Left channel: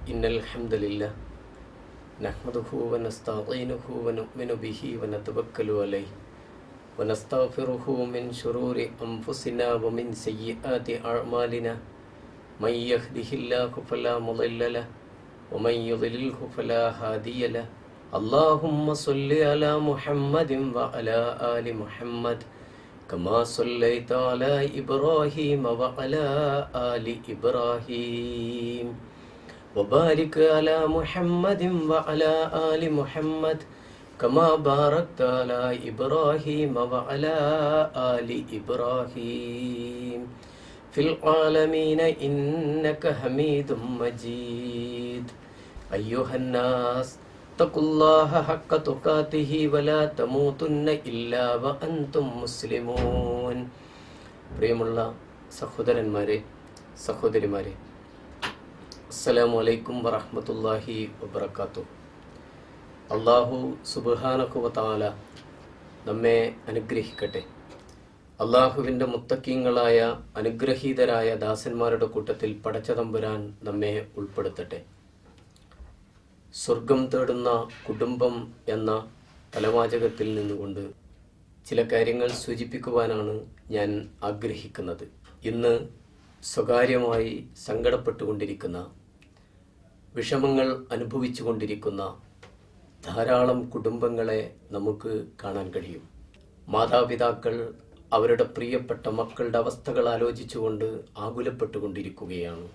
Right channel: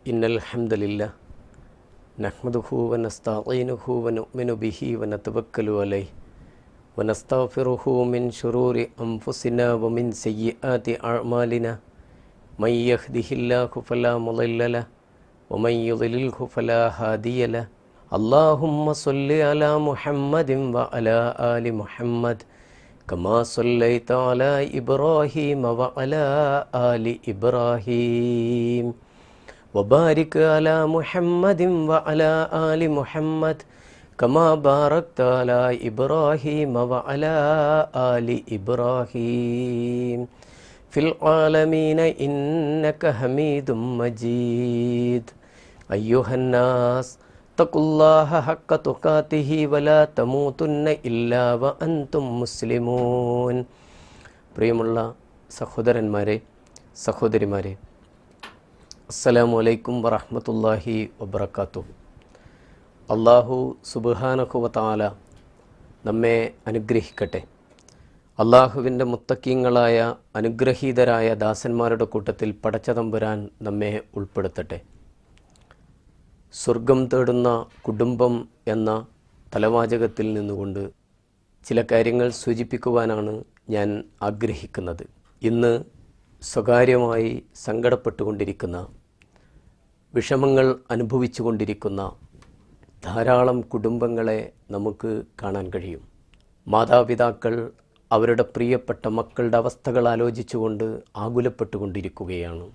إن الحمد لله نحمده ونستعينه ونؤمن به ونتوكل عليه ونستغفره من شرور أنفسنا ومن سيئات أعمالنا من يهده الله فلا مضل له ومن يضلله فلا هادي له اللهم صل على محمد وعلى آل محمد كما صليت على إبراهيم وعلى آل إبراهيم وبارك على محمد وعلى آل محمد كما باركت على إبراهيم وعلى آل إبراهيم في العالمين إنك حميد مجيد أيها الناس اتقوا الله حق تقاته ولا تموتن إلا وأنتم مسلمون. പ്രിയമുള്ള സഹോദരന്മാരെ, സഹോദരിമാരെ, അസ്സലാമു അലൈക്കും വറഹ്മത്തുള്ളാഹി വബറകാതുഹു. അല്ലാഹു സുബ്ഹാനഹു വ തആല നമ്മെ അനുഗ്രഹിക്കട്ടെ. അള്ളാഹുവിൻ്റെ മുത്തക്കീങ്ങളായ അനുഗ്രഹീതരായ ദാസന്മാരുടെ കൂട്ടത്തിൽ പടച്ചതമ്പുരാൻ നമ്മെ ഉൾപ്പെടുത്തട്ടെ. സ്വർഗം തേടുന്ന കുടുംബം എന്ന തലവാചകത്തിൽ നിന്നുകൊണ്ട് ചില കാര്യങ്ങൾ സൂചിപ്പിക്കുവാനാണ് ഞാൻ ആഗ്രഹിക്കുന്നത്. ഇന്ന് സ്വകാര്യമായി സങ്കടപ്പെട്ടുകൊണ്ടിരിക്കുന്ന, വിഷമങ്ങൾ അനുഭവിച്ചു കൊണ്ടിരിക്കുന്ന ധാരാളം കുടുംബങ്ങളെ നമുക്ക് കാണാൻ കഴിയും. മാതാപിതാക്കൾ അവരുടെ പ്രിയപ്പെട്ട മക്കളുടെ അവസ്ഥകൾ ആലോചിച്ചുകൊണ്ട് ആകുലപ്പെട്ടുകൊണ്ടിരിക്കുകയാണ്.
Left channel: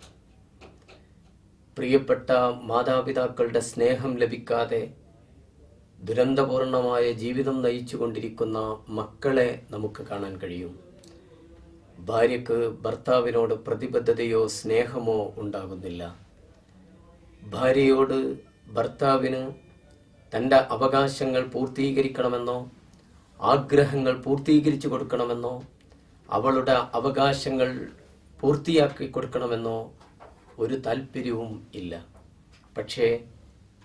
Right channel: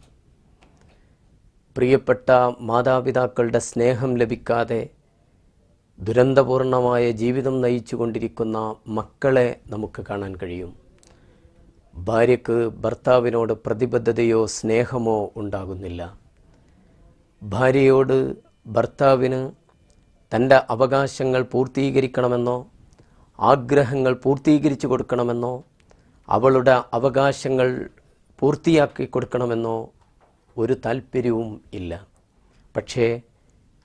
പ്രിയപ്പെട്ട മാതാപിതാക്കളുടെ സ്നേഹം ലഭിക്കാതെ ദുരന്തപൂർണമായ ജീവിതം നയിച്ചു കൊണ്ടിരിക്കുന്ന മക്കളെ നമുക്ക് കാണാൻ കഴിയും. ഭാര്യയ്ക്ക് ഭർത്താവിനോട് പ്രതിബദ്ധതയോ സ്നേഹമോ ഉണ്ടാകുന്നില്ല. ഭാര്യയോട് ഭർത്താവിന് തൻ്റെ അവകാശങ്ങൾ പൂർത്തീകരിക്കണമെന്നോ ആഗ്രഹങ്ങൾ പൂർത്തീകരിച്ചു കൊടുക്കണമെന്നോ അവളുടെ അവകാശങ്ങൾ പൂർത്തിയാക്കി കൊടുക്കണമെന്നോ ഒരു താല്പര്യവും ഇല്ല. പക്ഷേ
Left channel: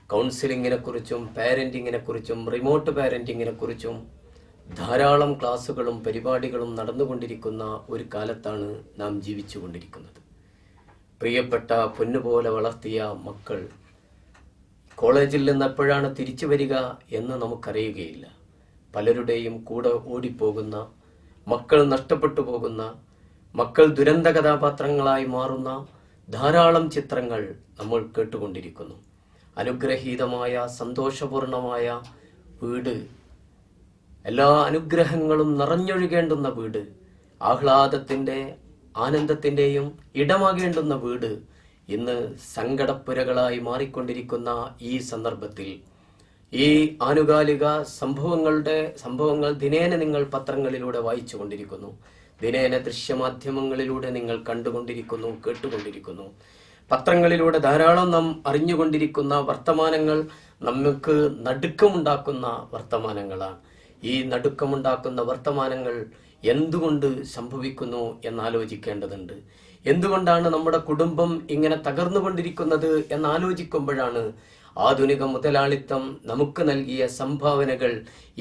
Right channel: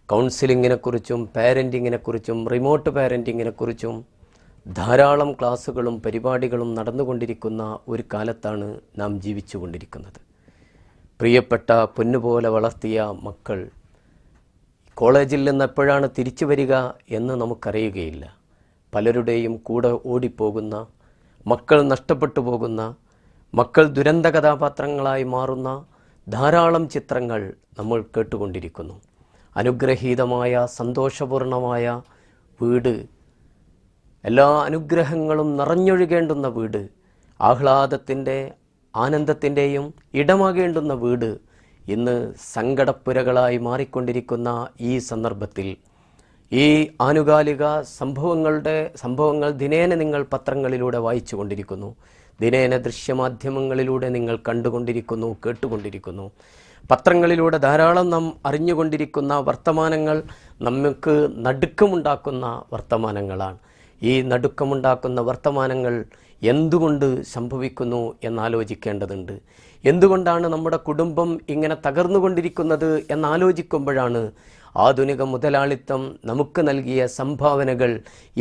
കൗൺസിലിങ്ങിനെക്കുറിച്ചും പാരൻറ്റിങ്ങിനെക്കുറിച്ചും റിമോട്ട് പാരൻറ്റിങ്ങിനെക്കുറിച്ചും ധാരാളം ക്ലാസ്സുകളും പരിപാടികളും നടന്നുകൊണ്ടിരിക്കുന്ന ഒരു കാലത്താണ് നാം ജീവിച്ചു കൊണ്ടിരിക്കുന്നത്. പ്രിയപ്പെട്ട പൊന്നുപോലെ വളർത്തിയ മക്കൾ കോളേജിൽ നിന്ന് എപ്പോഴാണ് തിരിച്ചു വരിക എന്ന് നമുക്കറിയുകയില്ല. പലരുടെയും കൂടെ ഓടിപ്പോകുന്ന, മക്കൾ നഷ്ടപ്പെട്ടു പോകുന്ന, മക്കൾ ദുരന്ത കഥാപാത്രങ്ങളായി മാറുന്ന ധാരാളം ചിത്രങ്ങൾ നമ്മൾ കേട്ടുകൊണ്ടിരിക്കുന്നു. അനുഗ്രഹീതമായ സന്തോഷപൂർണമായ വീട്, എല്ലാ അനുഗ്രഹങ്ങളും നിറഞ്ഞൊഴുകേണ്ടുന്ന വീട്, ആഹ്ലാദത്തിൻ്റെ ആനന്ദത്തിൻ്റെയും ഇടമാകേണ്ടുന്ന വീട് ഇന്ന് സങ്കടപ്പുരകളായി മാറിക്കൊണ്ടിരിക്കുന്ന ഈ സന്ദർഭത്തിൽ ഈ ആനുകാലിക സംഭവങ്ങൾ ദിനേന നിങ്ങൾ പത്രങ്ങളിലൂടെ വായിച്ചു കൊണ്ടിരിക്കുന്നു. ദിനേന ദൃശ്യമാധ്യമങ്ങളിലൂടെ നിങ്ങൾ കണ്ടുകൊണ്ടിരിക്കുന്നു, കേട്ടുകൊണ്ടിരിക്കുന്നു. പത്രങ്ങളിലൂടെ ധാരാളം നാം അറിഞ്ഞുകൊണ്ടിരിക്കുന്ന വർത്തമാനങ്ങൾ നമുക്ക് നടുക്കമുണ്ടാക്കുന്ന വർത്തമാനങ്ങളാണ്. ഈ നടുക്കമുണ്ടാക്കുന്ന വർത്തമാനങ്ങൾ എന്തുകൊണ്ട് സംഭവിക്കുന്നു എന്നാലോചിക്കേണ്ടതുണ്ട്. എന്തുകൊണ്ടാണ് നമ്മുടെ കുടുംബം ഇങ്ങനെ തകർന്നുകൊണ്ടിരിക്കുന്നത് എന്നാലോചിക്കുമ്പോഴാണ് ആധുനിക മുതലാളിത്തം നമുക്ക് നൽകിയ സംഭാവനകൾ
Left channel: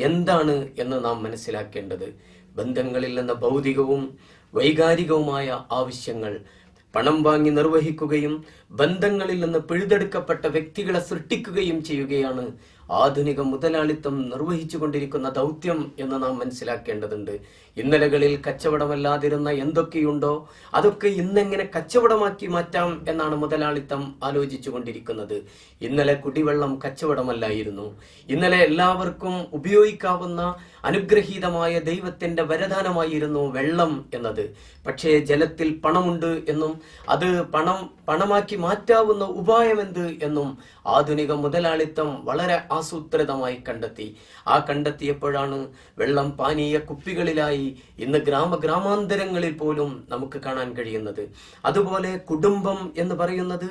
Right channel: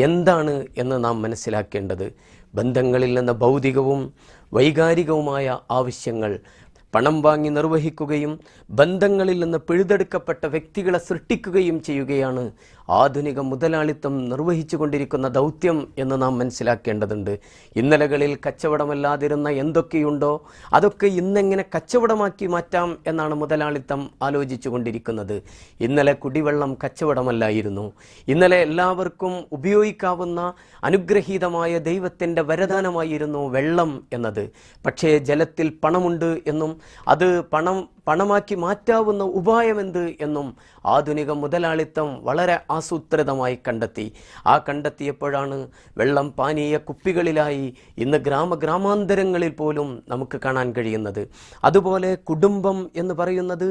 എന്താണ് എന്ന് നാം മനസ്സിലാക്കേണ്ടത്. ബന്ധങ്ങളിൽ നിന്ന് ഭൗതികവും വൈകാരികവുമായ ആവശ്യങ്ങൾ പണം വാങ്ങി നിർവഹിക്കുകയും ബന്ധങ്ങളിൽ നിന്ന് പിഴുതെടുക്കപ്പെട്ട വ്യക്തികളെ സൃഷ്ടിക്കുകയും ചെയ്യുകയാണ് ആധുനിക മുതലാളിത്തം നിർവഹിച്ചു കൊണ്ടിരിക്കുന്ന ദൗത്യം എന്ന് നാം മനസ്സിലാക്കേണ്ടതുണ്ട്. ഇന്നലകളിൽ കച്ചവടമല്ലാതിരുന്ന എന്തൊക്കെയുണ്ടോ അതൊക്കെ ഇന്നെങ്ങനെ കച്ചവടമാക്കി മാറ്റാം എന്നാണ് മുതലാളിത്തം ആലോചിച്ചു കൊണ്ടിരിക്കുന്നത്. ഇന്നലെ കുടിവെള്ളം കച്ചവടമല്ലായിരുന്നു. ഇന്നലെ എല്ലാവർക്കും ഉപയോഗിക്കാവുന്ന അനുഗ്രഹീതമായ ദൈവത്തിൻ്റെ വരദാനമായിരുന്നു വെള്ളം എന്നത്. പക്ഷേ ജലത്തിൽ പണമുണ്ട് എന്നും അത് പണമാക്കി മാറ്റാവുന്ന ഉപായമെന്ത് എന്നും ആധുനിക മുതലാളിത്തം വളരെ ആസൂത്രിതമായി കണ്ടെത്തി. കണ്ടെത്തിയപ്പോഴാണ് വെള്ളം പാനീയ കുപ്പികളിലായി ഇന്ന് ഗ്രാമാന്തരങ്ങളിൽ പോലും നമുക്ക് കാണാൻ കഴിയുന്നത്. അതുപോലെ കുടുംബം എന്ന് പറയുന്നത്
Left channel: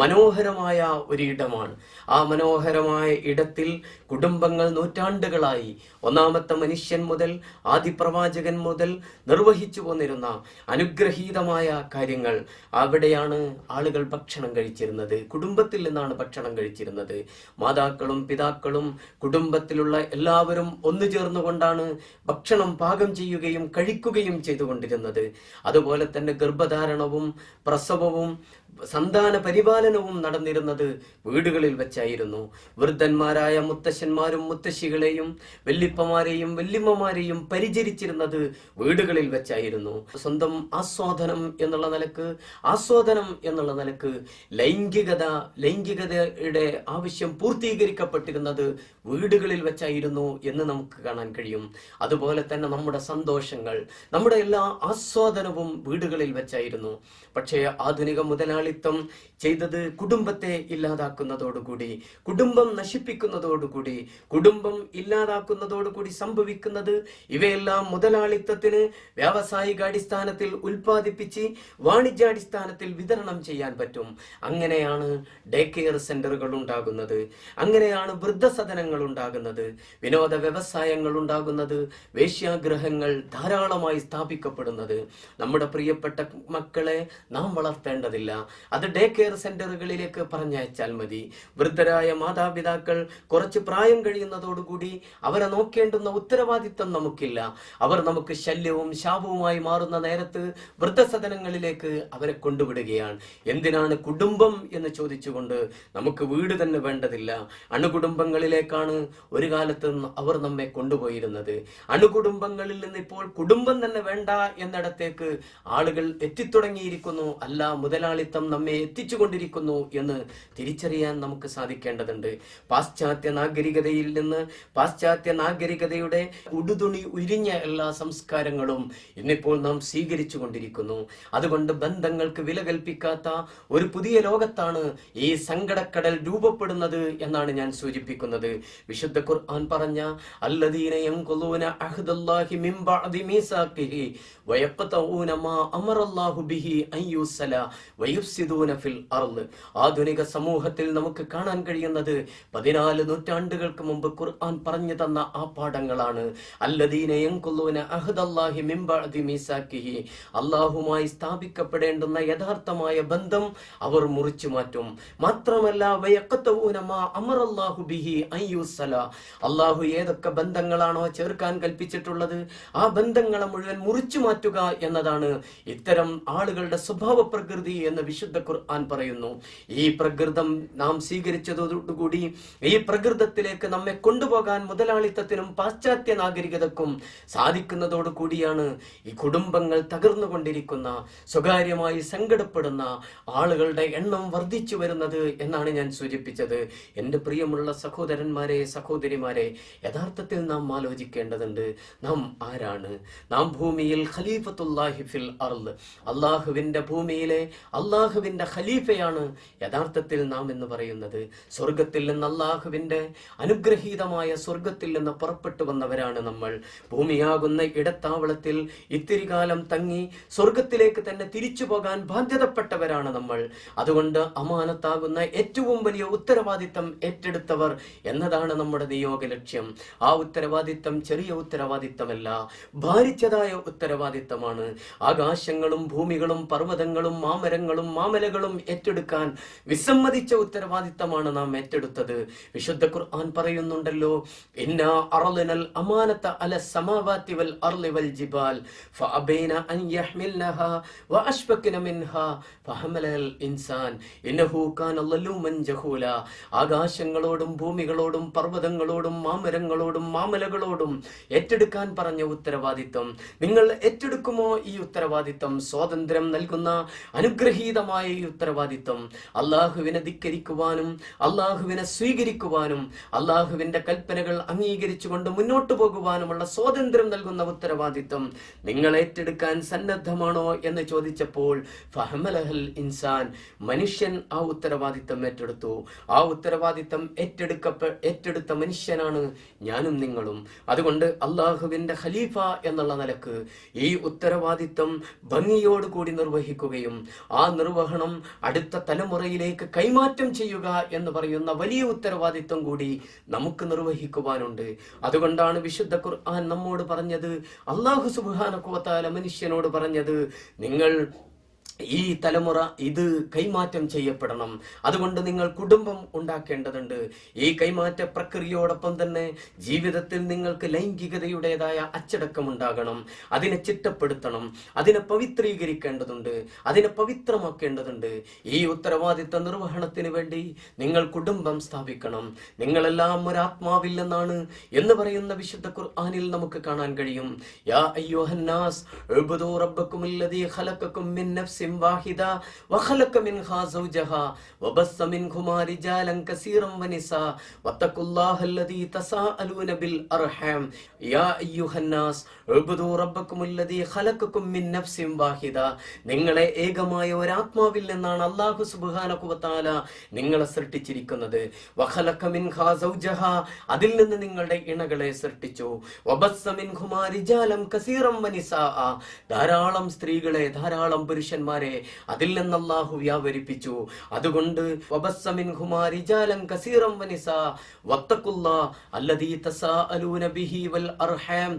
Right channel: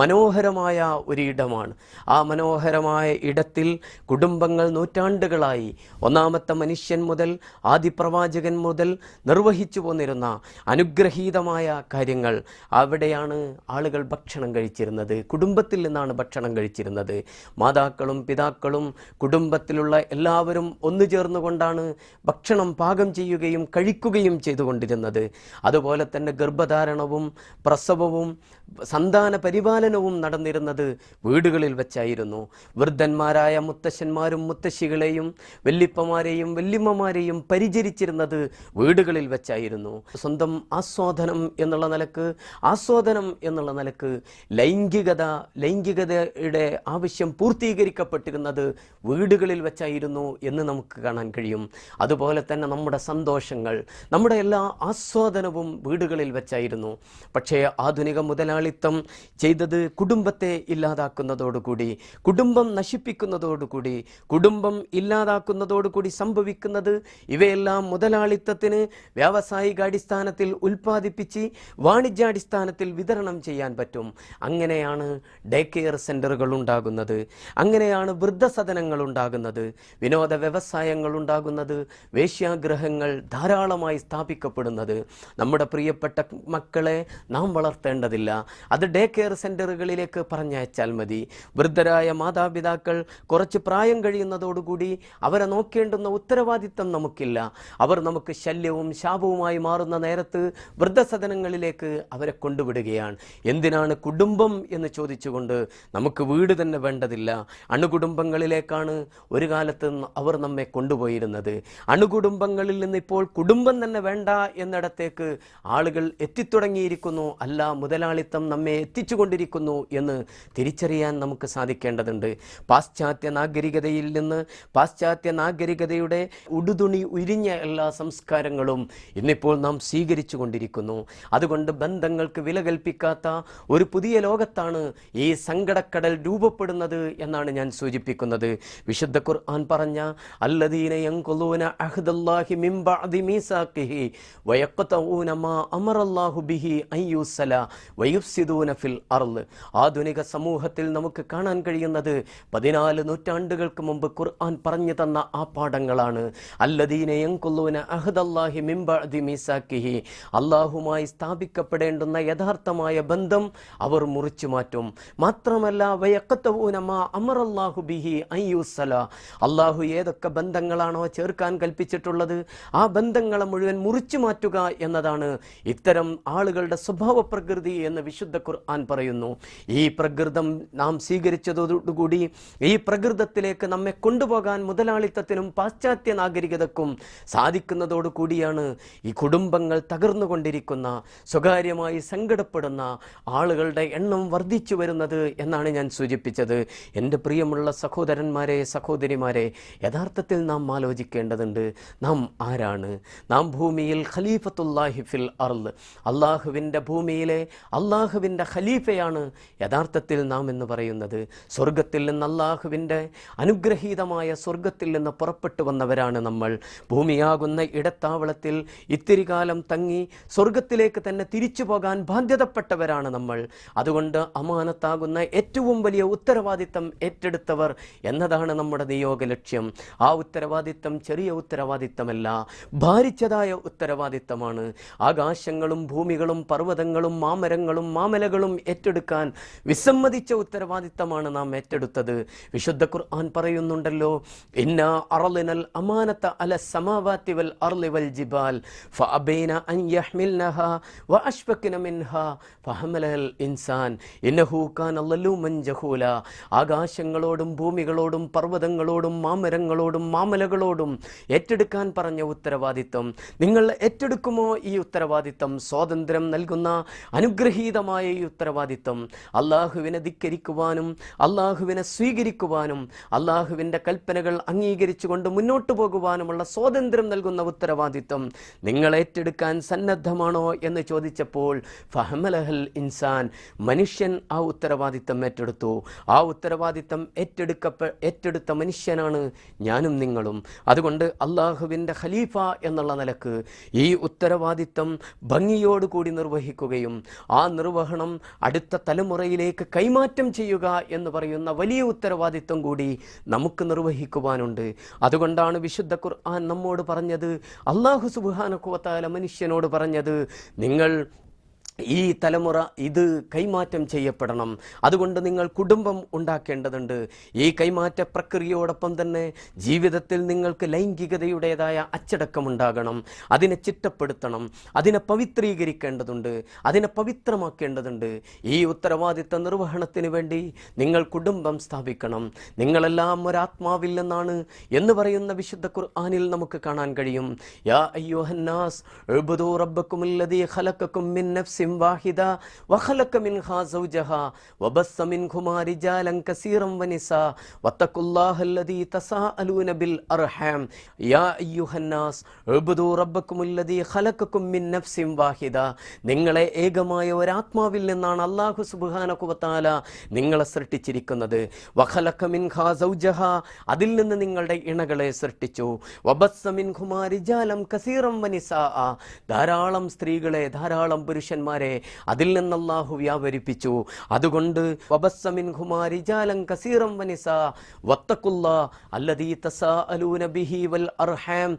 മനോഹരമായ ഒരിടമാണ്. ആ മനോഹരമായ ഇടത്തിൽ കുടുംബങ്ങൾ നൂറ്റാണ്ടുകളായി ഒന്നാമത്തെ മനുഷ്യൻ മുതൽ ആദിപ്രവാചകൻ മുതൽ നിർവഹിച്ചു പോന്നിരുന്ന അനുഗ്രഹീതമായ കാര്യങ്ങൾ. അവിടെയാണ് ആളുകൾ ഭക്ഷണം കഴിച്ചിരുന്നത്. കുടുംബത്തിൽ നിന്നാണ് ഭക്ഷണം കഴിച്ചിരുന്നത്. മാതാക്കളും പിതാക്കളും മാതാപിതാക്കളും കുടുംബത്തിലുള്ള എല്ലാവരും ഒന്നു ചേർന്നുകൊണ്ടാണ് ഭക്ഷണം പാകം ചെയ്യുകയും കഴിക്കുകയും ചെയ്തുകൊണ്ടിരുന്നത്. അതുപോലെ തന്നെ ഗർഭധാരണവും പ്രസവവും സന്താന പരിപാലനവും നടന്നിരുന്നത് വീടുകളിൽ വെച്ചായിരുന്നു. വൃദ്ധന്മാരായ മുത്തശ്ശന്മാരും മുത്തശ്ശികളെയും വല്ലിപ്പമാരെയും വല്യമ്മമാരെയും പരിചരിച്ചിരുന്നത് വീടുകളിൽ വെച്ചായിരുന്നു. സ്വന്തം ആസ്വാദനം എന്നുള്ള നിലക്ക് ലൈംഗികതയുടെ ആവശ്യം പൂർത്തീകരിക്കപ്പെട്ടിരുന്നത് വീടുകളിൽ വെച്ചായിരുന്നു എന്ന് നമുക്ക് കാണാൻ കഴിയും. അതുപോലെ തന്നെ നമ്മുടെ സന്തോഷങ്ങൾ, നമ്മുടെ എല്ലാ ആസ്വാദനവും വീടുകളിൽ വെച്ചായിരുന്നു. പക്ഷേ ആധുനിക മുതലാളിത്തം ചെയ്തത് കുടുംബത്തെ ഇല്ലാതാക്കുന്നതോടുകൂടി, കുടുംബം നശിപ്പിക്കുന്നതോടുകൂടി, കുടുംബം ഇല്ലാതാക്കുന്നതോടുകൂടി സംഭവിക്കുന്നത് ഇവയെല്ലാം മുതലാളിത്തത്തിന് വ്യാവസായികാടിസ്ഥാനത്തിൽ ഉൽപ്പാദിപ്പിച്ച് വാണിജ്യാടിസ്ഥാനത്തിൽ വിതരണം ചെയ്യാൻ പറ്റും. അങ്ങനെയാണ് ഡേ കെയർ സെന്ററുകൾ ഉണ്ടാകുന്നത്, അങ്ങനെയാണ് വൃദ്ധസദനങ്ങൾ ഉണ്ടാകുന്നത്, വിനോദ വ്യവസായങ്ങൾ ഉണ്ടാകുന്നത്, വേശ്യാഗ്രഹങ്ങൾ ധാരാളമായി സ്ഥാപിക്കപ്പെടുന്നത്. നമ്മുടെ പ്രിയപ്പെട്ട മക്കളെ നാം വളർത്തേണ്ടതില്ല, അത് ഡേ കെയർ സെന്ററുകളിലേക്ക് പറഞ്ഞയച്ചാൽ മതി. വൃദ്ധരായ മാതാപിതാക്കൾ കുറച്ച് പ്രായം കഴിയുന്നതോടുകൂടി അവരെ നോക്കേണ്ടുന്ന ഉത്തരവാദിത്തം നമുക്കില്ല. അവർ നമുക്ക് ശല്യവും ശാപവുമായി മാറുന്ന നേരത്ത് വൃദ്ധസദനങ്ങളിലേക്ക് അവരെ കൊണ്ടുവിടുകയാണ്. എന്തിനാണ് കുടുംബം എന്ന് ചോദിച്ചുകൊണ്ട് നമുക്ക് വീട് തന്നെ വേണ്ടതില്ല. അണുകുടുംബങ്ങളിലേക്കാണ് ഒരു കാലത്ത് അവർ നമ്മെ കൊണ്ടുപോയിരുന്നത്. അണുകുടുംബങ്ങളിൽ നിന്ന് ഇപ്പോൾ കുടുംബം തന്നെ വേണ്ട എന്നിടത്തേക്ക് ആളുകൾ എത്തിത്തുടങ്ങിയിരിക്കുന്നു. അല്ല, മുതലാളിത്തം നമ്മെ എത്തിച്ചുകൊണ്ടിരിക്കുന്നു എന്ന് തിരിച്ചറിയാൻ നമുക്ക് സാധിക്കേണ്ടതുണ്ട്. പാശ്ചാത്യ നാഗരികതയിൽ നിന്ന്, പാശ്ചാത്യ നാഗരികതയുടെ ഉടുതുണി ഉരിഞ്ഞ എല്ലാ സംസ്കാരങ്ങളും ഇന്നിപ്പോൾ നാം സ്വീകരിച്ചു കൊണ്ടിരിക്കുന്നു. അതുകൊണ്ട് ബന്ധങ്ങൾക്ക് വില കൽപ്പിക്കാത്ത ഒരു പുതിയ ലോകത്താണ് ഈ സങ്കടക്കടൽ രൂപപ്പെടുന്നത് എന്നാണ് ഞാൻ സൂചിപ്പിക്കുന്നത്. വിശുദ്ധ ഖുർആൻ പറഞ്ഞ അല്ലദീന യൻഖുലൂന അഹ്ദല്ലാഹി മിൻ ബഅദി മീസാഖിഹി വയഖ്തഊന മാ അമറല്ലാഹു ബിഹി അയ്യുസല വയുഫ്സിദൂന ഫിൽ അർള്. ആധുനിക സമൂഹത്തിൽ നമുക്ക് കാണാൻ കഴിയുന്നത് 14 നൂറ്റാണ്ടുകൾക്ക് മുമ്പ് ഖുർആൻ പറഞ്ഞു തന്ന ആ പാഠങ്ങളാണ്. അല്ലദീന യൻഖുലൂന അഹ്ദല്ലാഹി മിൻ ബഅദി മീസാഖിഹി, അല്ലാഹുമായി സ്ഥാപിക്കപ്പെടേണ്ടുന്ന യഥാർത്ഥമായ ബന്ധം അവർ മുറിച്ചു മാറ്റും. മാത്രമല്ല വയഖ്തഊന മാ അമറല്ലാഹു ബിഹി അയ്യുസല, അല്ലാഹു ഏതൊക്കെ ബന്ധങ്ങളാണോ ചേർക്കാൻ കൽപ്പിച്ചിട്ടുള്ളത് ആ ബന്ധങ്ങളെ മുഴുവൻ മുറിച്ചു മാറ്റുക എന്നതാണ് ഇത്തരം ആളുകളുടെ സ്വഭാവ പ്രകൃതി എന്ന് വിശുദ്ധ ഖുർആൻ പറയുന്നു. ഈ പ്രകൃതം നാം സ്വീകരിച്ചതോടുകൂടി ഈ പ്രകൃതത്തിലേക്ക് നമ്മെ കൊണ്ടുപോകാൻ മുതലാളിത്തത്തിനും പാശ്ചാത്യ നാഗരികതക്കും സാധിക്കുന്നതോടു കൂടിയാണ് ഈ കുടുംബങ്ങൾ തകർന്നുകൊണ്ടിരിക്കുന്ന, സ്വകാര്യമായി സങ്കടപ്പെടുന്ന ആളുകളുടെ എണ്ണം വർദ്ധിച്ചു വരുന്നത് എന്നാണ് ഞാൻ സൂചിപ്പിച്ചത്. എൻ്റെ പ്രിയമുള്ള സഹോദരന്മാരെ, സഹോദരിമാരെ, യഥാർത്ഥത്തിൽ നാം ആലോചിക്കേണ്ടതുണ്ട്. നാം ആരാണ്? നാം ഭൂമിയിൽ ഖലീഫത്തുല്ലാഹി ഫിൽ അർള്, അള്ളാഹുവിൻ്റെ ഭൂമിയിലെ അള്ളാഹുവിൻ്റെ ഖലീഫയാണ് യഥാർത്ഥത്തിൽ നാം എന്ന് പറയുന്നത്. സ്വർഗത്തിൽ നിന്ന്, അള്ളാഹുവിൻ്റെ അനുഗ്രഹീതമായ സ്വർഗത്തിൽ നിന്ന് പുറപ്പെട്ടു വന്നവരാണ് നമ്മൾ. ഭൂമിയാകുന്ന ഇടത്താവളത്തിൽ ഇത്തിരി കാലം തങ്ങി സ്വർഗത്തിലേക്ക് തന്നെ തിരിച്ചു പോകാൻ ബാധ്യതപ്പെട്ടവരാണ് നമ്മൾ. അതുകൊണ്ട് അമാനത്താകുന്ന ഏറ്റവും വലിയ ഉത്തരവാദിത്തം ഏറ്റെടുത്തവർ എന്നതാണ് നമ്മുടെ നിയോഗ ലക്ഷ്യം. ആ ഉത്തരവാദിത്തം ചെറിയ ഉത്തരവാദിത്തമല്ല, ഭാരിച്ചതായ ഉത്തരവാദിത്തമാണ്. ആകാശങ്ങളും ഭൂമികളും പർവ്വതങ്ങളും മാമരങ്ങളും മാമലകളും ഏറ്റെടുക്കാൻ വിസമ്മതിച്ച ഉത്തരവാദിത്തമാണ് നാം ഏറ്റെടുത്തത്. വിശുദ്ധ ഖുർആൻ പറയുന്നുണ്ടല്ലോ, ഇന്നാ അറളിനൽ അമാനത അല സമാവാതി വൽ അർളി വൽ ജിബാൽ ഫഅബൈന അൻ യഹ്മിൽനഹാ വഅശ്ഫഖന മിൻഹാ ഫഹമലൽ ഇൻസാൻ ഇന്നഹു കാന ലലൂമൻ ജഹൂല. ആകാശങ്ങളോടും ഭൂമികളോടും പർവ്വതങ്ങളോടും മാമരങ്ങളോടും മാമലകളോടും ഏറ്റെടുക്കാൻ പറഞ്ഞ ഉത്തരവാദിത്തം നിങ്ങൾ ഏറ്റെടുക്കുമോ? ഈ ഉത്തരവാദിത്തം, സ്വാതന്ത്ര്യം നൽകുന്ന അനുഗ്രഹീതമായ ഈ ഉത്തരവാദിത്തം, അള്ളാഹുവിനെ ധിക്കരിക്കുവാനും അള്ളാഹുവിനെ സ്വീകരിക്കുവാനും അള്ളാഹുവിൻ്റെ കൽപ്പനകൾ അംഗീകരിച്ചുകൊണ്ട് മുന്നോട്ടു പോകുവാനുമുള്ള സ്വാതന്ത്ര്യം നൽകുന്ന ഉത്തരവാദിത്തം നിങ്ങൾ ഏറ്റെടുക്കാൻ സന്നദ്ധമാണോ എന്ന് ചോദിച്ചപ്പോൾ ഫഹമലഹൽ ഇൻസാൻ, മനുഷ്യൻ ആ ഉത്തരവാദിത്തം ഏറ്റെടുത്തു. ആ ഉത്തരവാദിത്തം ഏറ്റെടുത്ത മനുഷ്യനാണ് ഞാനും നിങ്ങളും. അതുകൊണ്ട് അള്ളാഹുവിൻ്റെ ഖലീഫ എന്നുള്ള നിലക്ക് ഈ ഉത്തരവാദിത്തം ഭംഗിയോടുകൂടി നിർവഹിക്കുകയും ആ നിർവഹണം അടുത്ത തലമുറയിലേക്ക് കൈമാറ്റം ചെയ്യുക എന്ന് പറയുന്ന വലിയ ഉത്തരവാദിത്വം കൂടി നമുക്ക് നിർവഹിക്കുവാനുണ്ട്. അതുകൊണ്ടാണ് വിശുദ്ധ ഖുർആൻ നമ്മോട് പറഞ്ഞത്, അല്ലാഹു സുബ്ഹാനഹു വ തആല മനുഷ്യനോട് പറഞ്ഞത്, നിങ്ങൾ ഈ തലമുറ ഇത് കൈമാറ്റം ചെയ്യപ്പെടണം. അതുകൊണ്ട് നിങ്ങൾ കുടുംബം ഉണ്ടാക്കേണ്ടതുണ്ട്. ഈ കൈമാറ്റ പ്രക്രിയയോടൊപ്പം തന്നെ ജീവിതത്തിൽ നിങ്ങൾക്ക് ലൈംഗികതയുടേതായ അച്ചടക്കം ഉണ്ടാകണം. അതിനെ ചിട്ടപ്പെടുത്തണം, അതിനെ പവിത്രീകരിക്കേണ്ടതുണ്ട്, അതിനെ പവിത്രമാക്കേണ്ടതുണ്ട്. ഈ ഉത്തരവാദിത്ത നിർവഹണത്തിന് വേണ്ടി നിങ്ങൾ കുടുംബം സ്ഥാപിക്കണം. നിങ്ങളെല്ലാം ഒരാത്മാവിൽ നിന്നാണ് എന്ന് പറയുന്ന വിശുദ്ധ ഖുർആനിൽ നമുക്ക് കാണാൻ കഴിയും. യാ അയ്യുഹന്നാസ് ഉബ്ദു റബ്ബക്കുമുല്ലദീ ഖലഖക്കും മിൻ നഫ്സിൻ വാഹിദ വഖലഖ മിൻഹാ സൗജഹാ വബസ്സ മിൻഹുമാ റിജാലൻ കസീറൻ വനിസാ വത്തഖുല്ലാഹല്ലദീ തസാഅലൂന ബിൽ അർഹാം യാ അയ്യുഹന്നാസ് ഉബ്ദു റബ്ബക്കുമുല്ലദീ ഖലഖക്കും മിൻ നഫ്സിൻ വാഹിദ. നിങ്ങളെ ഏകമായ ഒരാത്മാവിൽ നിന്നാണ് അല്ലാഹു സുബ്ഹാനഹു വ തആല നിങ്ങളെ സൃഷ്ടിച്ചിരിക്കുന്നത്. വഖലഖ മിൻഹാ സൗജഹാ, അതിൽ നിന്ന് നിങ്ങളുടെ ഇണകളെ സൃഷ്ടിച്ചു. വബസ്സ മിൻഹുമാ റിജാലൻ കസീറൻ വനിസാ, ധാരാളം സ്ത്രീകളെ, ധാരാളം പുരുഷന്മാരെ അതിൽ നിന്ന് അല്ലാഹു വ്യാപരിപ്പിച്ചു. അതുകൊണ്ട് വബസ്സ മിൻഹുമാ റിജാലൻ കസീറൻ വനിസാ വത്തഖുല്ലാഹ അല്ലദീ തസാഅലൂന ബിഹി വൽ അർഹാം.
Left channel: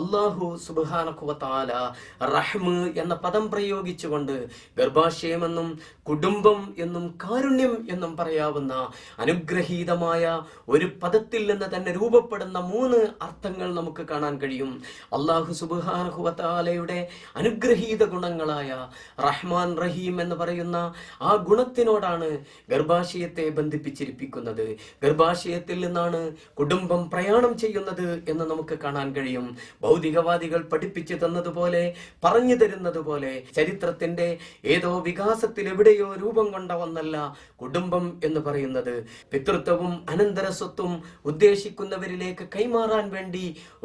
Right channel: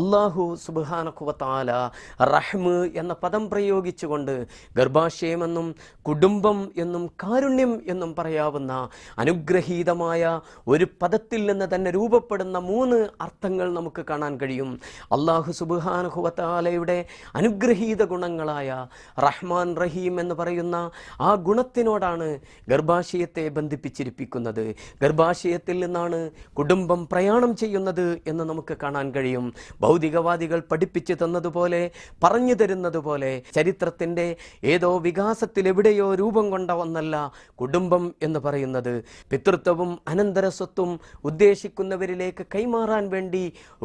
അല്ലാഹു സുബ്ഹാനഹു വ തആല റഹ്മ് എന്ന പദം പ്രയോഗിച്ചുകൊണ്ട് ഗർഭാശയമെന്നും കുടുംബം എന്നും കാരുണ്യം എന്നും പറയാവുന്ന അനുഗ്രഹീതമായ ഒരു പദത്തിൽ നിന്ന് തന്നെ രൂപപ്പെടുന്ന 3 അർത്ഥങ്ങൾ നമുക്ക് കാണാൻ കഴിയും. അല്ലാഹു സുബ്ഹാനഹു വ തആലയുടെ അനുഗ്രഹീത ഗുണങ്ങളായ റഹ്മാൻ റഹീം എന്ന് പറയുന്ന ആ ഗുണത്തിനോടാണ് ഗർഭാശയത്തെ ബന്ധിപ്പിച്ചിരിപ്പിക്കുന്നത്. ഗർഭാശയത്തിൽ നിന്നാണ് കുടുംബം പ്രയാണം ചെയ്യുന്നത് എന്ന് നമുക്ക് കാണാൻ കഴിയും. ഭൗതികവാദികൾ പഠിപ്പിച്ചു തന്നതുപോലെ, പറഞ്ഞു തരുന്നത് പോലെ ചരിത്രത്തിന്റെ ഏതോ വികാസത്തിൽ എവിടെയോ രൂപം കൊണ്ട ഒന്നല്ല കുടുംബം എന്ന് പറയുന്നത്. പിതൃത്വവും അനന്തരസ്വത്തും ഉദ്ദേശിക്കുന്നവരിലേക്ക് കൈമാറാൻ വേണ്ടി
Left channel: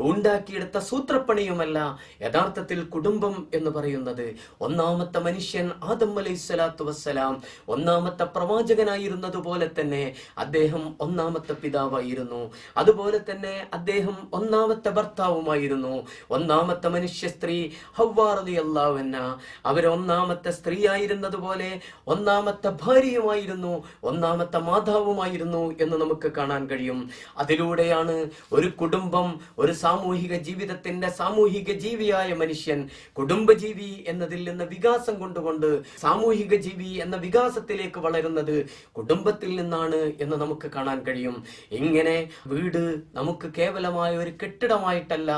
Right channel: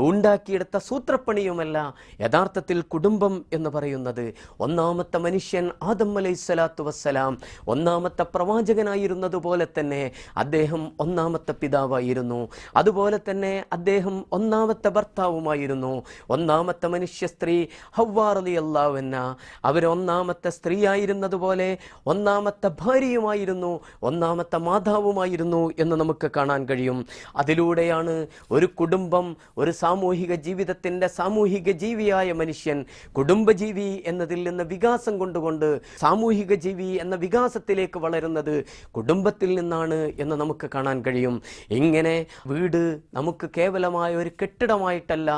ഉണ്ടാക്കിയെടുത്ത സൂത്രപ്പണിയുമല്ല യഥാർത്ഥത്തിൽ കുടുംബം എന്ന് പറയുന്നത്. ഒന്നാമത്തെ മനുഷ്യൻ ആദം അലൈഹിസ്സലാത്തു വസ്സലാം ഒന്നാമത്തെ പ്രവാചകനായിരുന്നത് പോലെ തന്നെ അദ്ദേഹം ഒന്നാമത്തെ പിതാവായിരുന്നു. അതുപോലെ തന്നെ അദ്ദേഹം ഒന്നാമത്തെ ഭർത്താവുമായിരുന്നു. ഒന്നാമത്തെ മനുഷ്യ സ്ത്രീ ഹവ്വാ റളിയല്ലാഹു അൻഹാ, അവർ ഒന്നാമത്തെ സ്ത്രീ ആയിരുന്നത് പോലെ ഒന്നാമത്തെ ഭാര്യയുമായിരുന്നു, ഒന്നാമത്തെ മാതാവുമായിരുന്നു എന്ന് നമുക്ക് കാണാൻ കഴിയും. അതിലൂടെയാണ് ഒരു കുടുംബം, ഒരു സാമൂഹിക ജീവിതത്തിന്റെ സാമൂഹിക ജീവിയായ മനുഷ്യൻ കുടുംബജീവി എന്നതിൽ നിന്ന് വികാസം കൊണ്ടുകൊണ്ട് സാമൂഹിക ജീവി എന്ന വികാസത്തിലേക്ക് വളരുന്നത് കുടുംബത്തിൽ നിന്നാണ് എന്ന് നമുക്ക് കാണാൻ കഴിയും. ഇങ്ങനെ വീട് നമുക്ക് കേവലമായ ഒരു കെട്ടിടമായിട്ടല്ല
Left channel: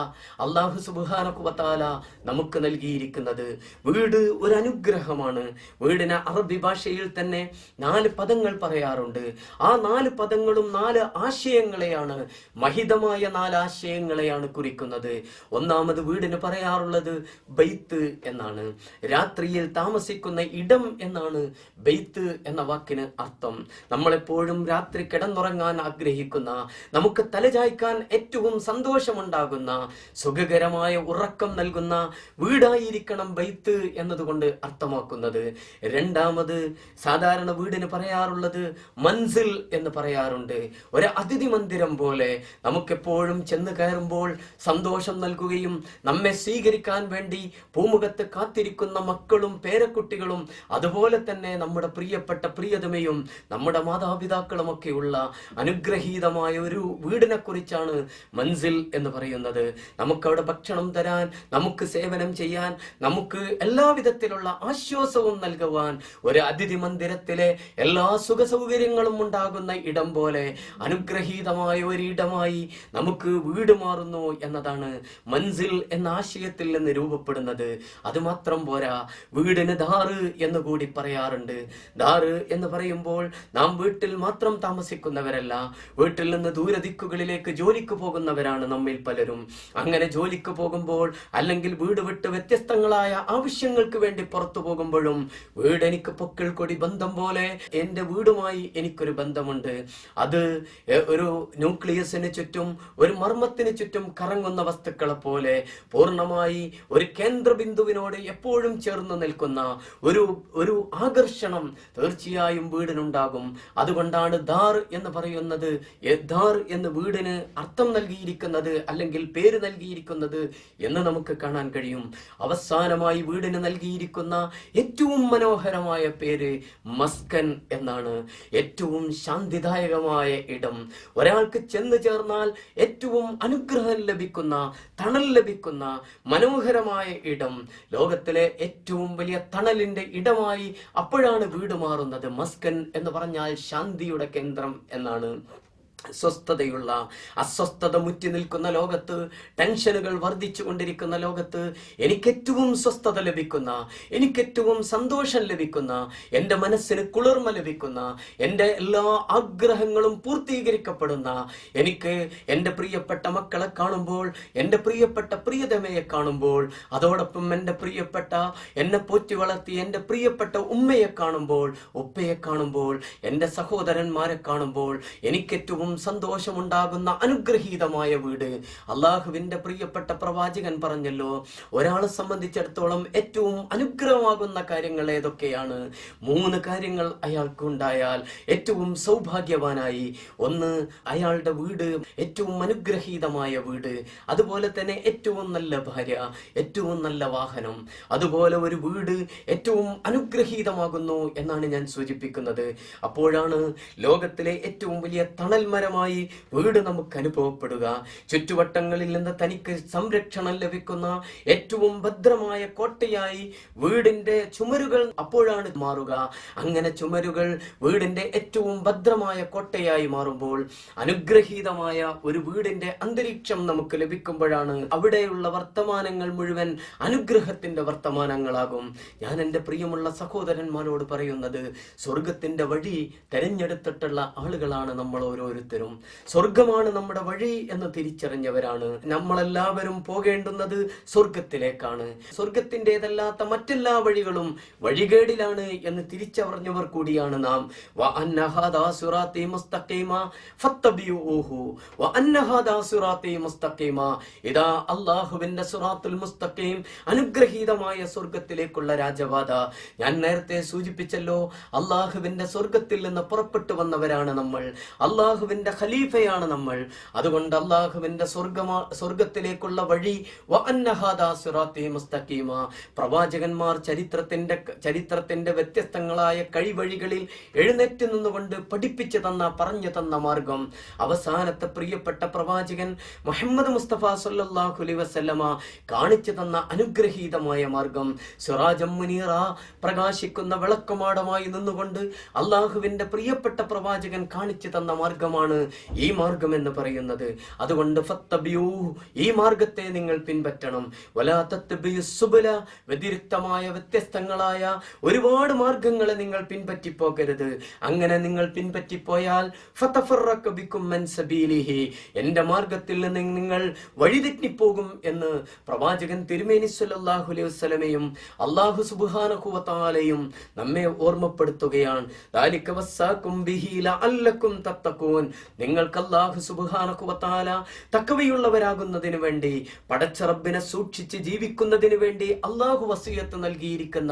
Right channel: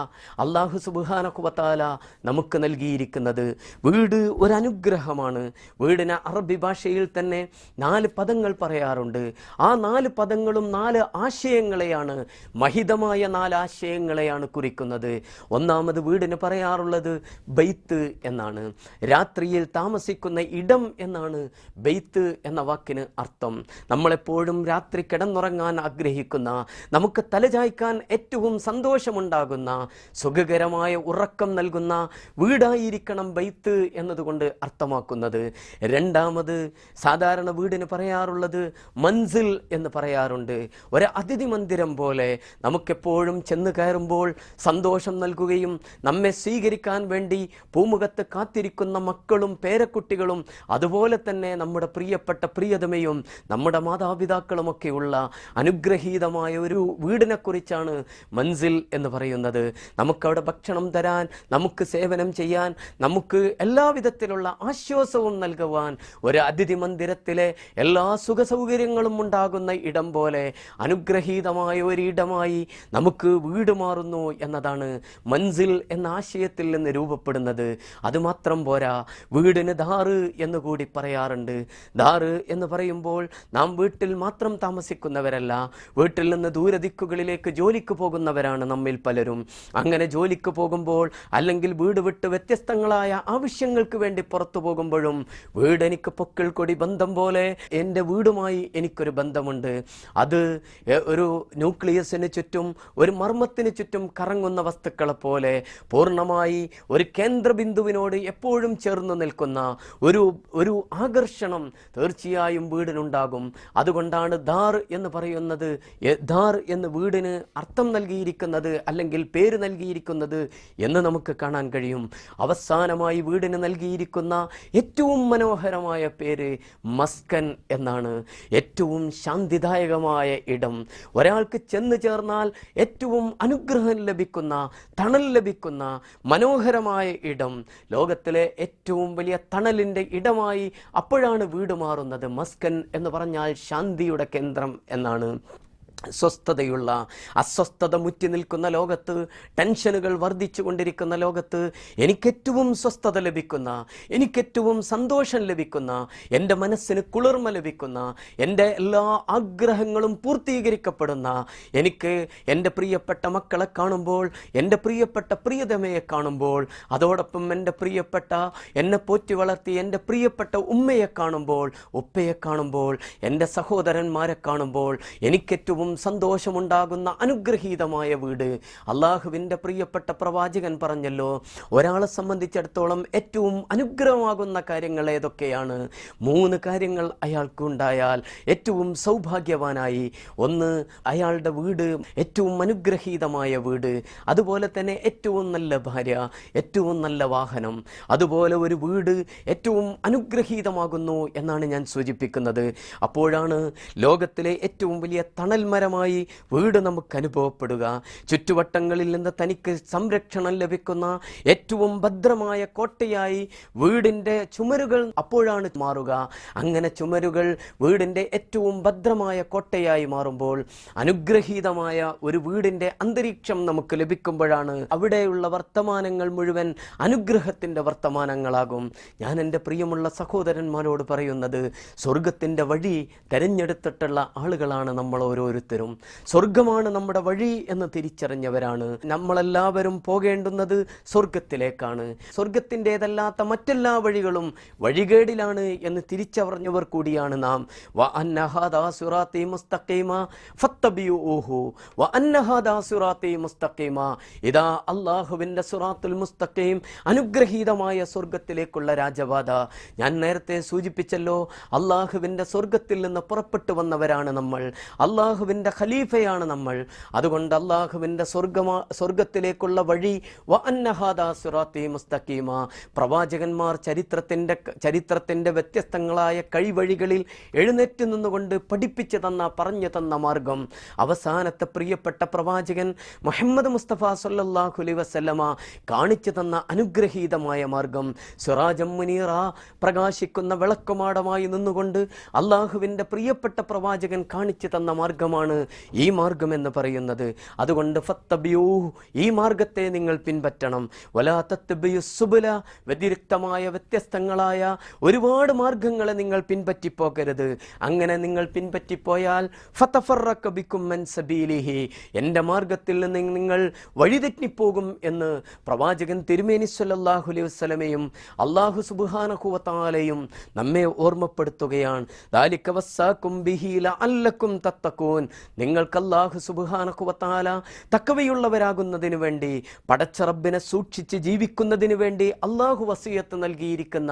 അല്ലാഹു സുബ്ഹാനഹു വ തആല നമുക്ക് നൽകിയിരിക്കുന്നത്. വീട് ഒരു അനുഗ്രഹമാണ്. വീടിന് അറബി ഭാഷയിൽ തന്നെ 4 പദങ്ങൾ പറയാറുണ്ട്. ആ 4 പദങ്ങളും 4 ആശയങ്ങളെയാണ്, മഹിതമായ 4 ആശയങ്ങളെയാണ് കുറിക്കുന്നത്. ഒന്നാമത് വീടിന് പറയാറുള്ളത് ബൈത്ത് എന്നാണ്. രാത്രിയിൽ താമസിക്കുന്ന ഇടം എന്നാണ് ബൈത്ത് എന്ന വാക്കിന് അർത്ഥം. നമ്മളെപ്പോഴും രാത്രി കിടന്നുറങ്ങാൻ ആഗ്രഹിക്കുന്ന, നമുക്ക് തലചായ്ക്കാൻ ഏറ്റവും സന്തോഷമുണ്ടാകുന്ന, സുഖകരമായ ഉറക്കം നൽകുന്ന വീടായിരിക്കണം ബൈത്ത് എന്നതുകൊണ്ട് അർത്ഥമാക്കുന്നത്. രണ്ടാമത് സാധാരണ വീടിന് പറയാറുള്ളത് മൻസിൽ എന്ന് പറയാറുണ്ട്. ഒരു അതിഥി മന്ദിരം പോലെ നമുക്കെപ്പോഴും ചെന്ന് കയറുമ്പോൾ സന്തോഷം നൽകുകയും നമ്മെ സ്വീകരിക്കാൻ വേണ്ടി പൂമുഖത്ത് കാത്തിരിക്കുന്ന മക്കളും പേരക്കുട്ടികളും അതുപോലെ തന്നെ നമ്മുടെ പ്രിയപ്പെട്ട പ്രിയതമയും നമ്മുടെ മാതാപിതാക്കളുമൊക്കെയുള്ള അനുഗ്രഹീതമായ ഒരു വീടിനെ കുറിച്ചാണ് മൻസിൽ എന്ന് പറയുന്നത്. നമുക്കവിടെ ഭക്ഷണം തരാൻ, നമുക്ക് സേവനം ചെയ്യാൻ, നമുക്ക് എല്ലാവിധത്തിലുള്ള ആശ്വാസവും നൽകുവാൻ ഒരു അതിഥി മന്ദിരത്തിലെ എല്ലാ സുഖ സൗകര്യങ്ങളും ഉണ്ടാകുന്ന ഇടം പോലെ അനുഗ്രഹീതമായ ഒരിടമായി നമുക്ക് വീട് മാറുന്നു എന്നതാണ് മൻസിൽ എന്ന ആശയത്തിൽ നിന്ന് രൂപപ്പെടുന്നത്. അതുമാത്രം പോരാ, വീടിന് ദാറ് എന്ന് കൂടി പറയാറുണ്ട്. ദാറ് എന്ന് പറയുമ്പോൾ നാം വീട്ടിൽ മാത്രം താമസിക്കുന്നവരല്ല, വീട്ടിൽ നിന്ന് ദൂരദിക്കുകളിലേക്ക് ജോലിക്ക് പോകുന്നവരാണ് നമ്മിൽ പലരും. അങ്ങനെ ജോലിക്ക് പോകുമ്പോൾ അല്ലെങ്കിൽ വീട് വിട്ട് വ്യത്യസ്തങ്ങളായ ആവശ്യങ്ങൾക്ക് വേണ്ടി പുറത്തു പോകുമ്പോഴും വീട് എനിക്ക് പൊക്കിൾ കൊടി ബന്ധം പോലെ എൻ്റെ വീടുമായി എനിക്കൊരു ബന്ധമുണ്ട്. അത് ഒരു ന്യൂക്ലിയസിന് ചുറ്റും, ഒരു മർമ്മത്തിന് ചുറ്റും കറങ്ങുന്ന വസ്തുക്കളെ പോലെ പൂർണ്ണമായി ഒരു കേന്ദ്രബിന്ദുവിനോട് എപ്പോഴും ചേർന്ന് നിൽക്കുന്ന ഒരു ആകർഷണം തീർച്ചയായും വീടിനുണ്ടാകും. അതുകൊണ്ടാണ് ദാർ എന്ന് പറയുന്നത്, ദാർ എന്ന് വീടിന് അർത്ഥം നൽകിയിരിക്കുന്നത് അല്ലെങ്കിൽ പേര് നൽകിയിരിക്കുന്നത് എന്ന് നമുക്ക് കാണാൻ കഴിയും. അവസാനമായി വീടിന് നൽകിയിരിക്കുന്ന ഏറ്റവും മനോഹരമായ പേര് മസ്കൻ എന്നാണ്. ഏറ്റവും ശാന്തിദായകമായ ഇടം, ഒരാൾക്ക് ചെന്ന് ചേർന്നാൽ ഏറ്റവും അനുഗ്രഹം ലഭിക്കുന്ന, തണൽ ലഭിക്കുന്ന മനോഹരമായ ഇടം. ലോകത്തിലെ ഏറ്റവും വലിയ തണലിന്റെ ഇടമായി അപ്പോഴാണ് വീട് മാറുന്നത്. മസ്കൻ എന്ന് പറഞ്ഞാൽ ശാന്തിയുടെ കേന്ദ്രം എന്നാണ്. സ്വസ്ഥതയുള്ള, അസ്വസ്ഥത മുറ്റി നിൽക്കുന്ന ലോകത്ത്, ടെൻഷനുകൾ വർദ്ധിച്ചു കൊണ്ടിരിക്കുന്ന ലോകത്ത് എനിക്കേറ്റവും സ്വസ്ഥത ലഭിക്കുന്ന, എനിക്കേറ്റവും സന്തോഷം ലഭിക്കുന്ന, എൻ്റെ മനസ്സിന് കുളിർമ ലഭിക്കുന്ന, എൻ്റെ എല്ലാ ആഗ്രഹങ്ങളും പൂർത്തീകരിക്കപ്പെടുന്ന, എനിക്ക് എൻ്റെ പ്രിയപ്പെട്ട മക്കളെ കാണുമ്പോൾ, എൻ്റെ പ്രിയപ്പെട്ട പ്രിയതമയെ കാണുമ്പോൾ, അതോടൊപ്പം എൻ്റെ പ്രിയപ്പെട്ട എന്നെ പോറ്റി വളർത്തി എൻ്റെ പ്രിയപ്പെട്ട ഉമ്മയെ കാണുമ്പോൾ, ഉപ്പയെ കാണുമ്പോൾ, എൻ്റെ സഹോദരന്മാരെ കാണുമ്പോൾ എനിക്കേറ്റവും സന്തോഷമുണ്ടാകുന്ന അനുഗ്രഹീതമായ വീട്. അള്ളാഹുവിന്റെ പ്രിയപ്പെട്ട പ്രവാചകൻ പറഞ്ഞല്ലോ, ഒരാളെ സംബന്ധിച്ചിടത്തോളം ഏറ്റവും അനുഗ്രഹമാകുന്ന കാര്യങ്ങൾ ഏതൊക്കെയാണ്? 3 കാര്യങ്ങൾ അയാൾക്ക് ഉണ്ടായാൽ ഏറ്റവും സൗഭാഗ്യവാനായി. ഒന്ന്, അയാളുടെ വീട് ഏറ്റവും അനുഗ്രഹീതമായ വീട്. അതുപോലെ തന്നെ ഏറ്റവും നല്ല ഭാര്യ, ഏറ്റവും നല്ല വാഹനം. അതുപോലെ ഒരു വീട് ഏറ്റവും അനുഗ്രഹീതമാകുന്നു എന്നാണ് ഞാൻ സൂചിപ്പിക്കുന്നത്. അപ്പോഴാണ് ലോകത്തിലെ ഏറ്റവും വലിയ തണൽ മരമായി വീട് നമുക്ക് അനുഭവപ്പെടുക. ചുറ്റുവട്ടങ്ങളിൽ നിന്ന് തനിക്ക് സംരക്ഷണം ലഭിക്കുന്ന ഏറ്റവും ഭദ്രമായ കോട്ടയായി വീടിന്റെ ചുമരുകൾ അപ്പോഴാണ് മാറുക. അങ്ങനെ ചുമരുകൾ വീടിന്റെ ഏറ്റവും ഭദ്രമായ കോട്ടയായി മാറുമ്പോൾ, അനുഗ്രഹീതമായ ഒരു വീടിന്റെ അന്തരീക്ഷം നമുക്ക് ലഭിക്കുമ്പോഴാണ് അവിടെയുള്ള വർത്തമാനങ്ങൾ മുഴുവൻ അനുഗ്രഹത്തിന്റെ വർത്തമാനങ്ങളാകും. ഞാൻ എൻ്റെ പ്രിയമുള്ള സഹോദരന്മാരോട് പറയുന്നത്, സ്വർഗത്തിന്റെ വഴി തെരഞ്ഞെടുത്തിട്ടുള്ള ആളുകളാണ് നമ്മൾ ഓരോരുത്തരും. സ്വർഗമാണ് നമ്മുടെ വഴി എന്ന് തിരിച്ചറിഞ്ഞവരാണ്. നമ്മളെല്ലാവരും പോകേണ്ടുന്നത് സ്വർഗത്തിലേക്കാണ്. സ്വർഗത്തിൻ്റെതല്ലാത്ത മറ്റെല്ലാ വഴികളും വഴികേടിലാണ് എന്ന് തിരിച്ചറിഞ്ഞവർ കൂടിയാണ് നാം. ഇതാ അല്ലാഹുവിന്റെ സിറാത്തുൽ മുസ്തഖീം, അനുഗ്രഹീതമായ സ്വർഗത്തിലേക്കുള്ള രാജപാത. ഞാൻ നേരത്തെ സൂചിപ്പിച്ചല്ലോ, അല്ലാഹുവിന്റെ സ്വർഗത്തിൽ നിന്ന് പുറപ്പെട്ടു വന്നവരാണ് നമ്മൾ. അല്ലാഹുവിന്റെ ഖലീഫയാണ് നമ്മൾ. അതുകൊണ്ട് അല്ലാഹുവിന്റെ സ്വർഗത്തിലേക്കുള്ള വഴി പ്രവാചകന്മാർ ചരിത്രത്തിന്റെ വ്യത്യസ്തങ്ങളായ കഴിവഴികളിൽ എഴുന്നേറ്റ് നിന്നുകൊണ്ട് പഠിപ്പിച്ചു തന്ന, പറഞ്ഞു തന്ന മാർഗം. അവസാനത്തെ പ്രിയപ്പെട്ട പ്രവാചകൻ മുഹമ്മദ് മുസ്തഫ സല്ലല്ലാഹു അലൈഹി വസല്ലമ കാണിച്ചു തന്ന അനുഗ്രഹീതമായ മാർഗം, സിറാജം മുനീറ, പ്രകാശിക്കുന്ന വിളക്കുമാടമായി നിന്നുകൊണ്ട് അല്ലാഹുവിന്റെ പ്രിയപ്പെട്ട പ്രവാചകൻ കാണിച്ചു തന്ന മാർഗമാണ് ഈ മാർഗം എന്ന് പറയുന്നത്. അതുകൊണ്ട് ഈ മാർഗത്തെ നിങ്ങൾ പിൻപറ്റണം. വലാ തത്തബിയു സുബുല, വ്യതിരിക്തമായ വ്യത്യസ്തങ്ങളായ ഒരുപാട് മാർഗങ്ങളെ നിങ്ങൾ പിൻപറ്റിപ്പോകരുത്. അങ്ങനെ നിങ്ങൾ പിൻപറ്റിപ്പോയാൽ ഫതഫറഖ ബികും മൻ സബീലിഹി, എൻ്റെ മാർഗത്തിൽ നിന്ന് നിങ്ങൾ വഴിതെറ്റിപ്പോകും എന്ന് പ്രവാചകൻ തിരുമേനി സ്വല്ലല്ലാഹു അലൈഹി വസല്ലമയും അല്ലാഹു സുബ്ഹാനഹു വ തആലയും നമ്മെ ഓർമ്മപ്പെടുത്തുകയാണ്. ദാലിക വസ്സാകും ബിഹി ലഅല്ലകും തത്തഖൂൻ, നിങ്ങൾക്ക് അല്ലാഹു സുബ്ഹാനഹു വ തആല തഖ്വയുള്ളവരാകുന്നതിനു വേണ്ടി, പടച്ച റബ്ബിനെ സൂക്ഷിച്ച് ജീവിക്കുന്നതിന് വേണ്ടി അല്ലാഹു വസിയത്ത് നൽകിയിരിക്കുന്ന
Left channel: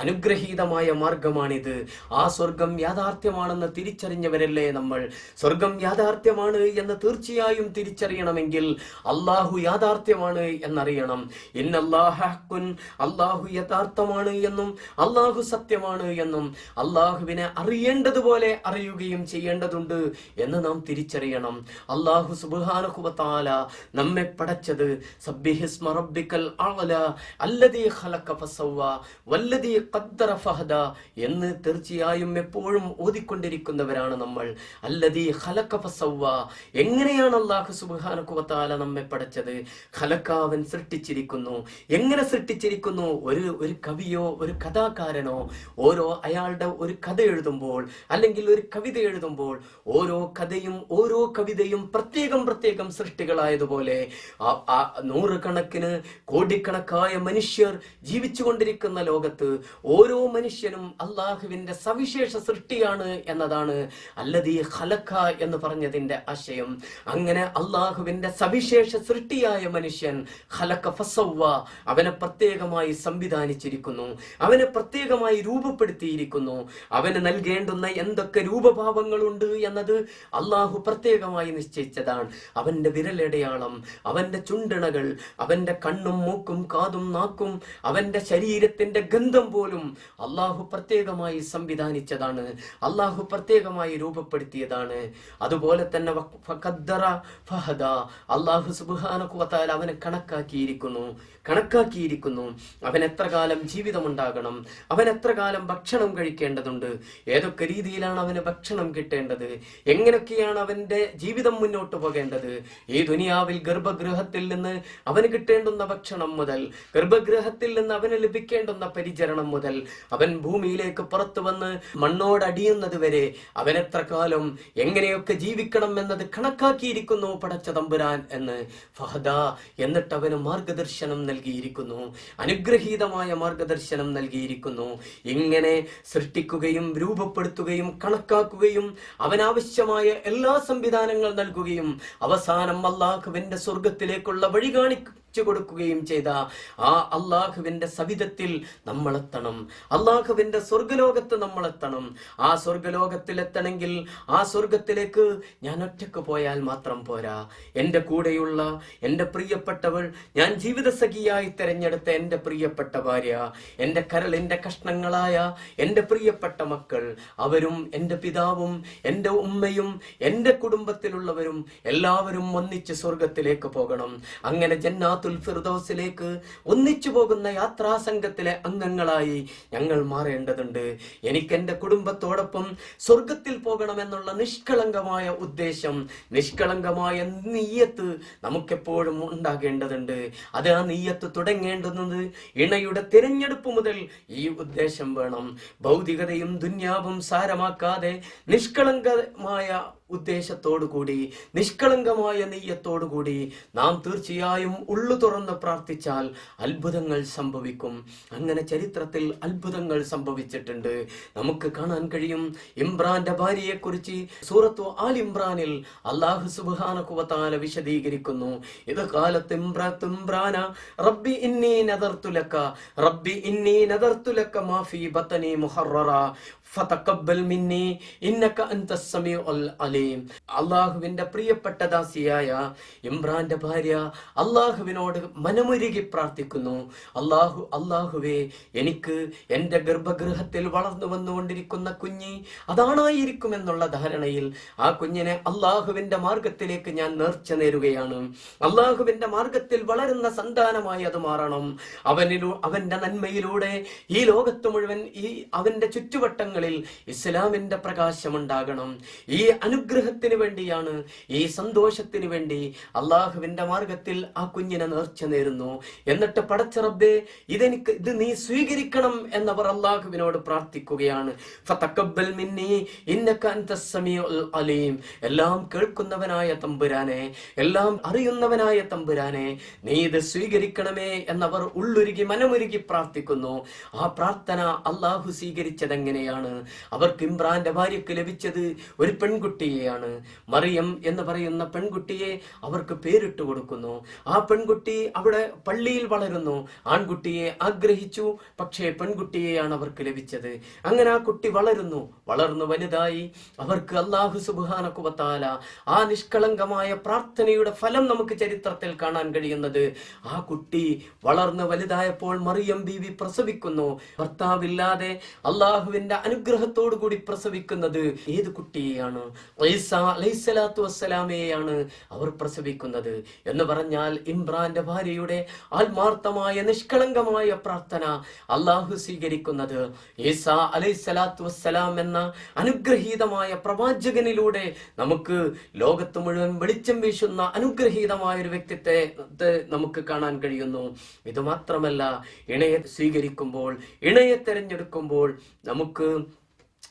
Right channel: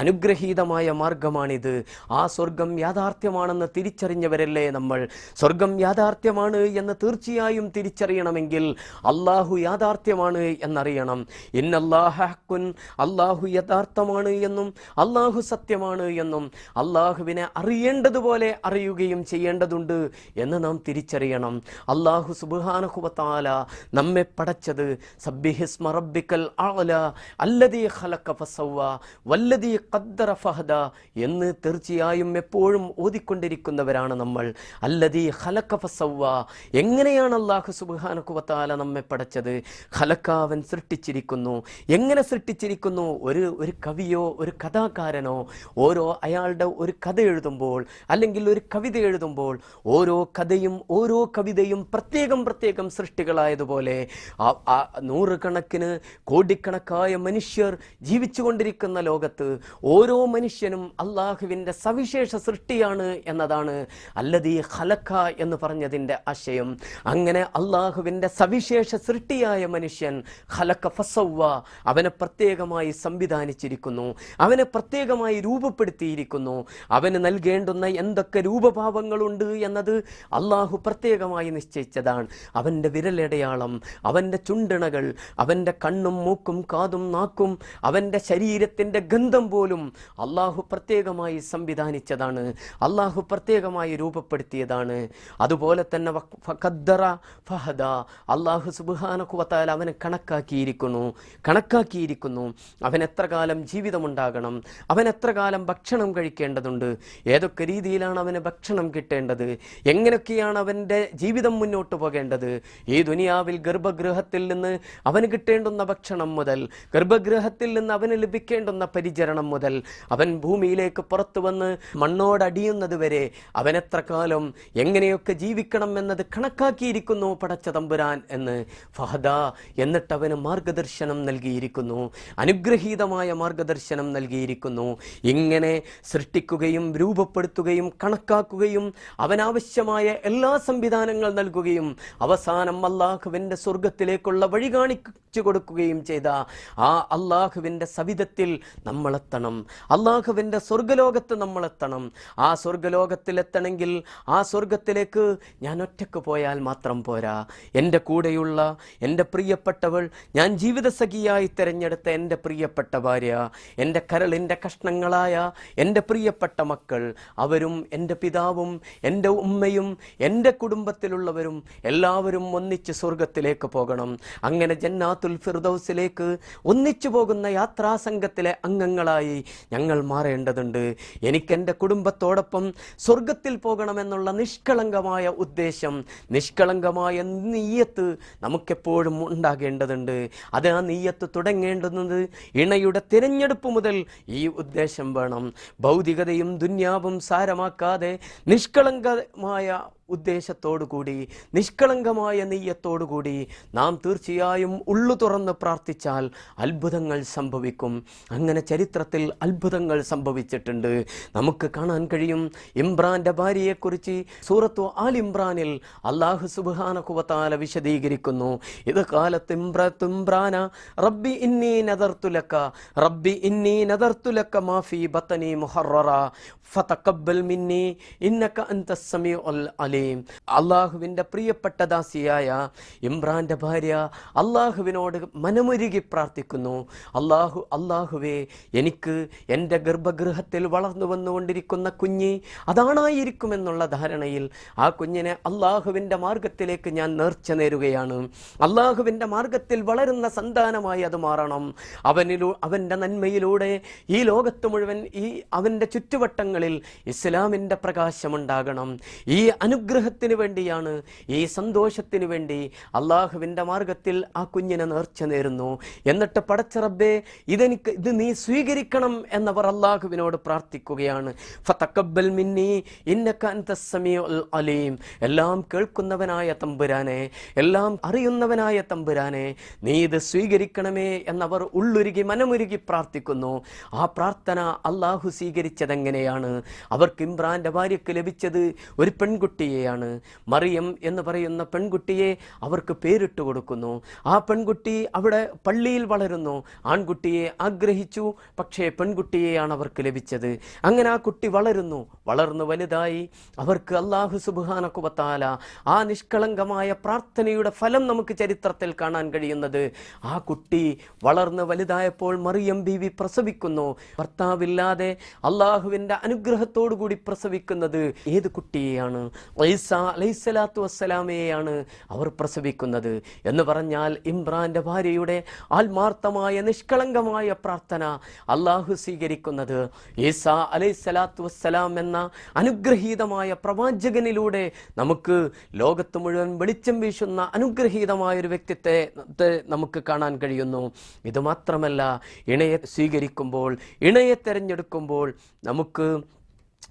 അനുഗ്രഹീതമായ മാർഗമാണിത്. ആ സ്വർഗം യാഥാർത്ഥ്യമാണെന്ന് തിരിച്ചറിഞ്ഞവരല്ലേ നമ്മൾ. സ്വർഗം യാഥാർത്ഥ്യമാണ് എന്ന് തീർച്ചയായും തിരിച്ചറിയണമെങ്കിൽ അല്ലാഹു യാഥാർത്ഥ്യമാണ് എന്നറിയണം. ഇന്നല്ലാഹ ഹഖ്കുൻ, അല്ലാഹു യഥാർത്ഥമാണ് എന്നും അല്ലാഹു സത്യമാണ് എന്നും അല്ലാഹുവിനെ അറിയേണ്ടതുപോലെ അറിയുകയും ചെയ്യേണ്ടതുണ്ട് എന്ന് നാം തിരിച്ചറിയണം. അല്ലാഹു സുബ്ഹാനഹു വ തആല നമ്മെ പടച്ചത് സബ്ബിഹിസ്മ റബ്ബിക്കൽ അഅല അല്ലദീ ഖലഖ ഫസവ്വ വല്ലദീ ഖദ്ദറ ഫഹദ എന്ന് തീർച്ചയായും എപ്പോഴും ഓതിക്കൊണ്ടിരിക്കുന്നവരാണ് നമ്മൾ. അല്ലദീ ഖലഖ ഫസവ്വ, എങ്ങനെയാണ് അല്ലാഹു സുബ്ഹാനഹു വ തആല നമ്മെ പടച്ചത്? ഖലഖ, അവൻ സൃഷ്ടിച്ചിരിക്കുന്നു. എങ്ങനെ സൃഷ്ടിച്ചിരിക്കുന്നു? ഒരു കവിയോ ഒരു കഥാകാരനോ അയാളുടെ ഒരു കഥ എഴുതുമ്പോൾ അല്ലെങ്കിൽ ഒരു കവിത എഴുതുമ്പോൾ ഓരോ കവിതയും പ്രത്യേകം സൃഷ്ടികളായതുപോലെ നൂറുകണക്കിന് കോടിക്കണക്കായ മനുഷ്യർ ജീവിച്ചുകൊണ്ടിരിക്കുന്ന ലോകത്ത് ഓരോ മനുഷ്യനും അല്ലാഹുവിന്റെ സവിശേഷ സൃഷ്ടിയാണ് എന്നതാണ് അല്ലദീ ഖലഖ എന്ന് പറഞ്ഞതിന്റെ ആശയം. അങ്ങനെ അല്ലാഹുവിന്റെ സവിശേഷ സൃഷ്ടിയായ മനുഷ്യൻ ഖലഖ ഫസവ്വ, അവനെ പ്രത്യേകമായി സംവിധാനിച്ചിരിക്കുന്നു, അവനെ പ്രത്യേകമായി രൂപപ്പെടുത്തിയിരിക്കുന്നു. അവന് നൽകേണ്ടുന്ന എന്തൊക്കെ രൂപഭാവങ്ങളുണ്ട് എന്നത് അള്ളാഹു പ്രത്യേകമായി നിശ്ചയിച്ചതാണ്. അവന്റെ വിരലടയാളം, അവന്റെ ചുണ്ടിണകൾ, അവന്റെ കണ്ണും മൂക്കും കാതും നാക്കും, അവന്റെ ശരീരത്തിന്റെ ഗന്ധം പോലും അള്ളാഹു പ്രത്യേകമായി സംവിധാനിച്ചതാണ്, അള്ളാഹു പ്രത്യേകമായി രൂപപ്പെടുത്തിയതാണ്. അതുപോലെ തന്നെ അള്ളാഹു സുബ്ഹാനഹു വ തആല അവനെ കണക്കാക്കിയിരിക്കുന്നു. അവൻ എത്ര കാലം ജീവിതമുണ്ടാകണം, അവൻ എത്ര കാലം ഭക്ഷണം കഴിക്കേണ്ടതുണ്ട്, ഏതൊക്കെ രീതിയിലാണ് അവന് ഭക്ഷണം കിട്ടേണ്ടത്, എങ്ങനെയൊക്കെയാണ് അവന്റെ ജീവിതം മുന്നോട്ട് പോകേണ്ടത്. ഈ ദുനിയാവിൽ ഗർഭഗൃഹത്തിൽ നിന്ന് അവന് കിട്ടേണ്ടുന്ന ഭക്ഷണം മുതൽ, ഗർഭഗൃഹത്തിൽ നിന്ന് അവന് ലഭിക്കേണ്ടുന്ന പരിചരണം മുതൽ, അവൻ ഭൂമിയിലേക്ക് പുറത്തു വന്ന് മണ്ണോടടിയുന്നത് വരെ അവൻ എത്ര കാലം എങ്ങനെയൊക്കെ ജീവിക്കണം എന്നത് കണക്കാക്കിയിരിക്കുന്നു പടച്ച തമ്പുരാൻ എന്ന് ഫഹദ. എന്നിട്ട് അവന് മാർഗദർശനം നൽകിയിരിക്കുന്നു, അനുഗ്രഹീതമായ മാർഗദർശനം നൽകിയിരിക്കുന്നു. ഇങ്ങനെ സൃഷ്ടിക്കുകയും രൂപപ്പെടുത്തുകയും കണക്കാക്കുകയും അവനാവശ്യമായ എല്ലാ സംവിധാനങ്ങൾ നൽകുകയും അവസാനം അല്ലാഹുവിന്റെ സ്വർഗത്തിലേക്കുള്ള വഴി കാണിച്ചു കൊടുക്കുകയും ചെയ്ത ആ അല്ലാഹുവിന്റെ സവിധത്തിൽ നമ്മളെത്തണം, അല്ലാഹുവിന്റെ സ്വർഗലോകത്ത് നമ്മളെത്തണം. ആ സ്വർഗലോകത്തിൽ എത്തണമെങ്കിൽ ആ സ്വർഗത്തിലേക്ക് ഞാൻ ഒറ്റക്ക് പോയാൽ മാത്രം പോരാ. എൻ്റെ കൂടെയുള്ള എൻ്റെ പ്രിയപ്പെട്ടവൾ, ഞാൻ ജീവിതസഖിയായി തിരഞ്ഞെടുത്ത എൻ്റെ പ്രിയപ്പെട്ട ഭാര്യ, എൻ്റെ കരളിൻ്റെ കഷ്ണങ്ങളായ എൻ്റെ പ്രിയപ്പെട്ട മക്കൾ, അവരും എൻ്റെ പിതാവും എൻ്റെ ഉമ്മയും എൻ്റെ കുടുംബത്തിലുള്ളവരും എല്ലാവരും ഒന്നിച്ച് സ്വർഗത്തിലേക്ക് പോകണം. അങ്ങനെ ജന്നാത്തുൽ ഫിർദൗസിലേക്ക് ഒന്നിച്ചു പോകുന്ന യാത്രാ സംഘത്തിലെ അംഗങ്ങളായി ഞങ്ങൾ മാറേണ്ടതുണ്ട്. എനിക്ക് എൻ്റെ കുടുംബത്തോടൊപ്പം സ്വർഗത്തിൽ പോകണമെന്നുള്ള നിഷ്കളങ്കമായ ഉദ്ദേശം, നിഷ്കളങ്കമായ നീയത്ത് നമുക്കെപ്പോഴും ഉണ്ടാകേണ്ടതുണ്ട്. അത് ആ നീയത്ത് തുടങ്ങേണ്ടുന്നത് ഇണയുടെ തിരഞ്ഞെടുപ്പ് മുതൽ ഈ ഉദ്ദേശം വേണം. ഭൗതികതയും ദുന്യാവും സാരമാക്കാതെ നിഷ്കളങ്കമായ ഉദ്ദേശത്തോടുകൂടി, നിഷ്കളങ്കമായ നീയത്തോടുകൂടി നാം തീർച്ചയായും ഉള്ളു തുറന്ന് പ്രാർത്ഥിച്ചാൽ അത്ഭുതങ്ങൾ സംഭവിക്കും. അങ്ങനെ ചരിത്രത്തിൽ അത്ഭുതങ്ങൾ സംഭവിച്ചിട്ടുണ്ട്. നമുക്ക് കാണാൻ കഴിയും. ഇമ്രാന്റെ ഭാര്യയെക്കുറിച്ച് സൂറത്തു ആൽ ഇമ്രാനിൽ അല്ലാഹു സുബ്ഹാനഹു വ തആല വിശദീകരിക്കുന്നു. ഇത് കാലത്ത് ഇമ്രാന റബ്ബി ഇന്നി നദർതു ലക മാ ഫീ ബത്നി മുഹററ ഫതഖബ്ബൽ മിന്നി ഇന്നക അൻതസ് സമീഉൽ അലീം. അല്ലാഹുവിന്റെ പ്രിയപ്പെട്ട ദാസിയായ ഇമ്രാന്റെ ഭാര്യ അല്ലാഹുവിനോട് മനമുരുകി പ്രാർത്ഥിക്കുന്നു. അല്ലാഹുവേ, എനിക്ക് എൻ്റെ ഗർഭഗൃഹത്തിൽ വളർന്നു വന്നുകൊണ്ടിരിക്കുന്ന കുഞ്ഞ് അതാണായിരിക്കുമെന്നുള്ള ധാരണയിൽ ആ കുഞ്ഞിനെ അല്ലാഹുവിന്റെ മാർഗത്തിലേക്ക് ഞാൻ നേർച്ച നേരുകയാണ്. അല്ലാഹുവിന്റെ മാർഗത്തിൽ വളരുന്ന സന്താനമായി അത് മാറണം. അവന്റെ നന്മയിലൂടെ ഈ ലോകത്ത് മുഴുവൻ, ഈ അവന്റെ ചുറ്റുവട്ടങ്ങളിൽ ഇസ്ലാമിന്റെ പ്രകാശമുണ്ടാകണം. ഈ അനുഗ്രഹത്തിന് വേണ്ടിയാണ്, ഈ സന്തോഷത്തിന് വേണ്ടി അല്ലാഹുവിന്റെ മാർഗത്തിൽ ആ കുഞ്ഞിനെ നേർച്ച നേരുന്നു. എന്നിട്ട് പടച്ച റബ്ബേ, ഇത് നീ സ്വീകരിക്കണം എന്നവർ അല്ലാഹുവിനോട് പ്രാർത്ഥിക്കുകയാണ്. ഫതഖബ്ബൽ മിന്നി ഇന്നക അൻതസ് സമീഉൽ അലീം. എല്ലാം കേൾക്കുന്നവനായ തമ്പുരാനെ, എല്ലാം അറിയുന്നവനായ തമ്പുരാനെ, നീ ഇത് സ്വീകരിക്കണമേ എന്നവർ ഉള്ളുരുകി മനമുരുകി പ്രാർത്ഥിക്കുന്നു. ആ പ്രാർത്ഥന അല്ലാഹു സ്വീകരിച്ചതെങ്ങനെയാണ്? അവർക്ക് ഇമ്രാന്റെ ഭാര്യയ്ക്ക് ലഭിച്ചത് ഒരു പെൺകുട്ടിയെയാണ്. മറിയം എന്ന് പറയുന്ന പെൺകുട്ടിയെ അവർക്ക് പേരിട്ട് കൊടുക്കുന്നു. ആ പെൺകുട്ടി അവിടെ പള്ളിയിൽ വളരുന്നു. ആൺകുട്ടിയെ ആഗ്രഹിച്ചു, പക്ഷേ പെൺകുട്ടിയെയാണ് അവർക്ക് ലഭിച്ചത്. അങ്ങനെ ആ കുട്ടി വളർന്നു വലുതായി. അവർക്ക് അല്ലാഹു സുബ്ഹാനഹു വ തആല ആ നിഷ്കളങ്കമായ പ്രാർത്ഥനയുടെ ഫലം നമുക്ക് ചരിത്രത്തിൽ കാണാൻ കഴിയുന്നത്. ആ കുട്ടി വളർന്നു വലുതായപ്പോൾ മറിയം ബീവി പ്രസവിക്കുന്നു. ഭർത്താവില്ലാതെ അല്ലാഹുവിന്റെ അനുഗ്രഹത്തോടു കൂടി പ്രസവിക്കുന്നത് ഏത് കുട്ടിയെയാണ്? ഈസാ അലൈഹിസ്സലാത്തു വസ്സലാമയെയാണ് അവർ പ്രസവിക്കുന്നത്. എന്ന് പറഞ്ഞാൽ ഇമ്രാന്റെ ഭാര്യയുടെ ആത്മാർത്ഥമായ നിഷ്കളങ്കമായ പ്രാർത്ഥന അല്ലാഹു സ്വീകരിക്കുന്നത് ഈസാ അലൈഹിസ്സലാത്തു വസ്സലാം എന്ന അനുഗ്രഹീതമായ പ്രവാചകനിലൂടെ നമുക്ക് ലോകത്ത് മുഴുവൻ വെളിച്ചം വീശുന്ന അനുഗ്രഹീതമായ ഒരു വ്യക്തിത്വത്തെ നമുക്ക് കാണാൻ കഴിയുന്നു. ഇത് മാത്രമല്ല, ഇണയെ സ്വീകരിക്കുമ്പോൾ, ഇണയെ തെരഞ്ഞെടുക്കുമ്പോൾ നമുക്ക്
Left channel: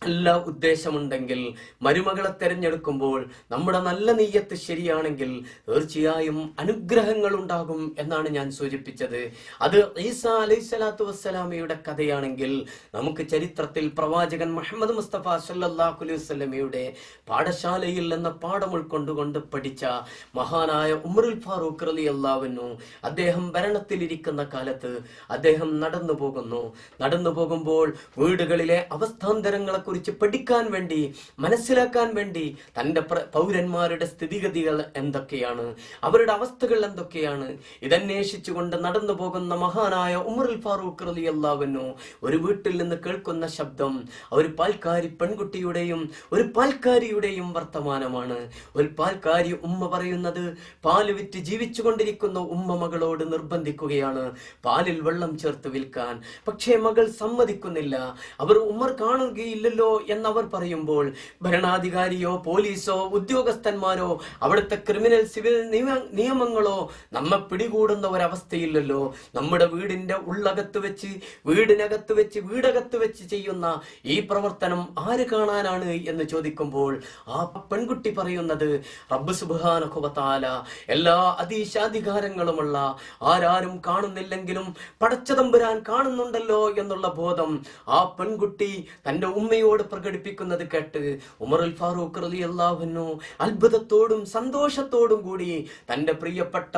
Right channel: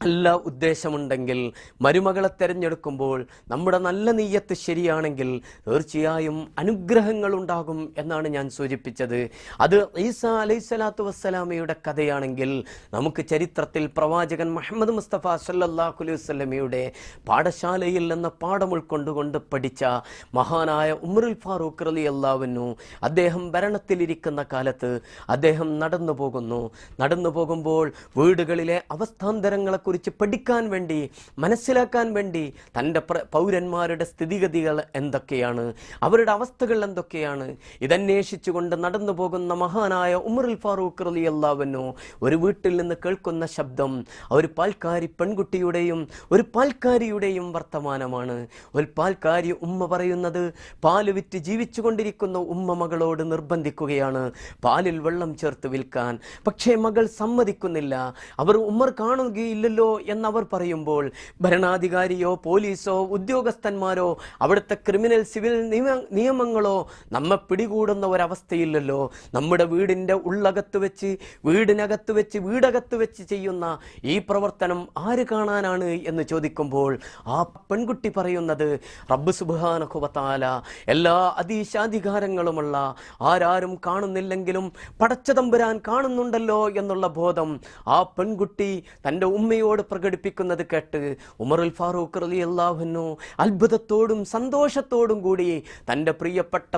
നല്ല ഉദ്ദേശമുണ്ടെങ്കിൽ, മരുമകളെ തെരഞ്ഞെടുക്കുമ്പോൾ നമ്മുടെ നല്ല നീയത്ത് ശരിയാണെങ്കിൽ തീർച്ചയായും അനുഗ്രഹങ്ങൾ ഉണ്ടാകും എന്നാണ് ഞാൻ സൂചിപ്പിച്ചത്. അത് ഈസാ അലൈഹിസ്സലാത്തു വസ്സലാമയുടെ കഥയാണെങ്കിൽ നമുക്ക് ചരിത്രത്തിൽ പ്രവാചകൻ മുഹമ്മദ് മുസ്തഫ സല്ലല്ലാഹു അലൈഹി വസല്ലമയുടെ പാഠശാലയിൽ നിന്ന് പാഠം ഉൾക്കൊണ്ടുകൊണ്ട് പഠിച്ച മഹാനായ ഉമറുൽ ഫാറൂഖ് റളിയല്ലാഹു അൻഹു, അദ്ദേഹം ഭരണത്തിലിരിക്കുന്ന കാലത്ത് അദ്ദേഹം നടന്നു പോകുമ്പോൾ വീടുകളിലെ അവസ്ഥാന്തരങ്ങളെ കുറിച്ച് പഠിക്കാൻ വേണ്ടി, മനസ്സിലാക്കാൻ വേണ്ടി തൻ്റെ പൗരന്മാരുടെ സ്ഥിതിഗതികൾ എന്തൊക്കെയാണ്, അവരുടെ അവസ്ഥകൾ എന്തൊക്കെയാണ്, ഇതന്വേഷിച്ചുകൊണ്ട് നടന്നു പോകുന്ന മഹാനായ ഉമറുൽ ഫാറൂഖ് റളിയല്ലാഹു അൻഹു ഒരു വീട്ടിൽ നിന്ന് കേൾക്കുന്ന ശബ്ദം ഒരു പാൽക്കാരി പെൺകുട്ടിയുടെയും ഒരു പാൽക്കാരിയുടെയും വർത്തമാനമാണ്. ഒരു പാൽക്കാരി ഉമ്മ പറയുന്നത്, പാല് വിറ്റ് ജീവിച്ചു കൊണ്ടിരിക്കുന്ന ഉമ്മ മകളോട് നിർബന്ധിക്കുകയാണ് പാലിൽ വെള്ളം ചേർത്ത് വിൽക്കാൻ. പക്ഷേ മകൾ സമ്മതിക്കുന്നില്ല. അവർ ഉമ്മർ കാണുകയില്ലല്ലോ എന്നവർ പറയുമ്പോൾ ഭരണാധികാരിയോ പോലീസോ ഉദ്യോഗസ്ഥന്മാരോ അവിടുത്തെ ക്രിമിനൽ സിവിൽ നിയമങ്ങളോ നമ്മെ പിടികൂടുന്ന ഒരവസ്ഥയില്ലല്ലോ. നമ്മുടെ വീടിന്റെ ഉള്ളകത്ത് വെച്ച്, വീടിനകത്ത് വെച്ച്, വീടകത്ത് വെച്ച് ചെയ്യുന്ന ഈ പ്രവർത്തനം ആര് കാണാനാണ് എന്ന് ചോദിക്കുമ്പോൾ ആ പെൺകുട്ടി പറയുന്നത്, റബ്ബ് സുബ്ഹാനഹു വ തആല എല്ലാ അധീശാധികാരങ്ങളുമുള്ള, ആരാരും കാണുന്നില്ലെങ്കിലും പടച്ചതമ്പുരാൻ കാണുന്നുണ്ടല്ലോ എന്നുള്ള ബോധം ആ പെൺകുട്ടി തൻ്റെ ഉമ്മയോട് പ്രകടിപ്പിക്കുന്നത് കേട്ട് ഉമറുൽ ഫാറൂഖ് റളിയല്ലാഹു അൻഹു അത്ഭുതത്തോടും സന്തോഷത്തോടും കൂടി തൻ്റെ പ്രിയപ്പെട്ട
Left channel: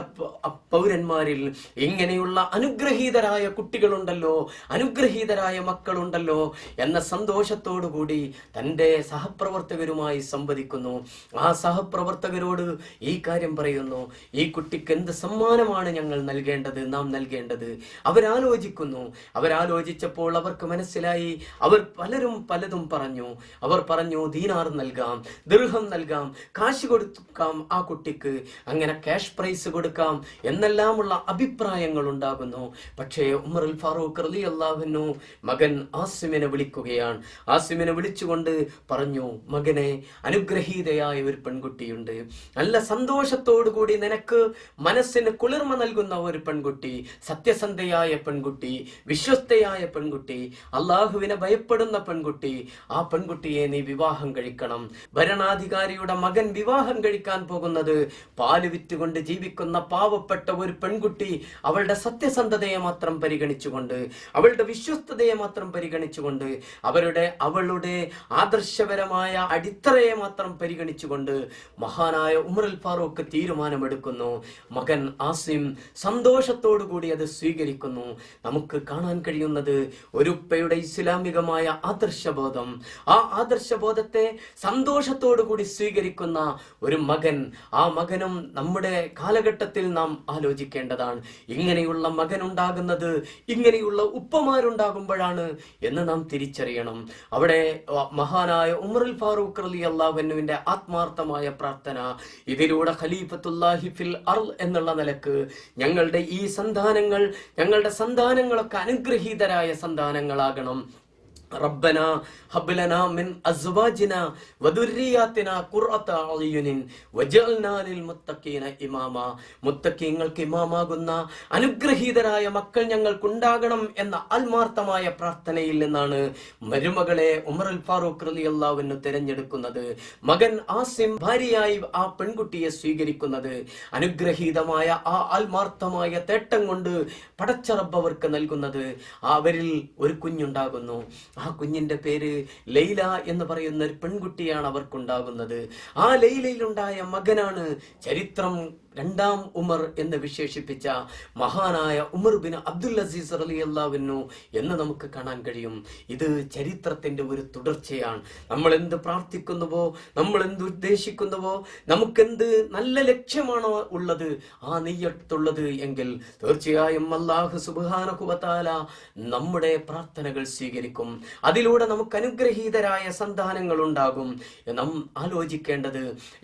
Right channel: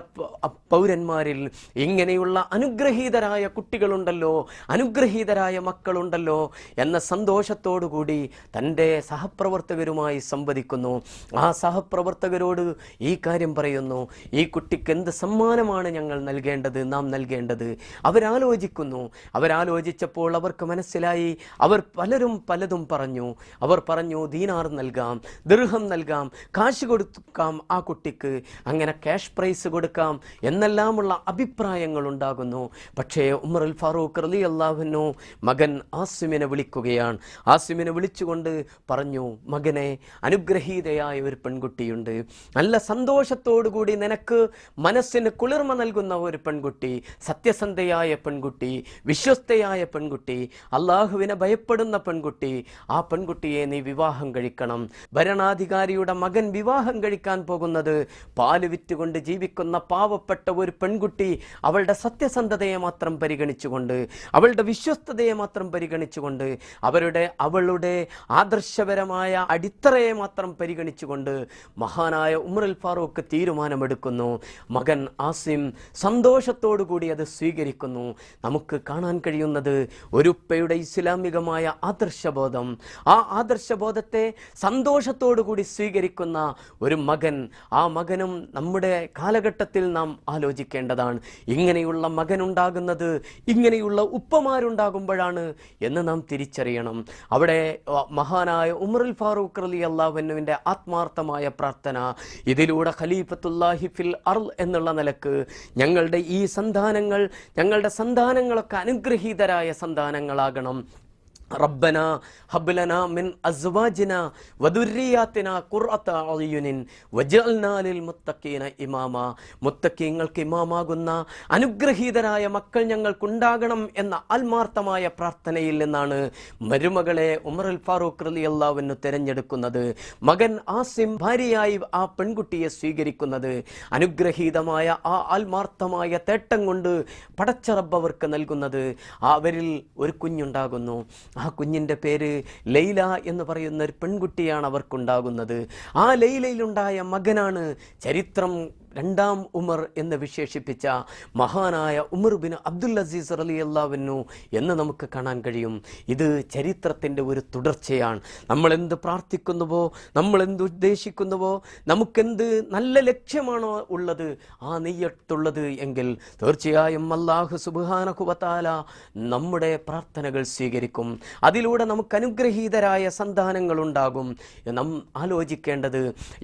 പൗരന്മാരിൽ ഇങ്ങനെയുള്ള അനുഗ്രഹീതരായ കുട്ടികളുണ്ടല്ലോ, അനുഗ്രഹീതരായ മക്കളുണ്ടല്ലോ എന്ന സന്തോഷത്തോടു കൂടി തൻ്റെ സഹപ്രവർത്തകരുമായി സംവദിക്കുന്നു. ആ സഹപ്രവർത്തകരോട് ഈ കാര്യം പറയുന്നു, ഈ കുട്ടിക്ക് എന്ത് സമ്മാനമാണ് ഞങ്ങൾ നൽകേണ്ടത്, നാം നൽകേണ്ടത്. അവരാലോചിക്കുന്നു. അവരാലോചിച്ചപ്പോൾ അവർക്ക് മനസ്സിലായി, അവർ പലതും പറഞ്ഞു. അവർ പറഞ്ഞു, ദീനാർ നൽകാം, ദിർഹം നൽകാം, കാശ് കൊടുക്കാം ആ കുട്ടിക്ക്, അങ്ങനെ ക്യാഷ് പ്രൈസ് കൊടുക്കാം എന്നെല്ലാമുള്ള അഭിപ്രായങ്ങൾ ഉണ്ടാകുന്നു. പക്ഷേ ഉമറുൽ ഫാറൂഖ് റളിയല്ലാഹു അൻഹു മകൻ ആസിമിനെ വിളിക്കുകയാണ്. ആസിമിനെ വിളിച്ചുകൊണ്ട് പറഞ്ഞു, മകനെ, അനുഗ്രഹീതയായ ഒരു പെൺകുട്ടിയുണ്ട്, നല്ല സന്തോഷത്തോടു കൂടി നിനക്ക് മനസ്സിന് കുളിർമ നൽകുന്ന ഒരു പെൺകുട്ടി, സത്യസന്ധയായ പെൺകുട്ടി, വിശ്വസ്തയായ പെൺകുട്ടി, അള്ളാഹുവിനെ ഭയപ്പെടുന്ന പെൺകുട്ടി. ആ പെൺകുട്ടിയെ നീ വിവാഹം കഴിക്കണം. ഭരണാധികാരിയുടെ മകൻ വിവാഹം കഴിക്കാൻ പോകുന്നത് പാല് വിറ്റുകൊണ്ട് ജീവിക്കുന്ന പാവപ്പെട്ട ഒരു പെൺകുട്ടി, അവളുടെ സത്യസന്ധതയെ മാത്രം പരിഗണിച്ചുകൊണ്ട്, അവളുടെ വിശ്വസ്തതയെ മാത്രം പരിഗണിച്ചുകൊണ്ട്, അവളുടെ ആദർശപരമായ അടിത്തറയെ മാത്രം പരിഗണിച്ചുകൊണ്ട് മഹാനായ ഉമറുൽ ഫാറൂഖ് തീരുമാനമെടുക്കുന്നു. മകൻ ആസിം സന്തോഷത്തോടു കൂടി അത് സ്വീകരിക്കുന്നു. നമുക്ക് കാണാൻ കഴിയുന്നത് ഒരു ഉപ്പയുടെ ഇസ്ലാമികമായ ആദർശബോധം, ആ ആദർശബോധത്തെ സന്തോഷത്തോടു കൂടി സ്വീകരിക്കുന്ന ഒരു മകൻ. ആ മകനും നമ്മുടെ കാലഘട്ടത്തിൽ നാം ആലോചിക്കേണ്ടതാണ്. ഇങ്ങനെയുള്ള മകൻ ഉണ്ടാകുന്നത്, ഇങ്ങനെയുള്ള ഉപ്പമാരുണ്ടാകുമ്പോഴാണ് എന്ന് നാം തിരിച്ചറിയണം. അവിടെ മഹാനായ ഉമറുൽ ഫാറൂഖ് റളിയല്ലാഹു അൻഹുവിന്റെ ആത്മാർത്ഥമായ പ്രാർത്ഥന, ഇതിലൂടെ ഖലീഫത്തുല്ലാഹി ഫിൽ അർള് എന്നുള്ള നിലക്ക് ഞങ്ങളുടെ ഈ സന്താനങ്ങൾ, ഞങ്ങളുടെ സന്താനങ്ങളൊക്കെ അനുഗ്രഹീതരായ സന്താനങ്ങളാകണം. റബ്ബന ഹബ്ലനാ മിൻ അസ്വാജിനാ വദുർരിയാതിനാ ഖുർറത അയുനിൻ വജഅൽനാ ലിൽ മുത്തഖീന ഇമാമ. മുത്തഖീങ്ങൾക്ക് ഇമാമാകുന്ന അനുഗ്രഹീതരായ മക്കൾ ഞങ്ങൾക്കുണ്ടാകണം എന്ന ആത്മാർത്ഥമായ പ്രാർത്ഥനയിൽ നിന്നാണ് മരുമകളെ ഉമറുൽ ഫാറൂഖ് റളിയല്ലാഹു അൻഹു തിരഞ്ഞെടുക്കുന്നത്. മകൻ ആസിം ഭാര്യയായി ആ പെൺകുട്ടിയെ സ്വീകരിക്കുന്നത്. അനുഗ്രഹീതമായ ആ ആത്മാർത്ഥമായ തേട്ടം കൊണ്ട് പടച്ച റബ്ബ് അവർക്ക് നൽകുന്നത്, അവരിൽ ഒരു കുഞ്ഞുണ്ടാകുന്നു. ആ കുഞ്ഞിന്റെ പേര് ലൈല എന്ന് പറയുന്ന ഒരു പെൺകുട്ടിയാണ് അവർക്കുണ്ടാകുന്നത്. ആ ലൈലയിലുണ്ടായ മകനാണ് ചരിത്രം രണ്ടാം ഉമർ എന്ന് വിശേഷിപ്പിച്ച മഹാനായ ഉമർ ബിൻ അബ്ദുൽ അസീസ് റളിയല്ലാഹു അൻഹു എന്ന് നമുക്ക് കാണാൻ കഴിയും. ഇത് ചരിത്രത്തിന്റെ ഒരു തുടർച്ചയാണ്. നമ്മൾ എന്ത് പ്രാർത്ഥിക്കുന്നുവോ, നമ്മൾ എന്ത് ഉദ്ദേശിക്കുന്നുവോ, നമുക്കെന്ത് നല്ല ലക്ഷ്യമാണോ ഉള്ളത്, ആ നെയ്യത്തുള്ളത് എങ്കിൽ തീർച്ചയായും അല്ലാഹു സുബ്ഹാനഹു വ തആല നമ്മുടെ പ്രാർത്ഥനകൾ സ്വീകരിക്കും. അതിലൂടെ നമുക്ക് അനുഗ്രഹീതരായ സന്താനങ്ങൾ ഉണ്ടാകും. നാം ആലോചിക്കേണ്ടത്,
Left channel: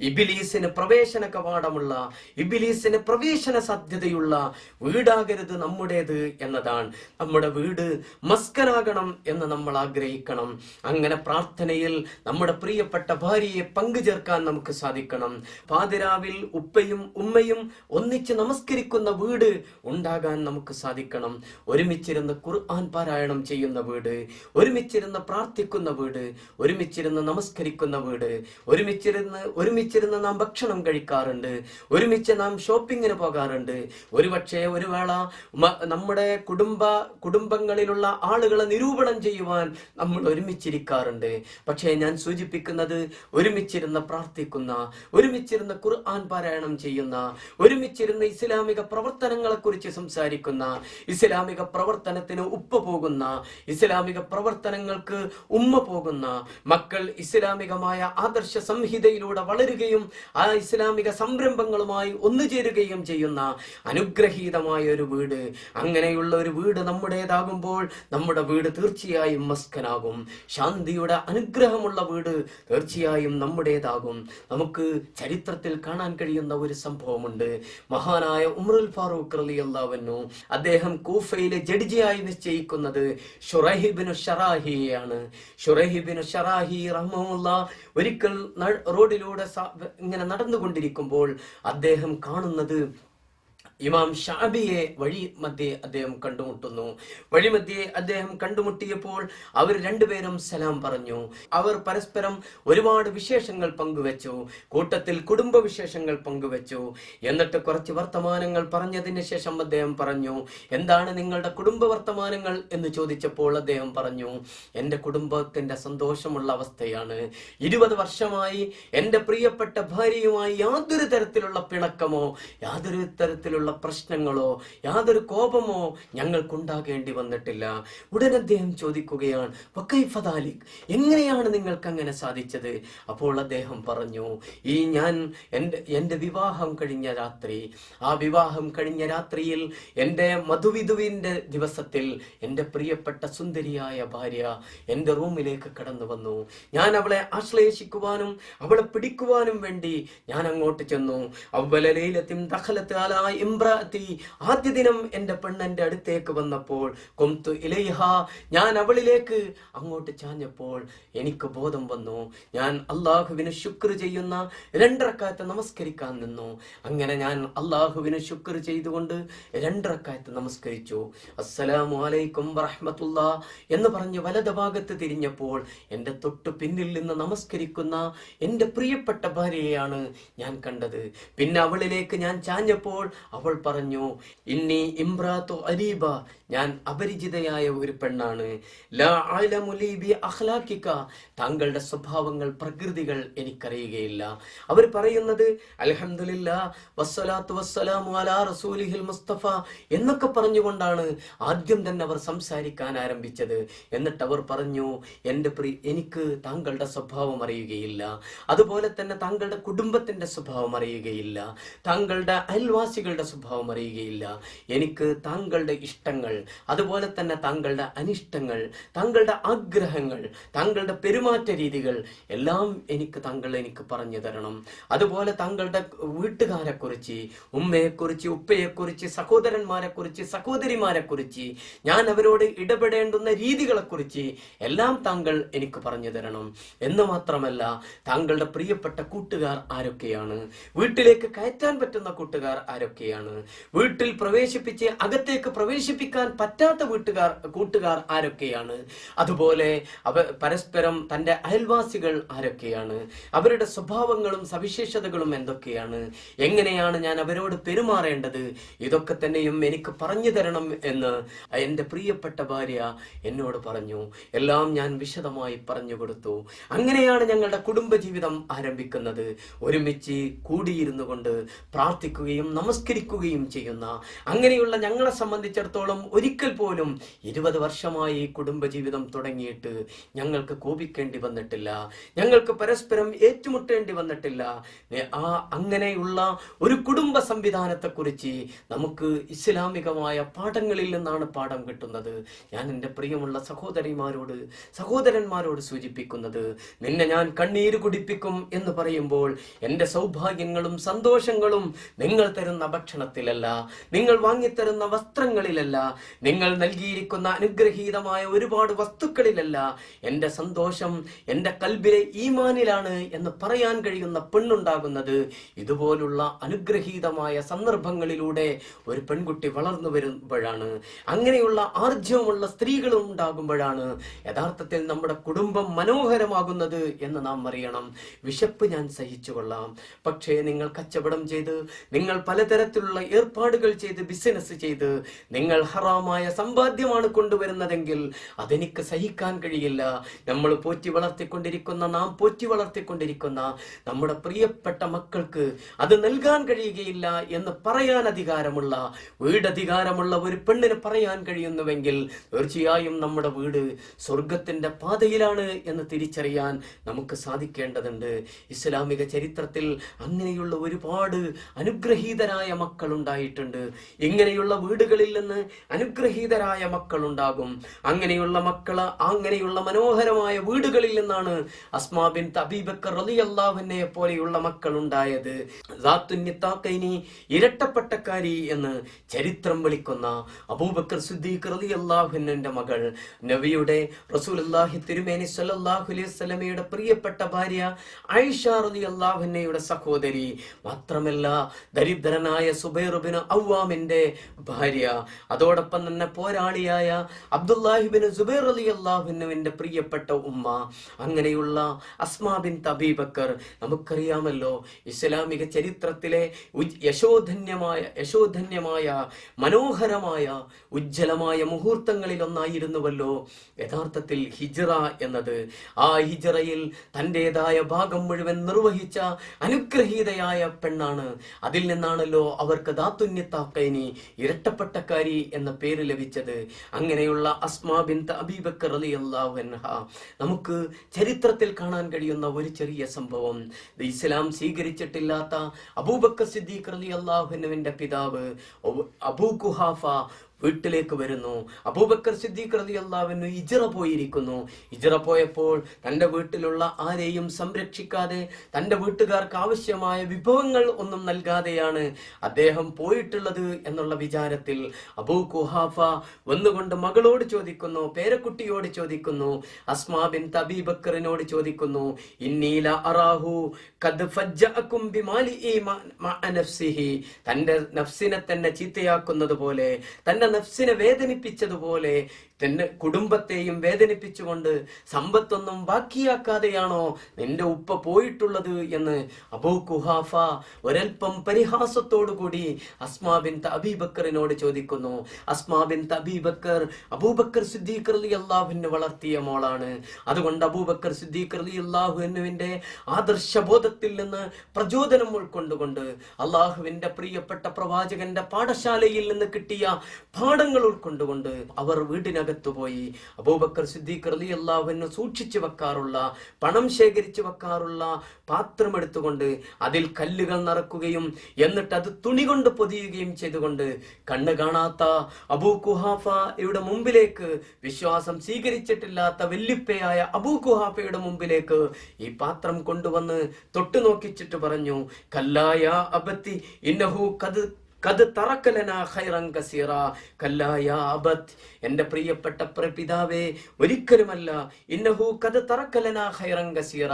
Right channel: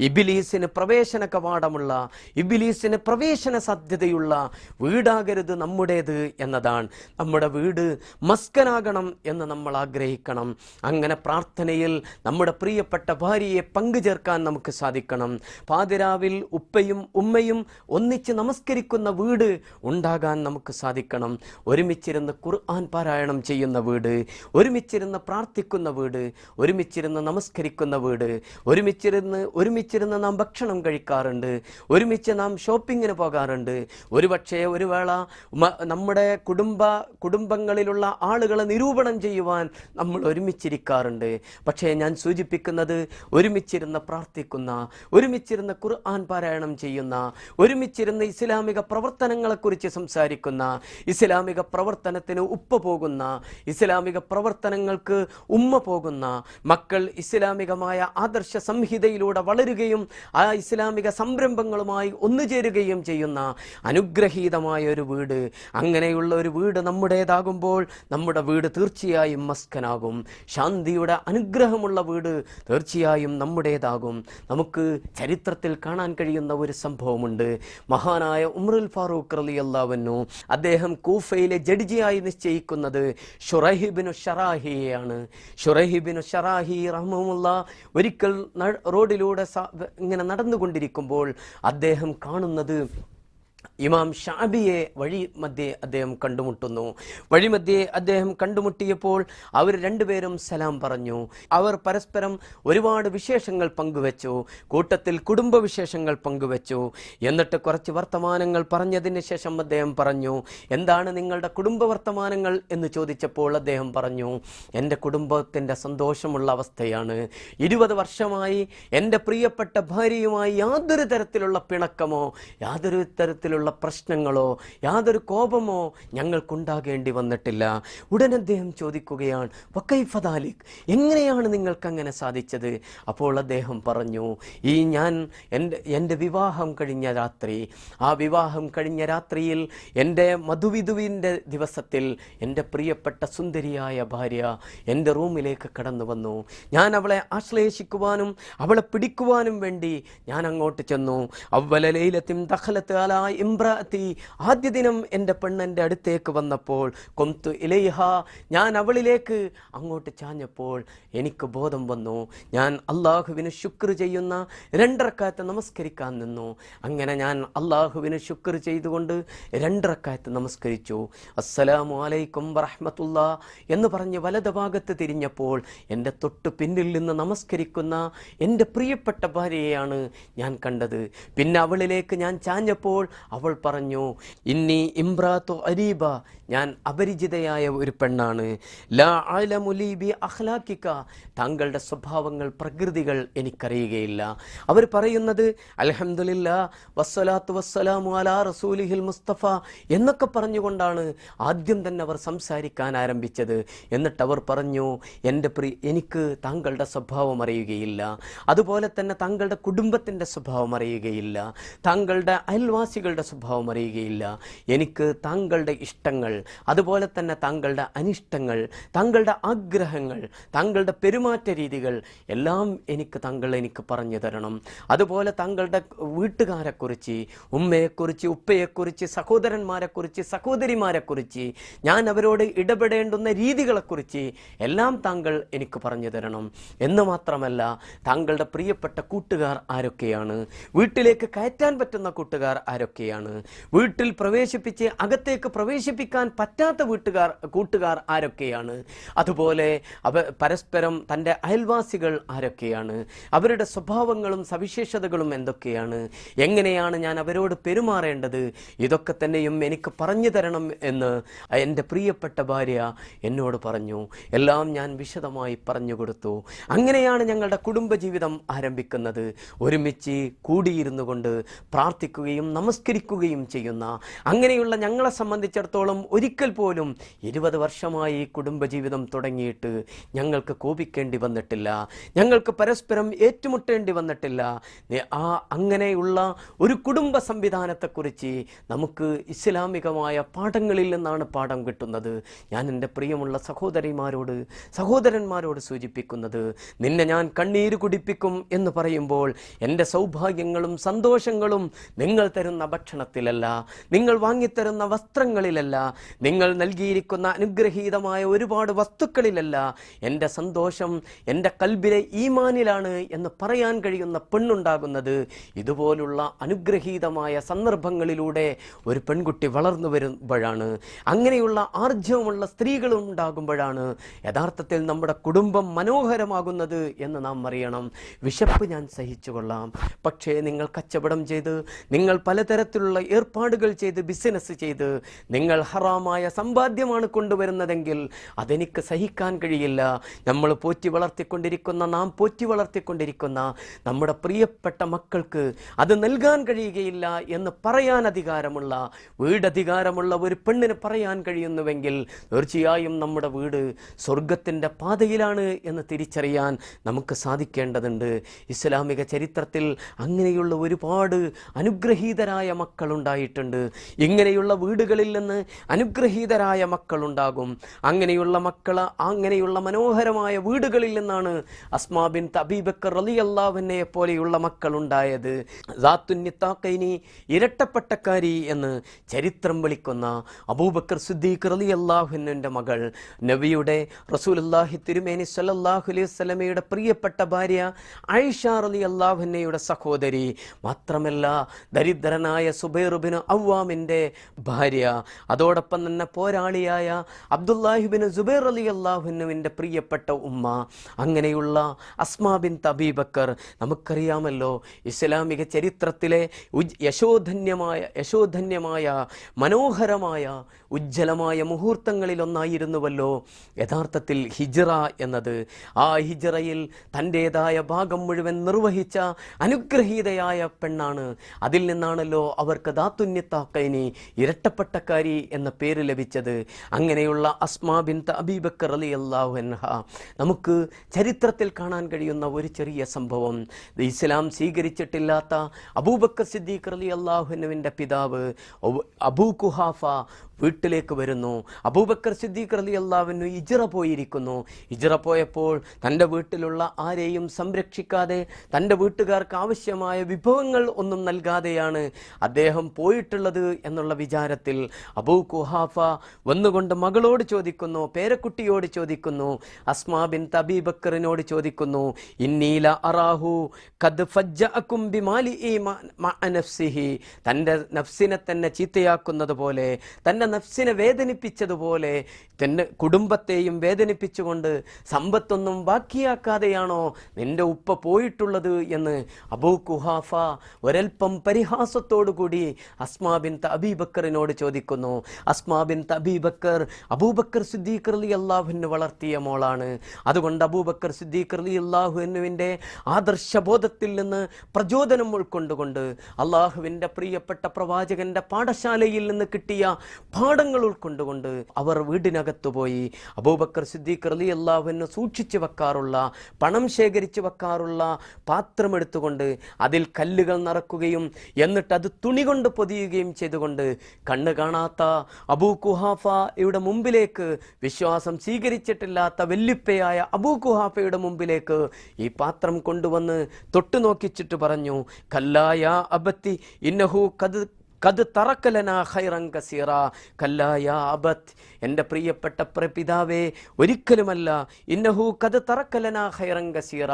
ഇബ്ലീസിന് പ്രവേശന കവാടമുള്ള, ഇബ്ലീസിന് പ്രവേശന സാധ്യതയുള്ള വീടാകരുത് നമ്മുടേത് എന്നതാണ്. നമ്മുടെ വീട് മസ്കനാകണം എന്ന് നമ്മൾ ആഗ്രഹിക്കണം. അങ്ങനെ പ്രാർത്ഥനയിൽ നമ്മുടെ പ്രിയപ്പെട്ട ഭാര്യയെ പങ്കുചേർക്കാൻ നമുക്ക് സാധിക്കണം. പാതിരാവിൽ ഉപ്പയും ഉമ്മയും ഒന്നിച്ച് നമസ്കരിക്കുന്ന വീട് ഉണ്ടാകാൻ നമുക്ക് സാധിക്കണം. ഒരുമിച്ചിരുന്ന് ഖുർആൻ പാരായണം ചെയ്യുന്ന വീട്, ഒരുമിച്ചിരുന്ന് പ്രാർത്ഥിക്കുന്ന വീട്, ഒരുമിച്ചിരുന്ന് നമസ്കരിക്കുന്ന വീട്, ഒരുമിച്ചിരുന്ന് നാം ഭക്ഷണം കഴിക്കാറുണ്ട്, ഒരുമിച്ച് ഒരുമിച്ച് നാം ഷോപ്പിങ്ങിന് പോകാറുണ്ട്. ഒരുപക്ഷെ ഒരു വേള നമ്മുടെ കുടുംബങ്ങളിലുള്ള ആളുകളെ നിരൂപണം ചെയ്യുവാൻ നമ്മൾ ഒരുമിച്ചിരിക്കാറുണ്ട്. പക്ഷേ ഞാൻ സൂചിപ്പിക്കുന്നത്, ഒരുമിച്ചിരുന്ന് പ്രാർത്ഥിക്കുന്ന, ഒരുമിച്ചിരുന്ന് ഖുർആൻ പാരായണം ചെയ്യുന്ന, ഒരുമിച്ചിരുന്ന് ഇസ്ലാമിക പ്രവർത്തനങ്ങളെക്കുറിച്ച് സംസാരിക്കുന്ന, ഇസ്ലാമിക പ്രവർത്തനത്തിന് ഉപ്പ പോകുന്ന, ഇസ്ലാമിക പ്രവർത്തനങ്ങൾക്ക് ഉമ്മ പോകുന്ന മക്കൾ ഇസ്ലാമികമായ ആദർശ സംഹിതയിലൂടെ വളരുകയും ആ ഇസ്ലാമിക സംരംഭങ്ങളുമായി ഒന്നുചേരുകയും ചെയ്യുന്ന അനുഗ്രഹീതമായ ഒരു വീട്. അങ്ങനെയുള്ള ഒരു വീട് നമ്മുടേതാകുമ്പോൾ നമ്മുടെ വീട് തീർച്ചയായും മസ്കനാകും. ശാന്തിയുടെ അനുഗ്രഹമുള്ള വീട് തീർച്ചയായും നമ്മുടേതാകും. നമുക്ക് ചരിത്രത്തിൽ കാണാൻ കഴിയുന്ന ഒരു സംഭവമുണ്ട്. മഹാനായ ഉമറുൽ ഫാറൂഖ് റളിയല്ലാഹു അൻഹു, അദ്ദേഹം കൂഫയിലെ ജഡ്ജിയായി നിശ്ചയിക്കുന്നത് ശുറൈഹ് ബിൻ ശറാഹിയാണ്. ശുറൈഹ് ബിൻ ശറാഹി റഹ്മഹുല്ലാഹ് ഒരിക്കൽ റോഡിലൂടെ ഇങ്ങനെ നടന്നുകൊണ്ടിരിക്കുമ്പോൾ അദ്ദേഹം കാണുന്നത് ഇമാം ഷാബിയെ വഴിമധ്യേ അദ്ദേഹം കണ്ടുമുട്ടുന്നു. വഴിമധ്യേ അദ്ദേഹം കണ്ടുമുട്ടിയപ്പോൾ അവർ രണ്ടുപേരും സലാം പറഞ്ഞു. അവർ പരസ്പരം ഒരുപാട് വിശേഷങ്ങൾ പങ്കുവെച്ചു. കൂട്ടത്തിൽ കുടുംബ വിശേഷങ്ങൾ പങ്കുവെച്ചു. എന്നിട്ട് കുറച്ച് വർത്തമാനങ്ങൾ പറഞ്ഞതിന് ശേഷം അദ്ദേഹം പറഞ്ഞു, എന്താണ് നിങ്ങളുടെ കുടുംബ വർത്തമാനങ്ങൾ എന്ന് ചോദിച്ചപ്പോൾ അദ്ദേഹം പറഞ്ഞു, എൻ്റെ കുടുംബത്തിൻ്റെ സന്തോഷമുള്ള അവസ്ഥയാണ്. 20 വർഷമായി എൻ്റെ പ്രിയപ്പെട്ട ഭാര്യയുമായി യാതൊരു തരത്തിലുള്ള പിണക്കമോ യാതൊരു തരത്തിലുള്ള പ്രശ്നങ്ങളോ യാതൊരു കോപമോ ഞങ്ങൾക്കുണ്ടാകേണ്ടി വന്നിട്ടില്ല. ഉടൻ അദ്ദേഹം ചോദിക്കുകയാണ്, വക്കൈഫദാലിക്, എങ്ങനെയാണ് നിങ്ങൾക്ക് അങ്ങനെ സാധിച്ചത്? അപ്പോൾ അദ്ദേഹം പറഞ്ഞു, ഞാൻ എൻ്റെ വിവാഹം കഴിഞ്ഞ രാത്രി, ആ വിവാഹം കഴിഞ്ഞ രാത്രിയിൽ എൻ്റെ മധുവിധുവിൻ്റെ ദിവസത്തിൽ എൻ്റെ പ്രിയപ്പെട്ട സുന്ദരിയായ ഭാര്യ എൻ്റെ റൂമിലേക്ക് കടന്നു വന്നു. ഞാൻ അവളെ ആശ്ലേഷിക്കുവാനും അവളെ പിടിക്കുവാനും വേണ്ടി ഞാൻ അങ്ങോട്ട് ചെന്നു. അവലലൈലത്തിൻ ദഖലത്ത് അലാ ഇംറാഅതി, ആദ്യ ദിനം എൻ്റെ പെണ്ണെൻ്റെ അടുത്തേക്ക് വന്നപ്പോൾ കൊന്തു ഇലൈഹ, ഞാൻ അവളിലേക്ക് അങ്ങോട്ട് ചാഞ്ഞപ്പോൾ എനിക്ക് ബോധം വന്നു. ഞാൻ അള്ളാഹുവിന് ശുക്ർ ചെയ്യുന്ന 2 റക്അത്ത് നമസ്കരിക്കാൻ നിന്നു. അങ്ങനെ ഞാൻ അള്ളാഹുവിന് ശുക്ർ ചെയ്തുകൊണ്ട് 2 റക്അത്ത് നമസ്കരിച്ചു. അസ്സലാമു അലൈക്കും വറഹ്മത്തുള്ളാഹ് എന്ന് പറഞ്ഞ് വലത് ഭാഗത്ത് തിരിഞ്ഞപ്പോൾ എൻ്റെ തൊട്ടു പിന്നിൽ നിന്ന് നമസ്കരിക്കുന്ന എൻ്റെ പ്രിയപ്പെട്ട ഭാര്യയെയാണ് ഞാൻ കണ്ടത്. പിന്നെ അവളിലേക്ക് ഞാൻ ചാഞ്ഞപ്പോൾ അവൾ പറഞ്ഞു, ഇന്നി ഇംറാത്തു അരീബ, ഞാൻ അപരിചിതയായ ഒരു പെണ്ണാണ്. ലാ അലമു ലീ ബി അഖ്ലാഖിക, താങ്കളുടെ സ്വഭാവങ്ങൾ പ്രകൃതികൾ എനിക്കറിയുകയില്ല. അവർ പറയുന്നത് അൽഹംദുലില്ലാഹ് വസ്സലാത്തു വസ്സലാമു അലാ റസൂലിഹിൽ മുസ്തഫ എന്നൊക്കെ പറഞ്ഞുകൊണ്ടാണ് ആദ്യം തന്നെ അവർ സംസാരിക്കാൻ ആരംഭിച്ചത്. എന്നിട്ട് അവർ പറഞ്ഞു, എനിക്ക് താങ്കളുടെ സ്വഭാവം അറിയുകയില്ല, അതുപോലെ തന്നെ താങ്കളുടെ കുടുംബത്തിൻ്റെ സ്വഭാവം അറിയുകയില്ല, താങ്കളുടെ അയൽവാസികളുടെ സ്വഭാവം അറിയുകയില്ല. എനിക്ക് താങ്കളുടെ ഇഷ്ടങ്ങൾ, അതുപോലെ തന്നെ താങ്കളുടെ അനിഷ്ടങ്ങൾ, താങ്കളുടെ ആഗ്രഹങ്ങൾ, താങ്കളുടെ പെരുമാറ്റ രീതികൾ എല്ലാം താങ്കൾ എനിക്ക് പറഞ്ഞു തരണം. അതുപോലെ താങ്കളുടെ വീട്ടുകാരെക്കുറിച്ച്, ഉമ്മയെക്കുറിച്ച്, ഉപ്പയെക്കുറിച്ച്, സഹോദരന്മാരെക്കുറിച്ച്, സഹോദരിമാരെക്കുറിച്ച്, ഞാൻ അവരോട് ഇടപെടേണ്ടുന്ന രീതികളെക്കുറിച്ച് എല്ലാം താങ്കൾ എനിക്ക് പറഞ്ഞു തരണം. എന്ന് മാത്രമല്ല, താങ്കളുടെ പ്രിയപ്പെട്ട കൂട്ടുകാർ ആരൊക്കെയാണ്, വീട്ടിലേക്ക് കയറ്റാൻ പറ്റുന്ന കൂട്ടുകാർ ആരൊക്കെയാണ്, വീട്ടിൽ പ്രവേശിപ്പിച്ച് അകത്തേക്ക് പ്രവേശിപ്പിക്കാൻ പറ്റാത്ത കൂട്ടുകാർ ആരൊക്കെയാണ്, അതുപോലെ പരസ്പരം തൻ്റെ അയൽവാസികൾ ആരൊക്കെയാണ്, അവരുടെ സ്വഭാവങ്ങളും സവിശേഷതകളും എന്തൊക്കെയാണ്, എങ്ങനെയാണ് ഞാൻ അവരോട് പെരുമാറേണ്ടത്, ഇതൊക്കെ തന്നെയും എനിക്ക് പറഞ്ഞു തരണം എന്ന് എൻ്റെ പ്രിയപ്പെട്ട ഭാര്യ എന്നോട് പറഞ്ഞു. എല്ലാം ഞാൻ വിശദമായി പറഞ്ഞു കൊടുത്തു. അങ്ങനെയാണ് ഞങ്ങളുടെ കുടുംബജീവിതം ആരംഭിക്കുന്നത്. ഒരുമിച്ച് കൂടിയിരുന്നു കൊണ്ട് പ്രാർത്ഥിക്കുകയും നമസ്കരിക്കുകയും ചെയ്യുന്ന അങ്ങനെയുള്ള ഞങ്ങളെ സംബന്ധിച്ചിടത്തോളം ഒരിക്കൽ പോലും 20 വർഷമായി കുടുംബജീവിതം തുടങ്ങിയിട്ട് ഞങ്ങൾക്ക് കോപിക്കേണ്ടി വന്നിട്ടില്ല, ഞങ്ങൾക്ക് പരസ്പരം ഏറ്റുമുട്ടേണ്ടി വന്നിട്ടില്ല. അങ്ങനെയുള്ള ഒരു കുടുംബ സംവിധാനത്തെക്കുറിച്ച് നമുക്ക് ഇസ്ലാമികമായ പാഠങ്ങളിൽ നിന്നാണ് പാഠം കിട്ടുന്നത്. ഞാൻ എൻ്റെ പ്രിയമുള്ള സഹോദരന്മാരോട് സൂചിപ്പിക്കുന്നത്, നിന്നെ ഞാൻ കണ്ണീര് കുടിപ്പിക്കും എന്ന് പറയുമ്പോൾ എൻ്റെ സൗഭാഗ്യങ്ങളും സന്തോഷങ്ങളും നിങ്ങൾ തരുന്ന ഭക്ഷണത്തിലല്ല, നിങ്ങൾ വാങ്ങിത്തരുന്ന വസ്ത്രങ്ങളിലല്ല, നിങ്ങൾ നൽകിയിരിക്കുന്ന അനുഗ്രഹീതമായ ഒരുപാട് വസ്തുക്കളിലല്ല, എൻ്റെ സന്തോഷം എൻ്റെ കൽബിലെ ഈമാനിലാണ് എന്ന് പറയാൻ കഴിയുന്ന പെണ്ണുണ്ടാകുന്നത് ഇതുപോലുള്ള അനുഗ്രഹീതമായ സന്ദർഭങ്ങളിലൂടെ ഒരു പെൺകുട്ടി വളർന്നു വരുമ്പോഴാണ്. അങ്ങനെയുള്ള ആർജവമുള്ള സ്ത്രീകളും ഉണ്ടാകുമ്പോഴാണ് യഥാർത്ഥത്തിൽ നമ്മുടെ കുടുംബം മനോഹരമാകുന്നത് എന്ന് നാം അറിയണം. വിശപ്പ് ഞാൻ സഹിച്ചുകൊള്ളാം, പക്ഷേ നിങ്ങൾ കച്ചവടം ചെയ്ത്, നിങ്ങൾ പലതരത്തിലുള്ള ഏർപ്പാടുകൾ ചെയ്ത്, ബിസിനസ് ചെയ്ത് നിങ്ങൾ ഹറാമായ സമ്പാദ്യമാണ് കൊണ്ടുവരുന്നതെങ്കിൽ അതെനിക്ക് സഹിക്കാൻ കഴിയില്ല. നമ്മൾ നാം പോറ്റി വളർത്തിക്കൊണ്ടിരിക്കുന്ന നമ്മുടെ പ്രിയപ്പെട്ട മക്കൾക്ക് അത് നൽകാൻ കഴിയുകയില്ല എന്ന് പറയാൻ അധികാരമുള്ള, വീടധികാരമുള്ള ഒരു പെണ്ണിന് പറയാൻ കഴിയുന്നുവെങ്കിൽ തീർച്ചയായും നമ്മുടെ വീട് സ്വർഗത്തിന്റെ പാതയിലാണ് എന്ന് തിരിച്ചറിയാൻ നമുക്ക് സാധിക്കേണ്ടതുണ്ട്. ഇസ്ലാമിക ചരിത്രത്തിൽ അങ്ങനെയുള്ള ഒരുപാട് അനുഗ്രഹീതരായ മക്കൾ ഉണ്ടായിട്ടുണ്ട്. ഇങ്ങനെയുള്ള വീടുകളിൽ നിന്ന് അനുഗ്രഹീതരായ മക്കൾ ഉണ്ടാകും. അങ്ങനെയുള്ള മനോഹരമായ വീടുകളിൽ നിന്നാണ് അസ്മാ ബിൻത് അബീ ബക്കർ റളിയല്ലാഹു അൻഹയെ പോലെയുള്ള മക്കൾ ഉണ്ടായത്. ഇരട്ടപ്പട്ടക്കാരി എന്ന് ചരിത്രം വിളിക്കുന്ന അബൂബക്കർ സിദ്ദീഖ് റളിയല്ലാഹു അൻഹുവിന്റെ മകൾ, നബിയുടെ റസൂലുള്ളാഹി തിരുമേനി സ്വല്ലല്ലാഹു അലൈഹി വസല്ലമയുടെ പ്രിയപ്പെട്ട ഭാര്യ ആയിഷ റളിയല്ലാഹു അൻഹയുടെ സഹോദരി, മാത്രമല്ല ദരിദ്രനായ സുബൈർ ഇബ്നു അവ്വാമിന്റെ ഭാര്യ, അതോടൊപ്പം തന്നെ പോരാളിയായ അബ്ദുല്ലാഹി ഇബ്നു സുബൈർ റളിയല്ലാഹു അൻഹുവിന്റെ പ്രിയപ്പെട്ട ഉമ്മ. അങ്ങനെയുള്ള അസ്മാ ബിൻത് അബീ ബക്കർ നമുക്കറിയാമല്ലോ, ഇസ്ലാമിക ചരിത്രത്തിലെ യശോധന്യമായ മനോഹരമായ ഉജ്ജ്വലമായ മുഹൂർത്തങ്ങളിൽ ഒന്നായിരുന്നുവല്ലോ യഥാർത്ഥത്തിൽ ഹിജ്റ എന്നത്. ആ ഹിജ്റയിൽ തൻ്റെതായ ഭാഗം മുഴുവൻ നിർവഹിച്ച അനുഗ്രഹീതയായ പെണ്ണാണ്. അതിൽ നിന്നാണല്ലോ അവർക്ക് ദാത്തുന്യത്താക്കൈനി, ഇരട്ടപ്പട്ടക്കാരി എന്ന പേര് ലഭിച്ചത്. അങ്ങനെയുള്ള അസ്മാ ബിൻത് അബീ ബക്കർ റളിയല്ലാഹു അൻഹ നമുക്ക് ചരിത്രത്തിൽ കാണാൻ കഴിയുന്ന ഒരു ചെറിയ സംഭവം. ഇസ്ലാം സ്വീകരിച്ചിട്ടില്ലാത്ത അബൂബക്കർ സിദ്ദീഖ് റളിയല്ലാഹു അൻഹുവിന്റെ പിതാവ് അബൂ ഖുഹാഫ വീട്ടിലേക്ക് വരുന്നു. അബൂബക്കർ സിദ്ദീഖ് റളിയല്ലാഹു അൻഹു ഹിജ്റ പോയിരിക്കുന്നു. ഹിജ്റ പോയപ്പോൾ തൻ്റെ വീട്ടിലുള്ള ആരെയും സംരക്ഷിക്കാതെ, തൻ്റെ വീട്ടുകാർക്ക് ആവശ്യമായ വിഭവങ്ങൾ ഒന്നും നൽകാതെയാണ് അദ്ദേഹം പോയിട്ടുള്ളത് എന്നുള്ള വിചാരത്തിൽ അബൂ ഖുഹാഫ വന്നുകൊണ്ട് മകളോട് ചോദിക്കുന്നു, പേരക്കുട്ടിയോട് ചോദിക്കുന്നു, അസ്മാ ബിൻത് അബീ ബക്കറിനോട് ചോദിക്കുന്നു, ഇന്നീല അറാഹു ഖദ് ഫജ്ജഅകും ബിമാലിഇ മഅ നഫ്സിഹി, തൻ്റെ നഫ്സിനെ തന്നെ ചീത്തയാക്കുന്നത് പോലെ, തന്നെ നഫ്സിനെ വേദനിപ്പിച്ചതുപോലെ തന്റെ കുടുംബത്തെയും വേദനിപ്പിച്ചുകൊണ്ട് സമ്പത്തൊന്നും ബാക്കിയാക്കാതെയാണോ നിന്റെ ഉപ്പ പോയിട്ടുള്ളത് എന്ന് അബൂ ഖുഹാഫ ഒരൽപ്പം പരിഹാസത്തോടുകൂടി അസ്മാ ബിൻത് അബീ ബക്കറിനോട് ചോദിക്കുന്നു. അസ്മാ ബിൻത് അബീ ബക്കർ അബൂബക്കർ സിദ്ദീഖ് റളിയല്ലാഹു അൻഹു വളർത്തിയ മോളാണ്. അതുകൊണ്ട് അബൂബക്കർ സിദ്ദീഖ് റളിയല്ലാഹു അൻഹുവിന്റെ ആദർശബോധത്തിൽ നിന്ന് പ്രചോദനം ഉൾക്കൊണ്ടുകൊണ്ട് അള്ളാഹുവിന്റെ പ്രിയപ്പെട്ട പ്രവാചകന്റെ പാഠശാലയിൽ നിന്ന് കിട്ടിയ പാഠങ്ങൾ ഉൾക്കൊണ്ടുകൊണ്ട് അവർ വീടിനകത്തുപോയി അബൂബക്കർ സിദ്ദീഖ് റളിയല്ലാഹു അൻഹു സൂക്ഷിച്ചു വെക്കാറുള്ള, പണം ശേഖരിച്ചു വെക്കാറുള്ള പാത്രം എടുത്തുകൊണ്ട് അതിൽ കല്ലുകൾ നിറക്കുകയും എന്നിട്ട് അത് തുണി കൊണ്ട് പൊതിയുകയും ചെയ്തുകൊണ്ട് കണ്ണ് കാണാത്ത അബൂ ഖുഹാഫയുടെ മുമ്പിലേക്ക്, വിശ്വാസം സ്വീകരിച്ചിട്ടില്ലാത്ത വെല്ലുപ്പയായ അബൂ ഖുഹാഫയുടെ മുമ്പിലേക്ക് ഈ പാത്രം കൊണ്ടുവന്ന് തൊട്ടു നോക്കിച്ചിട്ട് പറഞ്ഞു, കല്ലായ അബത്തി ഇന്നഹു ഖദ് തറക്കലനാ ഖൈറൻ കസീറ. കല്ലാ യാ അബത്, എൻ്റെ പ്രിയപ്പെട്ട പിതാവേ, ഒരിക്കലുമല്ല, ഇന്നഹു ഖദ് തറക്കലനാ ഖൈറൻ കസീറ,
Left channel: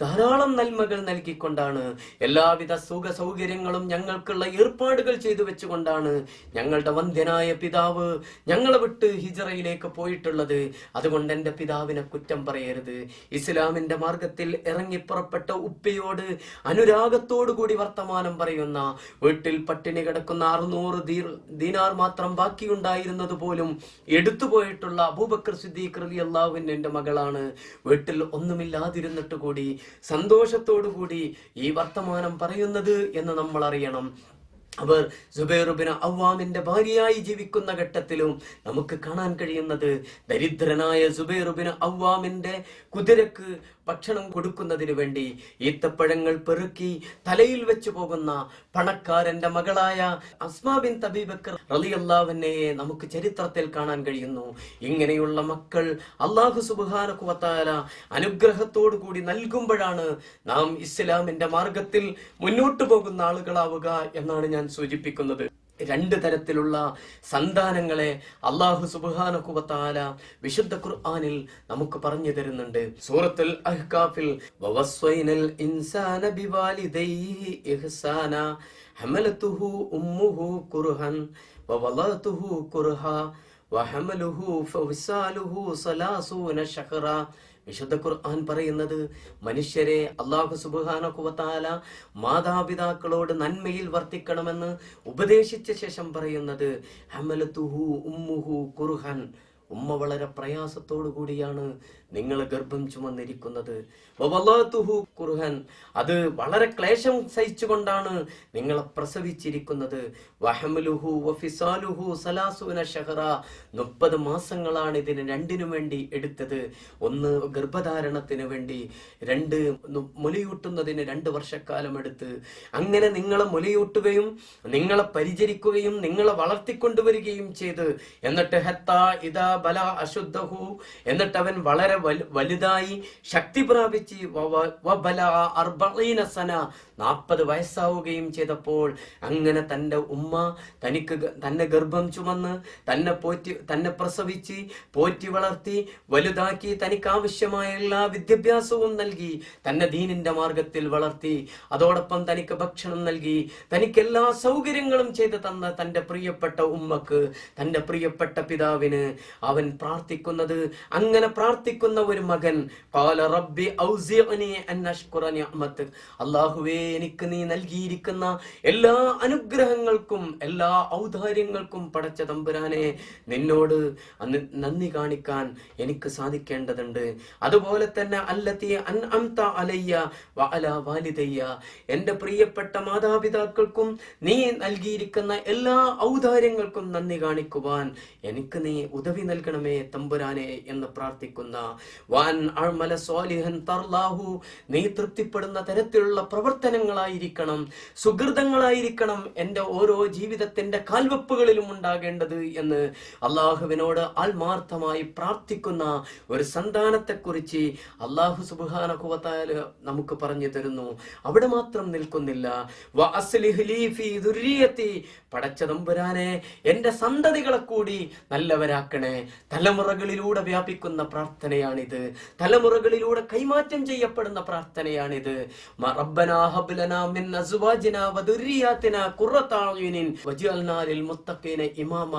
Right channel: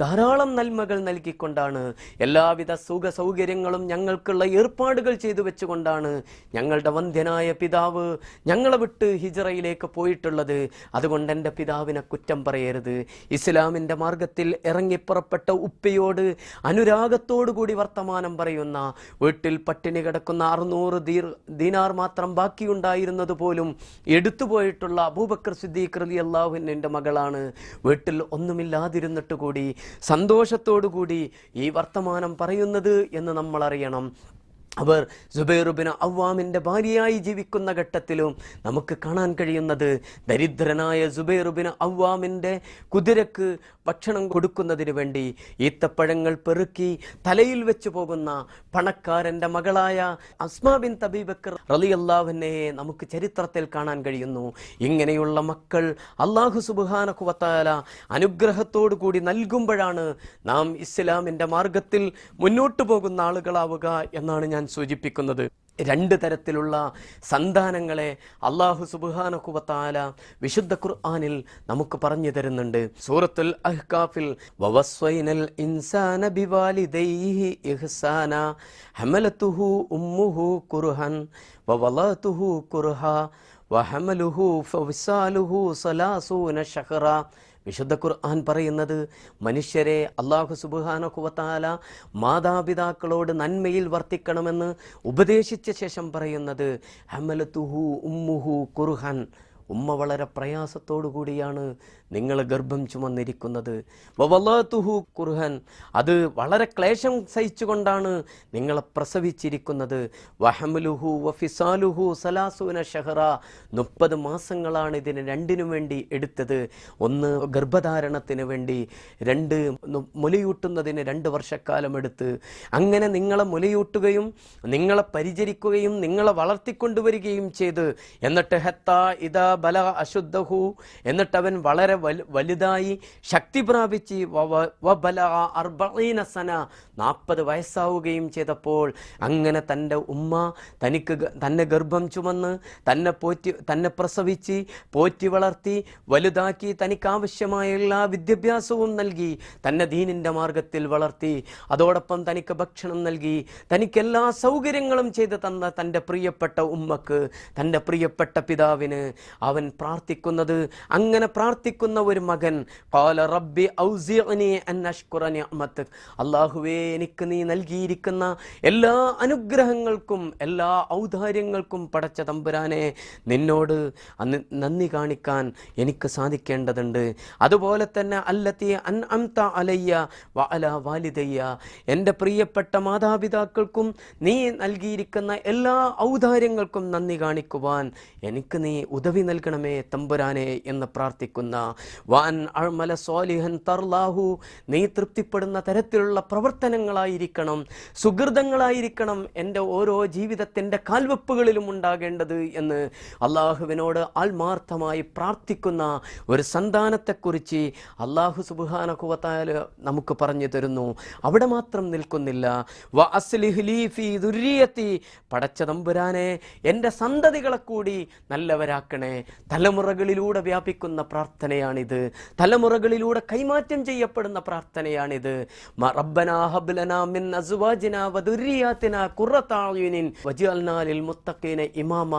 ധാരാളം നന്മകൾ നൽകിക്കൊണ്ടാണ്, എല്ലാവിധ സുഖ സൗകര്യങ്ങളും ഞങ്ങൾക്കുള്ള ഏർപ്പാടുകൾ ചെയ്തു വെച്ചുകൊണ്ടാണ് ഞങ്ങളുടെ വന്ധ്യനായ പിതാവ് ഞങ്ങളെ വിട്ട് ഹിജ്റയിലേക്ക് പോയിട്ടുള്ളത്. അതുകൊണ്ട് എൻ്റെ പിതാവിനെ കുറ്റം പറയരുത്. ഇസ്ലാമിൻ്റെ മാർഗത്തിൽ ഇറങ്ങിപ്പുറപ്പെട്ട ഉപ്പയോട് അനുരാഗത്തോടുകൂടി വർത്തമാനം പറയുന്ന, വീട്ടിൽ പട്ടിണി കിടക്കുന്ന 600 ദീനാർ മാത്രം ബാക്കിയുണ്ടായിരുന്നത് പോലും എടുത്തുപോയിട്ടുള്ള അബൂബക്കർ സിദ്ദീഖ് റളിയല്ലാഹു അൻഹുവിന്റെ മകളാണ്. വീട്ടിൽ ഒന്നുമില്ലാതിരുന്നിട്ട് കൂടി സന്തോഷത്തോടു കൂടി ഈ വർത്തമാനം പറയുന്നത് എന്ന് നമ്മൾ അറിയണം. അവർ സുബൈർ ഇബ്നു അവ്വാമിന്റെ ഭാര്യയായി ജീവിക്കുന്ന ഘട്ടത്തിലും നമുക്ക് കാണാൻ കഴിയുന്നത്, ദരിദ്രനായ സുബൈർ ഇബ്നു അവ്വാമിന്റെ കുതിരക്ക് ഭക്ഷണം കൊടുക്കുന്നതിന് വേണ്ടി ഈത്തപ്പഴങ്ങൾ പെറുക്കി തലയിൽ വെച്ച് പോകുന്ന പണക്കാരന്റെ മകളായ അസ്മാ ബിൻത് അബീ ബക്കർ റളിയല്ലാഹു അൻഹയെ നമുക്ക് ചരിത്രത്തിൽ കാണാൻ കഴിയുന്നു. ഇങ്ങനെയുള്ള മക്കൾ അല്ലാഹു സുബ്ഹാനഹു വ തആല അനുഗ്രഹത്തോടു കൂടി നൽകുമ്പോഴാണ് നാം ഇസ്ലാമിന്റെ മാർഗത്തിൽ മുന്നോട്ടു പോകുന്ന ആളുകളാവുക എന്നാണ് ഞാൻ സൂചിപ്പിക്കുന്നത്. രണ്ട് തരത്തിലുള്ള സന്താനങ്ങളെ അല്ലാഹു സുബ്ഹാനഹു വ തആല വിശുദ്ധ ഖുർആനിൽ നമുക്ക് പറഞ്ഞു തരുന്നുണ്ട്. സൂറത്തുൽ അഹ്കാഫിൽ വവസ്വൈനൽ ഇൻസാന ബിവാലിദൈഹി ഇഹ്സാന ഹമലതുഹു ഉമ്മുഹു കുർഹൻ വവളതുഹു കുർഹാ വഹമലുഹു ഫവിസാലുഹു സലാസൂന ശഹറ. വിശുദ്ധ ഖുർആൻ പറയുന്നത്, മനുഷ്യരെ അല്ലാഹു സുബ്ഹാനഹു വ തആല മാതാപിതാക്കളോട് നന്മയിൽ വർത്തിക്കണമെന്ന് ഉപദേശിച്ച ശേഷം പറയുന്നത് ഹമലതുഹു ഉമ്മുഹു കുർഹൻ, ഉമ്മ വളരെ പ്രയാസത്തോടു കൂടിയാണ് നിങ്ങൾ ഗർഭം ചുമന്നിരിക്കുന്നത്. വവളതുഹു കുർഹൻ, അത് വളരെ ക്ലേശം സഹിച്ചുകൊണ്ടാണ് നിങ്ങളെ പ്രസവിച്ചിരിക്കുന്നത്. വഹമലുഹു വഫിസാലുഹു സലാസൂന ശഹറ, 30 മാസങ്ങളാണ് ഇതിന് രണ്ടിനു വേണ്ടി എടുത്തത്. ഒന്ന് ഗർഭധാരണത്തിന് വേണ്ടി, 2 മുലയൂട്ടുന്നതിന് 2 വർഷക്കാലം എടുത്ത്. അങ്ങനെ നിങ്ങളെ മുലയൂട്ടുകയും നിങ്ങളെ പരിചരിക്കുകയും നിങ്ങളെ വളർത്തിക്കൊണ്ടുവരികയും ചെയ്ത്, എന്നിട്ട് ഹത്താ ഇദാ ബല അശുദ്ധഹു, എന്നിട്ട് അവൻ വളരെ വലുതായി ശക്തി പ്രാപിച്ച് 40 സന, 40 വയസ്സാവുകയും ചെയ്തപ്പോൾ, അങ്ങനെ തൻ്റെ ഉമ്മ തന്നെ ഗർഭം ചുമന്ന് തന്നെ പ്രസവിച്ച് പോറ്റി വളർത്തി വലുതാക്കി, തനിക്ക് ആവശ്യമായ എല്ലാ വിദ്യാഭ്യാസവും നൽകി, തന്നെ ദീനിന്റെ മാർഗത്തിൽ വളർത്തി, അതോടൊപ്പം തനിക്ക് ഭക്ഷണം നൽകി, തനിക്ക് എല്ലാ സൗകര്യങ്ങളും ചെയ്ത് തന്ന തൻ്റെ പ്രിയപ്പെട്ട ഉമ്മക്ക്, തൻ്റെ പ്രിയപ്പെട്ട പിതാവിന് അവൻ പ്രാർത്ഥിക്കുന്നത്, അങ്ങനെ പ്രാർത്ഥിക്കുന്ന ഒരു മകൻ, ഖാല റബ്ബി ഔസിഅനി അൻ അഷ്കുറ നിഅമതക, അല്ലാഹുവേ എനിക്ക് നീ നൽകിയിരിക്കുന്ന എല്ലാ അനുഗ്രഹങ്ങൾക്കും എല്ലാ ഔദാര്യങ്ങൾക്കും പടച്ച തമ്പുരാനെ നിന്നോട് നന്ദി കാണിക്കാൻ എനിക്ക് സാധിക്കേണ്ടതുണ്ട്. അതുപോലെ തന്നെ അല്ലതി അൻഅംത അലയ്യ വഅല വാലിദയ്യ, എൻ്റെ പ്രിയപ്പെട്ട മാതാപിതാക്കൾക്കും നീ നൽകിയിരിക്കുന്ന എല്ലാ ഔദാര്യങ്ങൾക്കും നന്ദി കാണിക്കുവാൻ എനിക്ക് നീ ഉദവി നൽകണമേ തമ്പുരാനെ എന്ന് പ്രാർത്ഥിക്കുന്ന, വാൻ അഅമല സ്വാലിഹൻ തർലാഹു, നീ തൃപ്തിപ്പെടുന്ന തരത്തിലുള്ള പ്രവർത്തനങ്ങളായിരിക്കണം, സുഹൃതങ്ങളായിരിക്കണം എൻ്റെ ഓരോ ജീവിതത്തിന്റെ കാൽവെപ്പുകളിലും ഉണ്ടാകേണ്ടത് എന്ന് അള്ളാഹുവിനോട് ആത്മാർത്ഥമായി പ്രാർത്ഥിക്കുന്ന ഒരു സന്താനത്തെക്കുറിച്ച് അല്ലാഹു സുബ്ഹാനഹു വ തആല നമുക്ക് പറഞ്ഞു തരുന്നു. അവിടെ മാത്രം നിൽക്കുന്നില്ല, വ അസ്ലിഹ് ലീ ഫീ ദുർരിയതി, പടച്ച തമ്പുരാനെ എൻ്റെ സന്തതികളെ കൂടി നല്ലവരാക്കണേ. തലമുറകളിലൂടെ വ്യാപിക്കുന്ന പ്രാർത്ഥനയാണിത്, തലമുറകളിലൂടെ കൈമാറ്റം ചെയ്യപ്പെടുന്ന പ്രാർത്ഥനയാണിത്. റബ്ബനാ ഹബ് ലനാ മിൻ അസ്വാജിനാ വദുർരിയാതിനാ ഖുറത അയുനിൻ വജഅൽനാ ലിൽ മുത്തഖീന ഇമാമ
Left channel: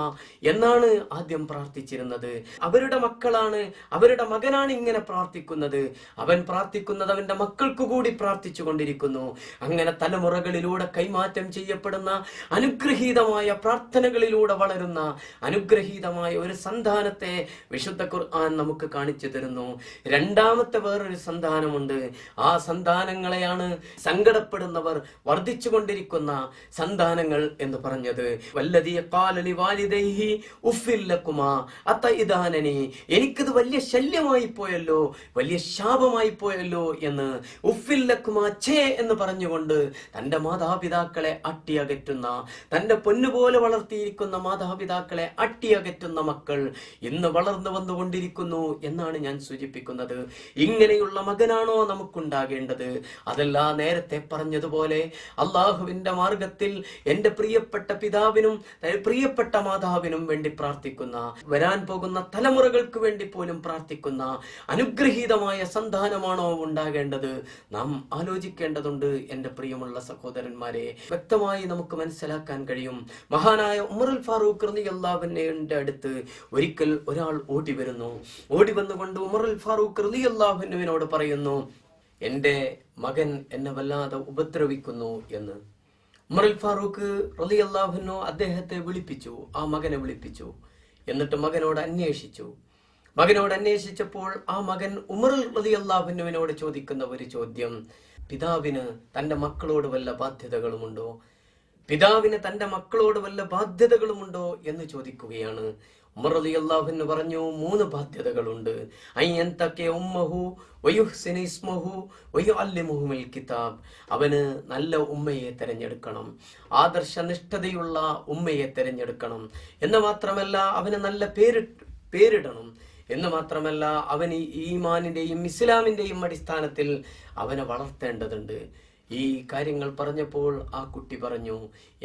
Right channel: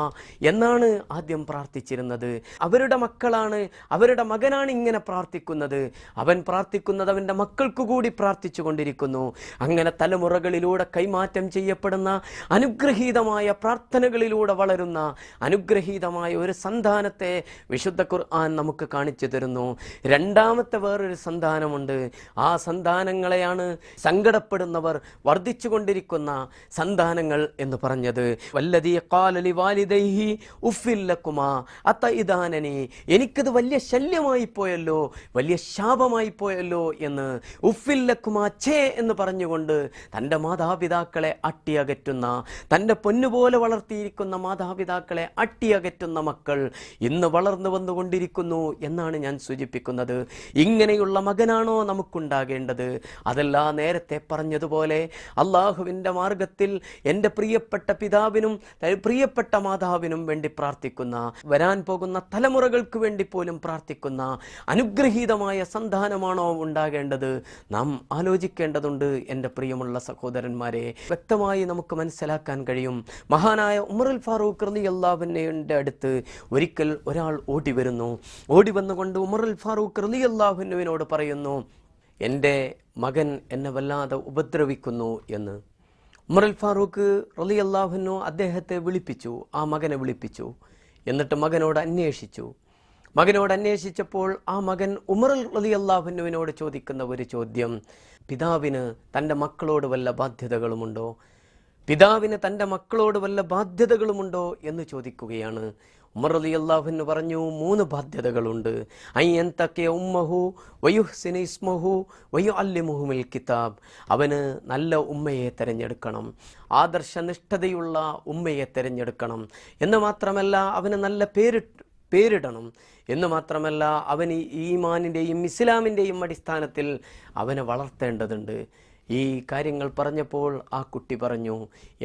എന്നാണ് ആദ്യം പ്രാർത്ഥിച്ചിരുന്നത്. അവരുടെ മക്കളാണ്, അവരുടെ മകനാണ് ഇങ്ങനെ പ്രാർത്ഥിക്കുന്നത്. അവൻ പ്രാർത്ഥിക്കുന്നത് അവന്റെ മക്കൾക്ക് കൂടി പ്രാർത്ഥിച്ചു കൊണ്ടിരിക്കുന്നു. അങ്ങനെ തലമുറകളിലൂടെ കൈമാറ്റം ചെയ്യപ്പെടുന്ന അനുഗ്രഹീതമായ പ്രാർത്ഥനകളിലൂടെ വളരുന്ന അനുഗ്രഹീതമായ ഒരു സന്താനത്തെ വിശുദ്ധ ഖുർആൻ നമുക്ക് കാണിച്ചു തരുന്നു. രണ്ടാമത്തെ വേറൊരു സന്താനമുണ്ട്. ആ സന്താനങ്ങളെയാണ് സങ്കടപ്പെടുന്നവർ വർദ്ധിച്ചു കൊണ്ടിരിക്കുന്ന സന്താനങ്ങൾ എന്ന് പറഞ്ഞത്. വല്ലദീ ഖാല ലിവാലിദൈഹി ഉഫ്ഫിൽ ലകുമാ അതഇദാനനി, എനിക്കത് വലിയ ശല്യമായി പോയല്ലോ, വലിയ ശാപമായി പോയല്ലോ എന്ന്, ഉഫ്ഫിൽ ലകുമാ ഛേ എന്ന് പറഞ്ഞുകൊണ്ട് തൻ്റെ മാതാപിതാക്കളെ അട്ടിയകറ്റുന്ന, തൻ്റെ പൊന്നുപോലെ വളർത്തിയിരിക്കുന്ന മാതാപിതാക്കളെ അട്ടിയകറ്റുന്ന മക്കൾ ഇന്ന് വളർന്നു വന്നുകൊണ്ടിരിക്കുന്നു എന്നാണ് ഞാൻ സൂചിപ്പിക്കുന്നത്. ഇങ്ങനെയുള്ള മകനാണോ നമുക്കുണ്ടാകേണ്ടത്? അതല്ല, നേരത്തെ പറഞ്ഞതുപോലെ അള്ളാഹുവിന്റെ മാർഗത്തിൽ എൻ്റെ പ്രിയപ്പെട്ട പിതാവിനും പ്രിയപ്പെട്ട മാതാവിനും വേണ്ടി പ്രാർത്ഥിക്കുന്ന, വരാൻ പോകുന്ന തലമുറകൾക്ക് വേണ്ടി പോലും പ്രാർത്ഥിക്കുന്ന അനുഗ്രഹീതമായ സന്താനമാണോ ഉണ്ടാകേണ്ടത്? നാം ആലോചിക്കേണ്ടതുണ്ട് എൻ്റെ പ്രിയമുള്ള സഹോദരന്മാരെ. വ്യക്തമായി നമുക്ക് മനസ്സിലാക്കാൻ കഴിയും. മഹാനായ ഉമറുൽ ഫാറൂഖ് റളിയല്ലാഹു അൻഹുവിന്റെ അടുത്ത് ഒരിക്കൽ ഒരാൾ ഓടി വരുന്നു. ഓടി വന്നുകൊണ്ട് ഉമറുൽ ഫാറൂഖ് റളിയല്ലാഹു അൻഹുവിനോട് പറയുന്നു, എൻ്റെ മകൻ എന്നെ വല്ലാതെ ഉപദ്രവിക്കുന്നു എന്ന്. ഉമറുൽ ഫാറൂഖ് റളിയല്ലാഹു അൻഹു അദ്ദേഹത്തെ വിളിപ്പിച്ചു, ആ മകനെ വിളിപ്പിച്ചു. എന്നിട്ട് മകനോട് അന്വേഷിച്ചപ്പോൾ ആ മകൻ ഉമർ റളിയല്ലാഹു അൻഹുവിനോട് ചോദിക്കുന്ന ഒരു ചോദ്യം, പിതാവിന് തൻ്റെ മക്കളോട് വല്ല ബാധ്യതകളുമുണ്ടോ? പിതാവിന് തൻ്റെ മക്കളോട് വല്ല ബാധ്യതകളുമുണ്ടോ എന്ന് ചോദിക്കുകയാണ്. ഉമർ റളിയല്ലാഹു അൻഹു പറഞ്ഞു, 3 ബാധ്യതകളുണ്ട്. അയ്യന്തഖിയ ഉമ്മഹു വയുഹ്സിന ഇസ്മഹു വയുഅല്ലിമുഹുൽ കിതാബ്, അവന് നല്ല ഉമ്മയെ തിരഞ്ഞെടുക്കണം, ആദർശനിഷ്ഠതയുള്ള ഉമ്മയെ തിരഞ്ഞെടുക്കണം. എന്ന് മാത്രമല്ല അവന് നല്ല പേരിടണം. എന്ന് മാത്രമല്ല അവന് ഈമാനിന്റെയും ഇസ്ലാമിന്റെയും അടിസ്ഥാനത്തിൽ അവനെ വളർത്തേണ്ടതുണ്ട്. ഈ കാര്യങ്ങൾ പറഞ്ഞപ്പോൾ ആ കുട്ടി പറഞ്ഞു,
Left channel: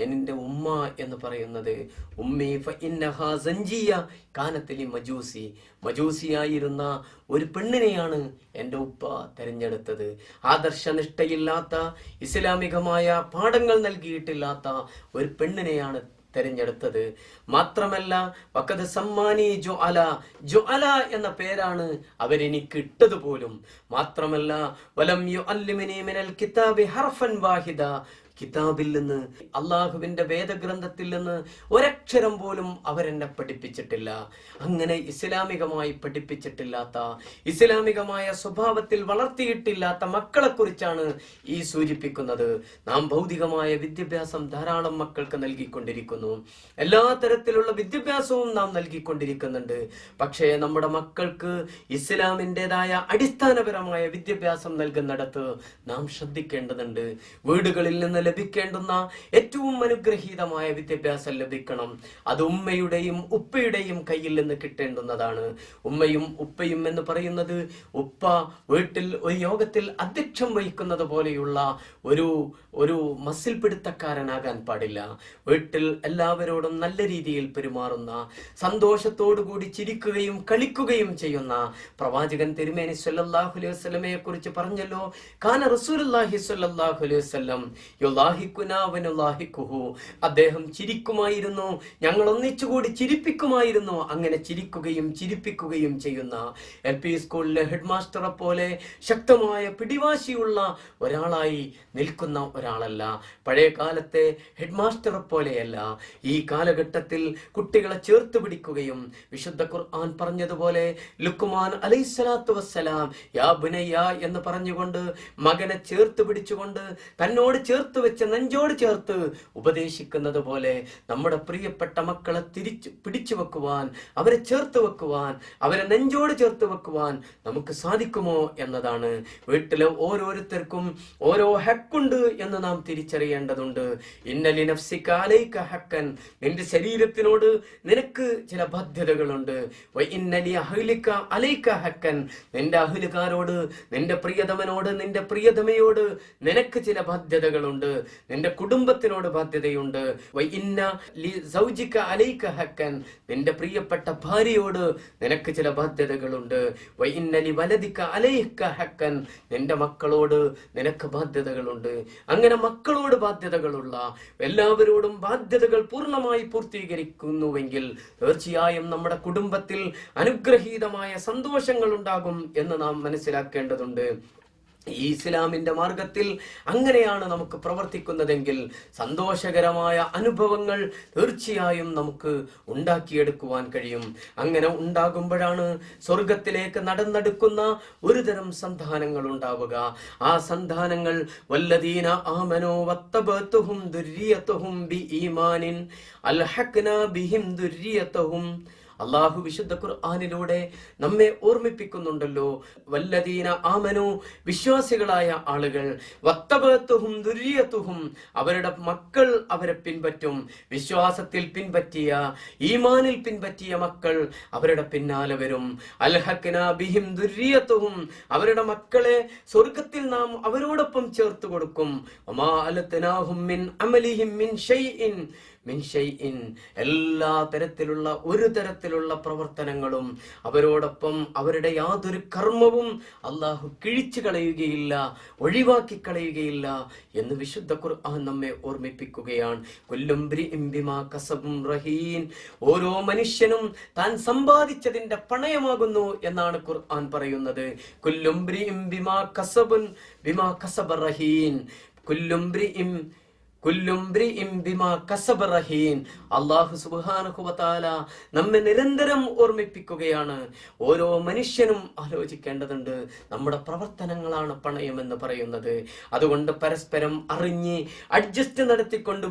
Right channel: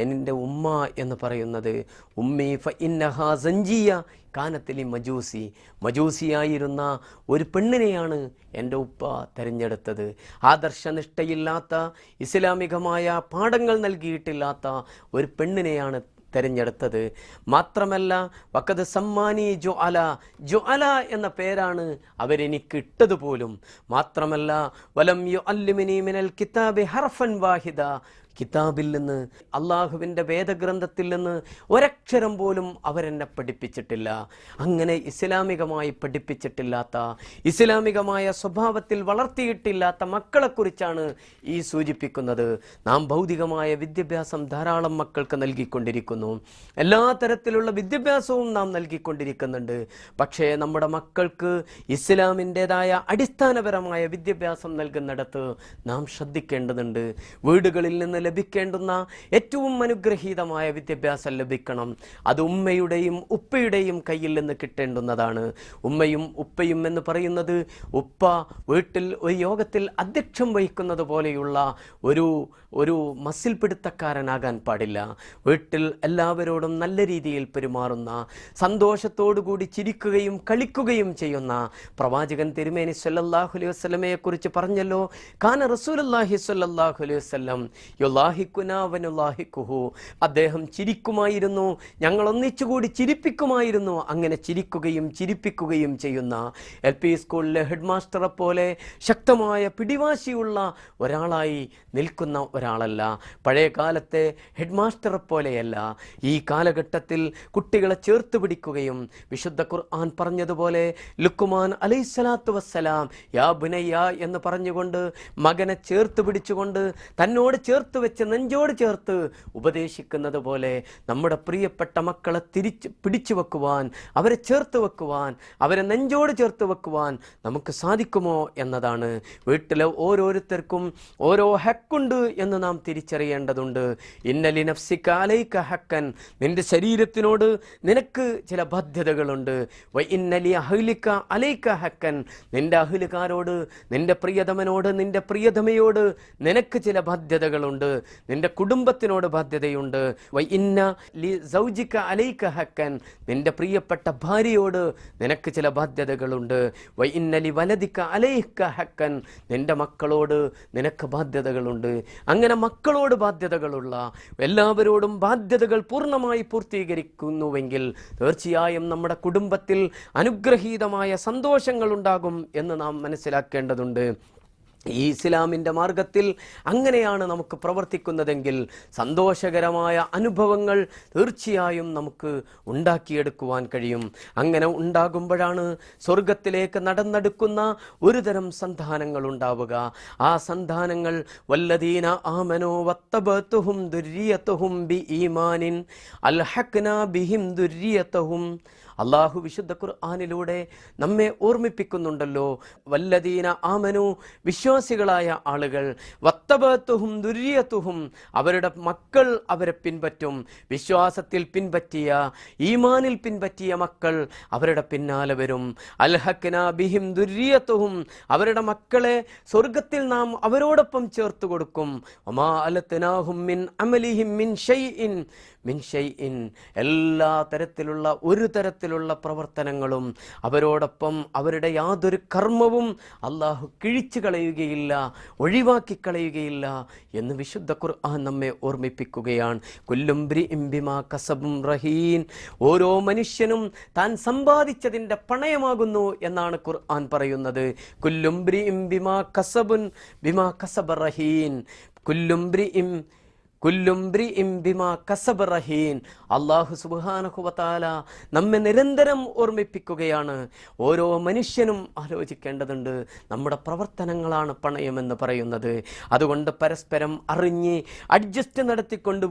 എൻ്റെ ഉമ്മ എന്ന് പറയുന്നത് ഉമ്മി ഫഇന്നഹാ സഞ്ജിയ കാനത്തിലി മജൂസി, മജൂസിയായിരുന്ന ഒരു പെണ്ണിനെയാണ് എൻ്റെ ഉപ്പ തിരഞ്ഞെടുത്തത്. ആദർശനിഷ്ഠയില്ലാത്ത, ഇസ്ലാമികമായ പാഠങ്ങൾ നൽകിയിട്ടില്ലാത്ത ഒരു പെണ്ണിനെയാണ് തെരഞ്ഞെടുത്തത്. മാത്രമല്ല വഖദ് സമ്മാനി ജുഅല, ജുഅല എന്ന പേരാണ് അവരെനിക്ക് ഇട്ടത് പോലും. മാത്രമല്ല വലം യുഅല്ലിമനി മിനൽ കിതാബി ഹർഫൻ വാഹിദ, കിതാബിൽ നിന്ന്, അള്ളാഹുവിൻ്റെ വേദഗ്രന്ഥത്തിൽ നിന്ന് ഒരക്ഷരം പോലും അവരെന്നെ പഠിപ്പിച്ചിട്ടില്ല. അങ്ങനെ ഇസ്ലാമികമായി പഠിപ്പിച്ചിട്ടില്ലാത്ത, ഇസ്ലാമികമായ സ്വഭാവത്തിൽ വളർത്തിയിട്ടില്ലാത്ത മക്കളെക്കുറിച്ചാണ് ഈ സൂചിപ്പിക്കുന്നത്. നാം ഭൗതികമായ വിദ്യാഭ്യാസം ധാരാളം മക്കൾക്ക് നൽകിക്കൊണ്ടിരിക്കുന്നു, എല്ലാ തരത്തിലുള്ള വിദ്യാഭ്യാസവും നാം നൽകിക്കൊണ്ടിരിക്കുന്നുണ്ട്. പക്ഷേ നമ്മുടെ മക്കൾക്ക് ഇസ്ലാമിൻ്റെതായ അടിസ്ഥാനപരമായ വിദ്യാഭ്യാസം നൽകുന്നിടത്ത് നാം ശ്രദ്ധിക്കേണ്ടതുണ്ട്. വീടുകളിൽ നിന്ന് ലഭിക്കേണ്ടുന്ന ഏറ്റവും അനുഗ്രഹീതമായ വിദ്യാഭ്യാസം ലഭിക്കണം. അത് ഉമ്മയുടെയും ഉപ്പയുടെയും കയ്യിൽ നിന്ന് കിട്ടേണ്ടുന്നതാണ്. ഉമ്മയും ഉപ്പയും എന്ന് പറയുന്നത്, ഉപ്പ വീട്ടിൽ ഒരു യോഗത്തിൽ അധ്യക്ഷം വഹിക്കുന്നത് പോലെയുള്ള ഒരു മസിൽ പിടുത്തക്കാരനാകാൻ പാടില്ല. വീട്ടിൽ എല്ലാവരോടും നല്ല രീതിയിൽ പെരുമാറുന്ന, സന്തോഷത്തോടുകൂടി ചിരിക്കുകയും കളിക്കുകയും ചെയ്യുന്ന പ്രവാചകൻ തിരുമേനി സല്ലല്ലാഹു അലൈഹി വസല്ലമയെ കുറിച്ച് പറഞ്ഞല്ലോ, കാന റസൂലുള്ളാഹി സല്ലല്ലാഹു അലൈഹി വസല്ലം യുലാഹികുനാ വനുലാഹികുഹു, അദ്ദേഹം ചിരിക്കുമായിരുന്നു, ഞങ്ങൾ ഒന്നിച്ചുകൂടി ചിരിപ്പിക്കുമായിരുന്നു. അങ്ങനെ ചിരിക്കുകയും ചിരിപ്പിക്കുകയും ചെയ്യുന്ന, LP സ്കൂളിലെ ഹെഡ് മാസ്റ്ററെ പോലെ ശക്തമായ പിടിവാശിയുള്ള ഒരാളായി നിൽക്കുന്ന ഒരാളല്ല. പഴയ കാലത്തെ ഹെഡ് മാസ്റ്ററെ പോലെയല്ല. ഈ കാലഘട്ടത്തിൽ കുട്ടികളെ ചേർത്ത് പിടിക്കുകയും, വിശുദ്ധ ഖുർആൻ പറഞ്ഞതുപോലെ ലുക്മാൻ അലൈഹിസ്സലാത്തു വസ്സലാം യാ ബുനയ്യ എന്ന് പറഞ്ഞുകൊണ്ട് മകനെ ചേർത്ത് പിടിച്ചുകൊണ്ട് തന്നോട് ചേർത്ത് വെച്ച് നെഞ്ചോട് ചേർത്ത് ഉപദേശിക്കുന്നത് പോലെ നമ്മുടെ പ്രിയപ്പെട്ട മക്കളെ പിടിച്ചു വെക്കുവാൻ, അവരെ ചേർത്ത് വെക്കുവാൻ, അവരെ നെഞ്ചോട് ചേർത്ത് വെക്കുവാൻ നമുക്ക് സാധിക്കുമോ എന്നതാണ്. വീട്ടിലെ ഓരോരുത്തർക്കും ഓരോ ഹക്കുണ്ട് എന്ന് നാം തിരിച്ചറിയേണ്ടതുണ്ട്. ഇന്നലി നഫ്സിക അലൈക ഹക്കൻ, നിന്റെ ശരീരത്തിനോട് നിനക്ക് ചില ബാധ്യതകളുണ്ട്. വ ഇന്നലി അഹ്ലിക അലൈക ഹക്കൻ, നിന്റെ അഹ്ലുകാരോട്, നിന്റെ പ്രിയതമനോട്, നിന്റെ പ്രിയതമയോട് നിനക്ക് ചില ബാധ്യതകളുണ്ട്. നിന്റെ കുടുംബത്തിനോട് ബാധ്യതയുണ്ട്. വ ഇന്ന ലി സൗജിക അലൈക ഹക്കൻ, നിന്റെ പ്രിയപ്പെട്ട ഭാര്യയോട് നിനക്ക് ചില ബാധ്യതകളുണ്ട്. വ ഇന്ന ലി വലദിക അലൈക ഹക്കൻ, നിന്റെ മക്കളോട് നിനക്ക് ബാധ്യതകളുണ്ട്. അങ്ങനെ മക്കളോട് ബാധ്യതകളുള്ള, എല്ലാവരോടും ബാധ്യതകൾ പൂർണ്ണമായി പൂർത്തീകരിക്കുന്നുവെങ്കിൽ തീർച്ചയായും നമ്മുടെ കുടുംബത്തിൽ അനുഗ്രഹീതമായ സന്തോഷങ്ങൾ ഉണ്ടാകും എന്ന് നാം മനസ്സിലാക്കേണ്ടതുണ്ട്. ഈ ഇസ്ലാമിൻ്റെ മാർഗത്തിൽ അങ്ങനെയാണ് നമുക്ക് പ്രവർത്തിക്കുന്നതെങ്കിൽ സന്തോഷകരമായ അനുഭവങ്ങൾ തീർച്ചയായും നമുക്ക് ഉണ്ടാക്കിയെടുക്കുവാൻ കഴിയും. അങ്ങനെ ഉണ്ടാകുമ്പോഴാണ് സ്വർഗത്തിലേക്ക് നടന്നെടുക്കുന്ന ഒരു തരം സന്താനങ്ങൾ ഉണ്ടാവുക. ആ സന്താനങ്ങൾ വല്ലദീന ആമനൂ വത്തബഅതുഹും ദുർരിയതുഹും ബിഈമാനിൻ അൽഹഖ്നാ ബിഹിം ദുർരിയതുഹും. അള്ളാഹു വിശുദ്ധ ഖുർആനിലൂടെ നമ്മെ ഓർമ്മിപ്പിക്കുന്നുണ്ടല്ലോ, വല്ലദീന ആമനു, വിശ്വാസികളായ ആളുകൾ, വത്തബഅതുഹും ദുർരിയതുഹും, അവരുടെ മക്കൾ അവരെ പിൻപറ്റും. വിശ്വാസത്തിൽ പിൻപറ്റിയ, ഈമാനിൽ പിൻപറ്റിയ മക്കൾ അവരുടെ പിന്നാലെ വരും. അൽഹഖ്നാ ബിഹിം ദുർരിയതുഹും, അവരുടെ മക്കളെ സ്വർഗത്തിൽ നാം അവരോടൊപ്പം ചേർത്ത് കൊടുക്കും. വമാ അലത്നാഹും മിൻ അമലിഹിം മിൻ ഷൈഇൻ എല്ലാ തരത്തിലുള്ള ഒരു തരത്തിലുള്ള പ്രവർത്തനങ്ങളും അവരോടൊപ്പം, അവരുടെ യാതൊരു കർമ്മവും അള്ളാഹു കിഴിച്ചു കളയുകയില്ല, ഒഴിവാക്കി കളയുകയില്ല എന്ന് വിശുദ്ധ ഖുർആൻ നമ്മെ ഓർമ്മിപ്പിക്കുകയാണ്. കുല്ലും ബ്രിഇം ബിമാ കസബും റഹീൻ, ഓരോ മനുഷ്യനും താൻ സമ്പാദിച്ചതിന്റെ പണയമാകുന്നു എന്നാണ് ഖുർആൻ പറയുന്നത്. കുല്ലും ബ്രിഇം ബിമാ കസബ റഹീൻ, അല്ലാഹു സുബ്ഹാനഹു വ തആല നമ്മെ നിരന്തരം ഓർമ്മിപ്പിക്കുകയാണ്. ഓരോ മനുഷ്യനും ആലോചിക്കേണ്ടതുണ്ട്, നമ്മുടെ പ്രവർത്തനങ്ങളാണ് പണയമെന്ന് പറയുന്നത്. അതുകൊണ്ട് പരസ്പരം അറിഞ്ഞ് അഡ്ജസ്റ്റ് നടത്തിക്കൊണ്ട്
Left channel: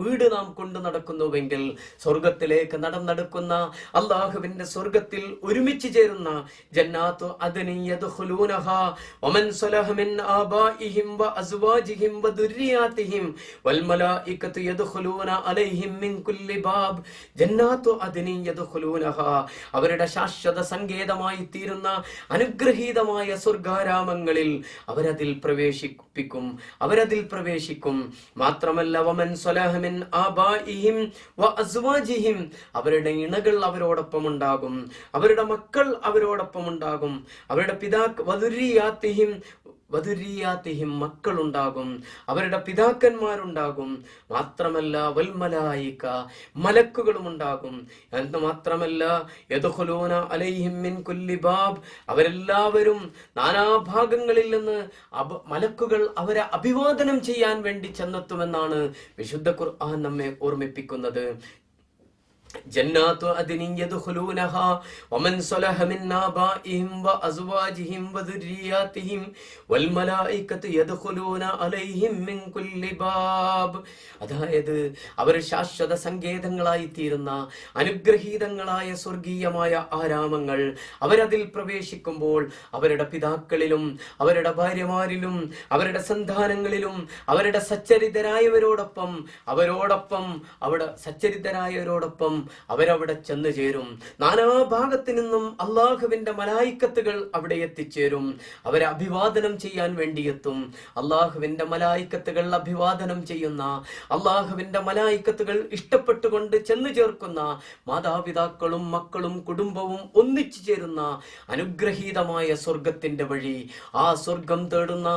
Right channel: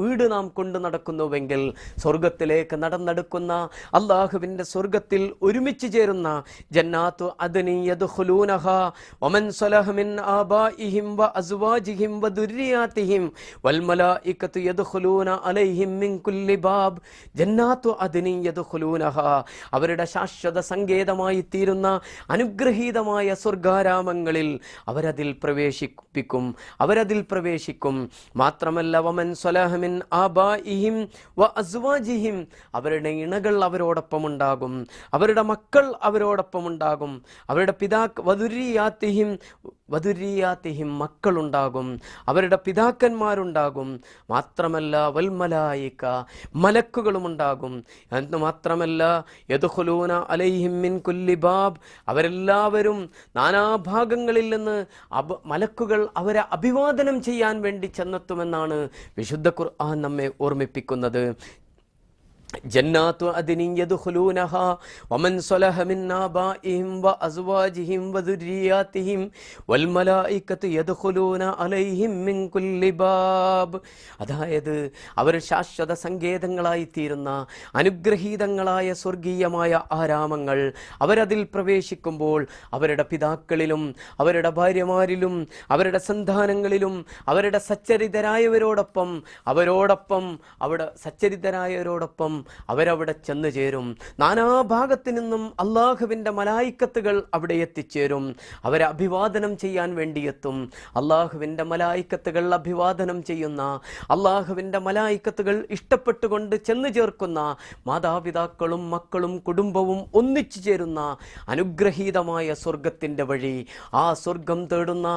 വീട് നാം കൊണ്ടു നടക്കുന്നുവെങ്കിൽ സ്വർഗത്തിലേക്ക് നടന്നെടുക്കുന്ന, അല്ലാഹുവിന്റെ സ്വർഗത്തിൽ ഒരുമിച്ച് ചേരുന്ന ജന്നാത്തു അദ്നി യദ്ഖുലൂനഹാ വമൻ സലഹ മിൻ ആബാഇഹിം വ അസ്വാജിഹിം വ ദുർരിയാതിഹിം വൽമലായികതു യദ്ഖുലൂന അലൈഹിം മിൻ കുല്ലി ബാബ് ജന്നാത്തു അദ്നി യദ്ഖുലൂനഹാ. അവരുടെ ശാശ്വത സങ്കേതമായി തീരുന്ന അനുഗ്രഹീതമായ സ്വർഗാരാമങ്ങളിൽ അവരതിൽ പ്രവേശിക്കും. മാത്രമല്ല വമൻ സ്വലഹ മിൻ ആബാഇഹിം വഅസ്വാജിഹിം, അവരുടെ ഇണകൾ അവരോടൊപ്പം ഉണ്ടാകും, അവരുടെ മക്കൾ അവരോടൊപ്പം ഉണ്ടാകും, അവരുടെ വദുരിയാത്തിഹിം മക്കളുണ്ടാകും, അവരുടെ പിതാക്കന്മാരുണ്ടാകും. മാത്രമല്ല വൽമലായിക, മലക്കുകളും ഉണ്ടാകും. എന്ന് മാത്രമല്ല യദ്ഖുലൂന അലൈഹിം മിൻ കുല്ലി ബാബ്, അവരെല്ലാവരും നാനാഭാഗങ്ങളിൽ നിന്ന് മലക്കുകൾ അവരെ അഭിവാദനം ചെയ്യാൻ വേണ്ടി ചെന്നെത്തുമെന്നാണ് വിശുദ്ധ ഖുർആൻ നമ്മെ ഓർമ്മിപ്പിക്കുന്നത്. ജന്നാത്തു അദ്നി യദ്ഖുലൂനഹാ വമൻ സ്വലഹ മിൻ ആബാഇഹിം വഅസ്വാജിഹിം വദുരിയാതിഹിം വൽമലായികതു യദ്ഖുലൂന അലൈഹിം മിൻ കുല്ലി ബാബ്. അതായത് അവർ ശാശ്വത സങ്കേതങ്ങളായി തീരുന്ന അനുഗ്രഹീതങ്ങളായ സ്വർഗീയമായ ആരാമങ്ങൾ, അവരതിൽ പ്രവേശിക്കുമ്പോൾ അവരുടെ പിതാക്കളിലും അവരുടെ ഭാര്യമാരിലും അവരുടെ സന്താനങ്ങളിലും അവരുടെ സച്ചരിതരായവരോടൊപ്പം അവരവിടെ ചെന്നു ചേരും. നാനാഭാഗത്തു നിന്നും അള്ളാഹുവിന്റെ മലായിക്കത്തുകൾ അവിടെ എത്തിച്ചേരും. അവരെ അഭിവാദനം ചെയ്യാൻ വേണ്ടിയെത്തും. അള്ളാഹുവിന്റെ മലായിക്കത്തുകൾ അഭിവാദനം ചെയ്യുന്ന, അള്ളാഹുവിന്റെ മലായിക്കത്തുകൾ ഇഷ്ടപ്പെട്ടുകൊണ്ട് ചെന്നു ചേർക്കുന്ന മാതാപിതാക്കളും മക്കളും കുടുംബവും ഒന്നിച്ചു ചേരുന്ന അനുഗ്രഹീതമായ സ്വർഗത്തിന്റെ വഴി, ആ സ്വർഗം തേടുന്ന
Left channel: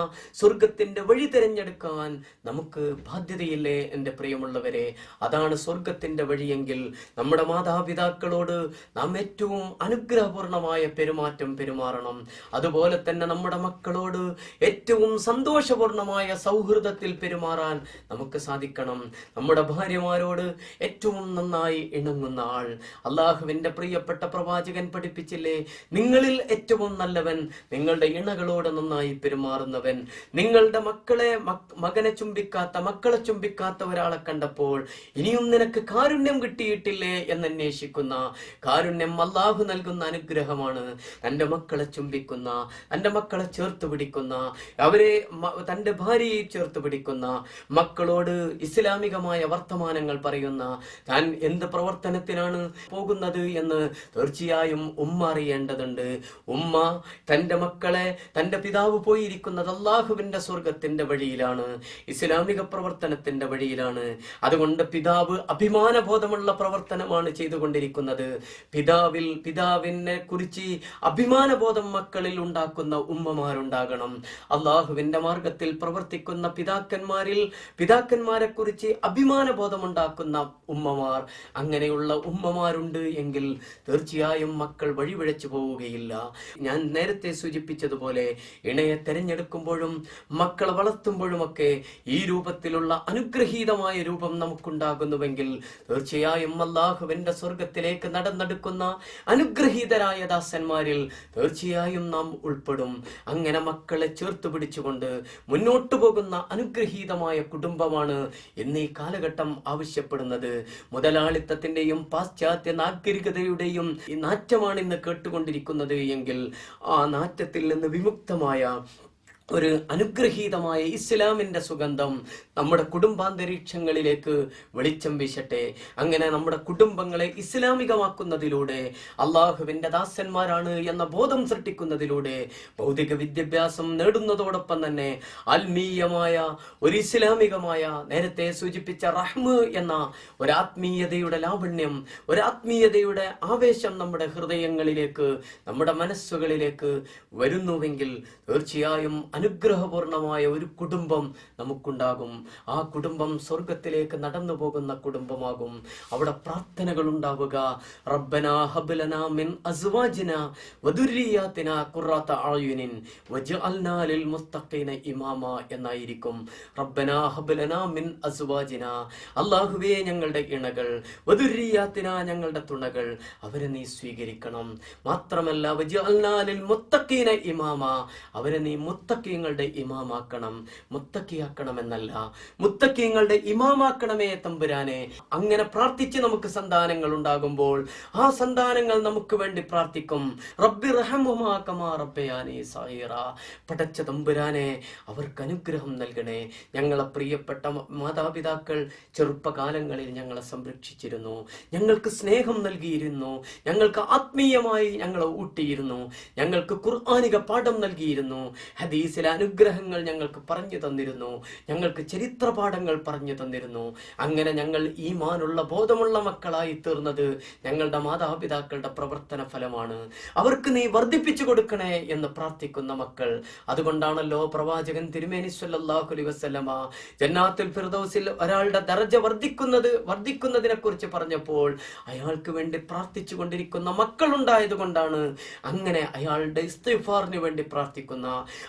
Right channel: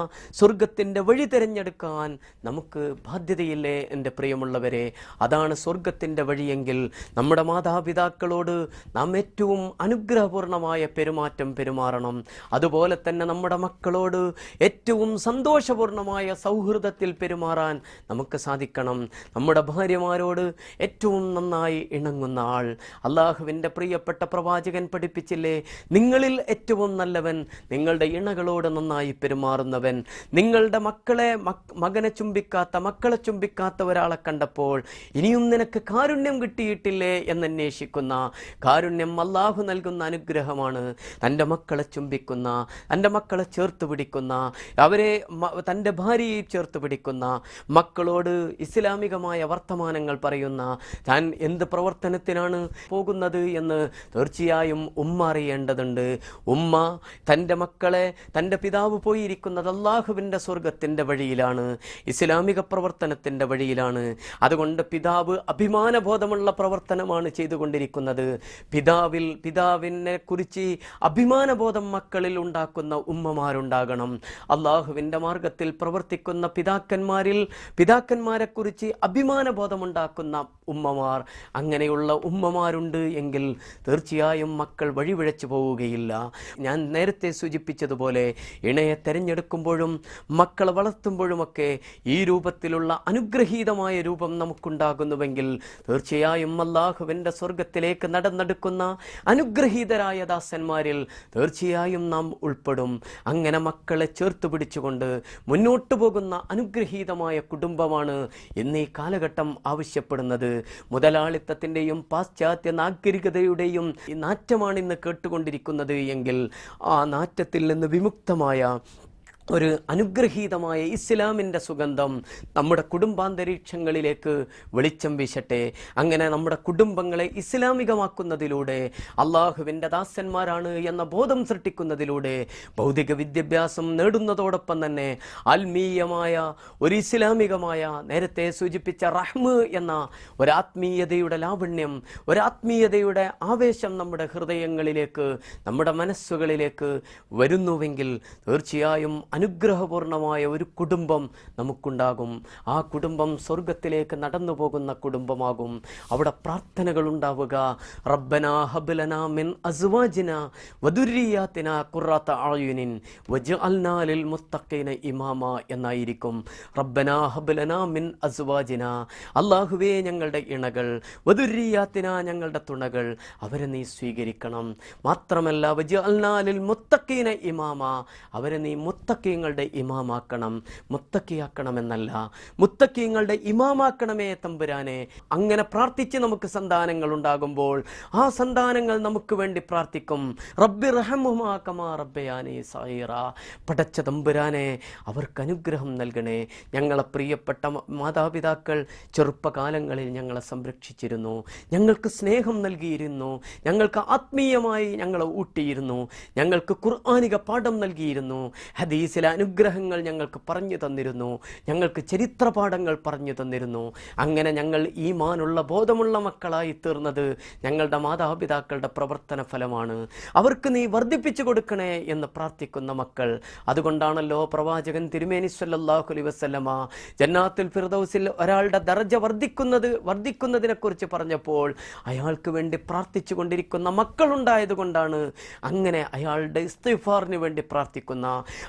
സ്വർഗത്തിന്റെ വഴി തിരഞ്ഞെടുക്കാൻ നമുക്ക് ബാധ്യതയില്ലേ എൻ്റെ പ്രിയമുള്ളവരെ? അതാണ് സ്വർഗത്തിന്റെ വഴിയെങ്കിൽ നമ്മുടെ മാതാപിതാക്കളോട് നാം ഏറ്റവും അനുഗ്രഹപൂർണമായ പെരുമാറ്റം പെരുമാറണം. അതുപോലെ തന്നെ നമ്മുടെ മക്കളോട് ഏറ്റവും സന്തോഷപൂർണമായ സൗഹൃദത്തിൽ പെരുമാറാൻ നമുക്ക് സാധിക്കണം. നമ്മുടെ ഭാര്യമാരോട് ഏറ്റവും നന്നായി ഇണങ്ങുന്ന ആൾ. അള്ളാഹുവിന്റെ പ്രിയപ്പെട്ട പ്രവാചകൻ പഠിപ്പിച്ചില്ലേ, നിങ്ങളിൽ ഏറ്റവും നല്ലവൻ നിങ്ങളുടെ ഇണകളോട് നന്നായി പെരുമാറുന്നവൻ. നിങ്ങളുടെ മകളെ ചുംബിക്കാത്ത ഒരാളെ കണ്ടപ്പോൾ ഇനിയും നിനക്ക് കാരുണ്യം കിട്ടിയിട്ടില്ലേ എന്നന്വേഷിക്കുന്ന, കാരുണ്യം അല്ലാഹു നൽകുന്ന അനുഗ്രഹമാണ്. തൻ്റെ മക്കളെ ചുംബിക്കുന്ന, തൻ്റെ മക്കളെ ചേർത്ത് പിടിക്കുന്ന, അവരെ തൻ്റെ ഭാര്യയെ ചേർത്ത് പിടിക്കുന്ന, മക്കളോട് ഇസ്ലാമികമായ വർത്തമാനങ്ങൾ പറയുന്ന, താൻ എന്ത് പ്രവർത്തനത്തിനാണ് പോകുന്നത് എന്ന് തീർച്ചയായും ഉമ്മ അറിയേണ്ടതുണ്ട്. ഉമ്മ തൻ്റെ മക്കളെ, തൻ്റെ പിതാവ് പോയിരിക്കുന്നത് അല്ലാഹുവിൻ്റെ സ്വർഗത്തിൻ്റെ വഴിയിലാണ്, ഇസ്ലാമിക പ്രവർത്തനത്തിൻ്റെ വഴിയിലാണ്. അതുകൊണ്ട് പിതാവ് അഭിമാനബോധമുള്ള പ്രവർത്തനമാണ് ചെയ്തുകൊണ്ടിരിക്കുന്നത്. പിതാവിനെ കുറിച്ച് അഭിമാനബോധം മക്കളിൽ ഉണ്ടാക്കുന്ന ഉമ്മമാരുണ്ടാകണം. അള്ളാഹുവിന്റെ മാർഗത്തിൽ പ്രവർത്തിക്കുന്ന പിതാക്കന്മാരെ കുറിച്ച് അഭിമാനബോധമുണ്ടാക്കുന്ന ഉമ്മമാർ, അങ്ങനെയുള്ള ഉമ്മമാരുണ്ട് എങ്കിൽ തീർച്ചയായും മക്കൾ വഴിപിഴച്ചു പോവുകയില്ല. ഞാൻ നേരത്തെ സൂചിപ്പിച്ചതുപോലെ ഇണയെ തെരഞ്ഞെടുക്കുമ്പോഴും മക്കളെ വളർത്തുമ്പോഴുമൊക്കെ ഈ രൂപത്തിലുള്ള അനുഗ്രഹീതമായ രൂപം നമുക്കുണ്ടാകുന്നുവെങ്കിൽ തീർച്ചയായും അല്ലാഹുവിന്റെ സ്വർഗത്തിലേക്ക് നടന്നെടുക്കുന്ന അനുഗ്രഹീതരായ ദാസന്മാരിൽ തീർച്ചയായും നാം ഉൾപ്പെടും. അങ്ങനെ മക്കളെ ചേർത്ത് പിടിച്ചുകൊണ്ട് മുന്നോട്ടു പോകുന്ന അനുഗ്രഹീതമായ കുടുംബമാണ് ഇന്ന് ഈ കാലഘട്ടം ആവശ്യപ്പെടുന്നത്. മുതലാളിത്തത്തിന്റെയും പാശ്ചാത്യ നാഗരികതയുടെയും ഈ നാറ്റമാണ് ഇന്ന് കേട്ടുകൊണ്ടിരിക്കുന്നത് എങ്കിൽ ആ നാറ്റത്തിൽ നിന്ന് വിമുക്തമായ ഒരു അനുഗ്രഹീതമായ ഇസ്ലാമിൻ്റെ സുഗന്ധം നമ്മുടെ കുടുംബാന്തരീക്ഷങ്ങളിലേക്ക് വെളിച്ചം വീശട്ടെ. അങ്ങനെ നമ്മുടെ കുടുംബങ്ങളെ ഇസ്ലാമികമാക്കുന്നതിലൂടെ, അള്ളാഹുവിൻ്റെ ദാസന്മാരാണ് എന്ന ബോധം സൃഷ്ടിക്കുന്നതിലൂടെ, ഭൗതിക വിദ്യാഭ്യാസം നേടുന്നതോടൊപ്പം തന്നെ ആത്മീയമായ ഒരു ഇസ്ലാമികമായ, നേരത്തെ സൂചിപ്പിച്ച റഹ്മ് എന്ന ഒരാത്മീയതയുടെ ലാവണ്യം, ഒരാത്മീയതയുടെ ആവേശം നമ്മുടെ ഹൃദയങ്ങളിലേക്ക്, നമ്മുടെ മനസ്സുകളിലേക്ക് വരുന്നുവെങ്കിൽ തീർച്ചയായും അനുഗ്രഹപൂർണമായ ഒരു കുടുംബം നമുക്കുണ്ടാകും. ആ കുടുംബം സ്വർഗത്തിലേക്ക് നടന്നു പോകുന്ന കുടുംബമാകും. അവിടെ പ്രാർത്ഥനകൾ ഉണ്ടാവുക, റബ്ബനാ ഹബ് ലനാ മിൻ അസ്വാജിനാ വദുരിയാതിനാ ഖുർറത അയുനിൻ വജഅൽനാ ലിൽ മുത്തഖീന ഇമാമ എന്നായിരിക്കും. റബ്ബനാ ഹബ് ലനാ മിൻ അസ്വാജിനാ, അല്ലാഹുവേ ഞങ്ങളുടെ ഇണകൾ, വദുരിയാതിനാ ഞങ്ങളുടെ തുണകൾ, അവരെ നീ സ്വീകരിക്കണം. മാത്രമല്ല വജഅൽനാ ലിൽ മുത്തഖീന ഇമാമ, അവരെ നീ മുത്തഖി മുത്തക്കീങ്ങളുടെ ഇമാമാക്കണം, മുത്തക്കിയാക്കണമെന്നല്ല, മുത്തക്കീങ്ങളുടെ ഇമാമാക്കണമേ തമ്പുരാനെ. അങ്ങനെ പ്രാർത്ഥിച്ച് നമുക്ക് സന്താനങ്ങൾ ഉണ്ടാകുമ്പോൾ ആ സന്താനങ്ങൾ നമുക്ക് വേണ്ടി പ്രാർത്ഥിക്കും. റബ്ബി റഹമുമാ കമാ റബ്ബയാനി സഗീറ. പടച്ച തമ്പുരാനെ, അവർക്ക് അനുഗ്രഹം നൽകണേ. ഞങ്ങളെ പ്രിയപ്പെട്ട മാതാപിതാക്കൾ ചെറുപ്പകാലങ്ങളിൽ ഞങ്ങളെ സംരക്ഷിച്ചിരുന്നു, ഞങ്ങൾക്ക് സ്നേഹം നൽകിയിരുന്നു, ഞങ്ങൾക്ക് ആത്മീയമായി ഞങ്ങളെ ഊട്ടിയിരുന്നു, ഞങ്ങൾക്ക് ഖുർആനിക പാഠം നൽകിയിരുന്നു, ഹദീസിലെ അനുഗ്രഹങ്ങൾ ഞങ്ങൾക്ക് പറഞ്ഞു തന്നിരുന്നു, ഞങ്ങൾക്ക് ചരിത്ര പാഠങ്ങൾ പറഞ്ഞു തന്നിരുന്നു. അങ്ങനെ ഞങ്ങൾ ഈമാനുള്ള ബോധമുള്ള മക്കളായി തീർന്നത് ഞങ്ങളുടെ മാതാപിതാക്കളുടെ പ്രവർത്തന ഫലമാണ്. അവർക്ക് നീ വർദ്ധിപ്പിച്ചു കൊടുക്കണേ എന്ന് പ്രാർത്ഥിക്കുന്ന മക്കൾ. അതുകൊണ്ടാണല്ലോ പ്രവാചകൻ തിരുമേനി സ്വല്ലല്ലാഹു അലൈഹി വസല്ലമ ജന്നാത്തുൽ ഫിർദൗസിൽ ഒരാളുടെ ദർജ വർദ്ധിക്കുന്നതിനെ കുറിച്ച് പറഞ്ഞപ്പോൾ അയാൾക്ക് വേണ്ടി പ്രാർത്ഥിച്ചു കൊണ്ടിരിക്കുന്ന മക്കളുണ്ടായത് കൊണ്ടാണ്. അങ്ങനെ അയാളുടെ ഇസ്തിഗ്ഫാറിന് വേണ്ടി പ്രാർത്ഥിക്കുന്ന,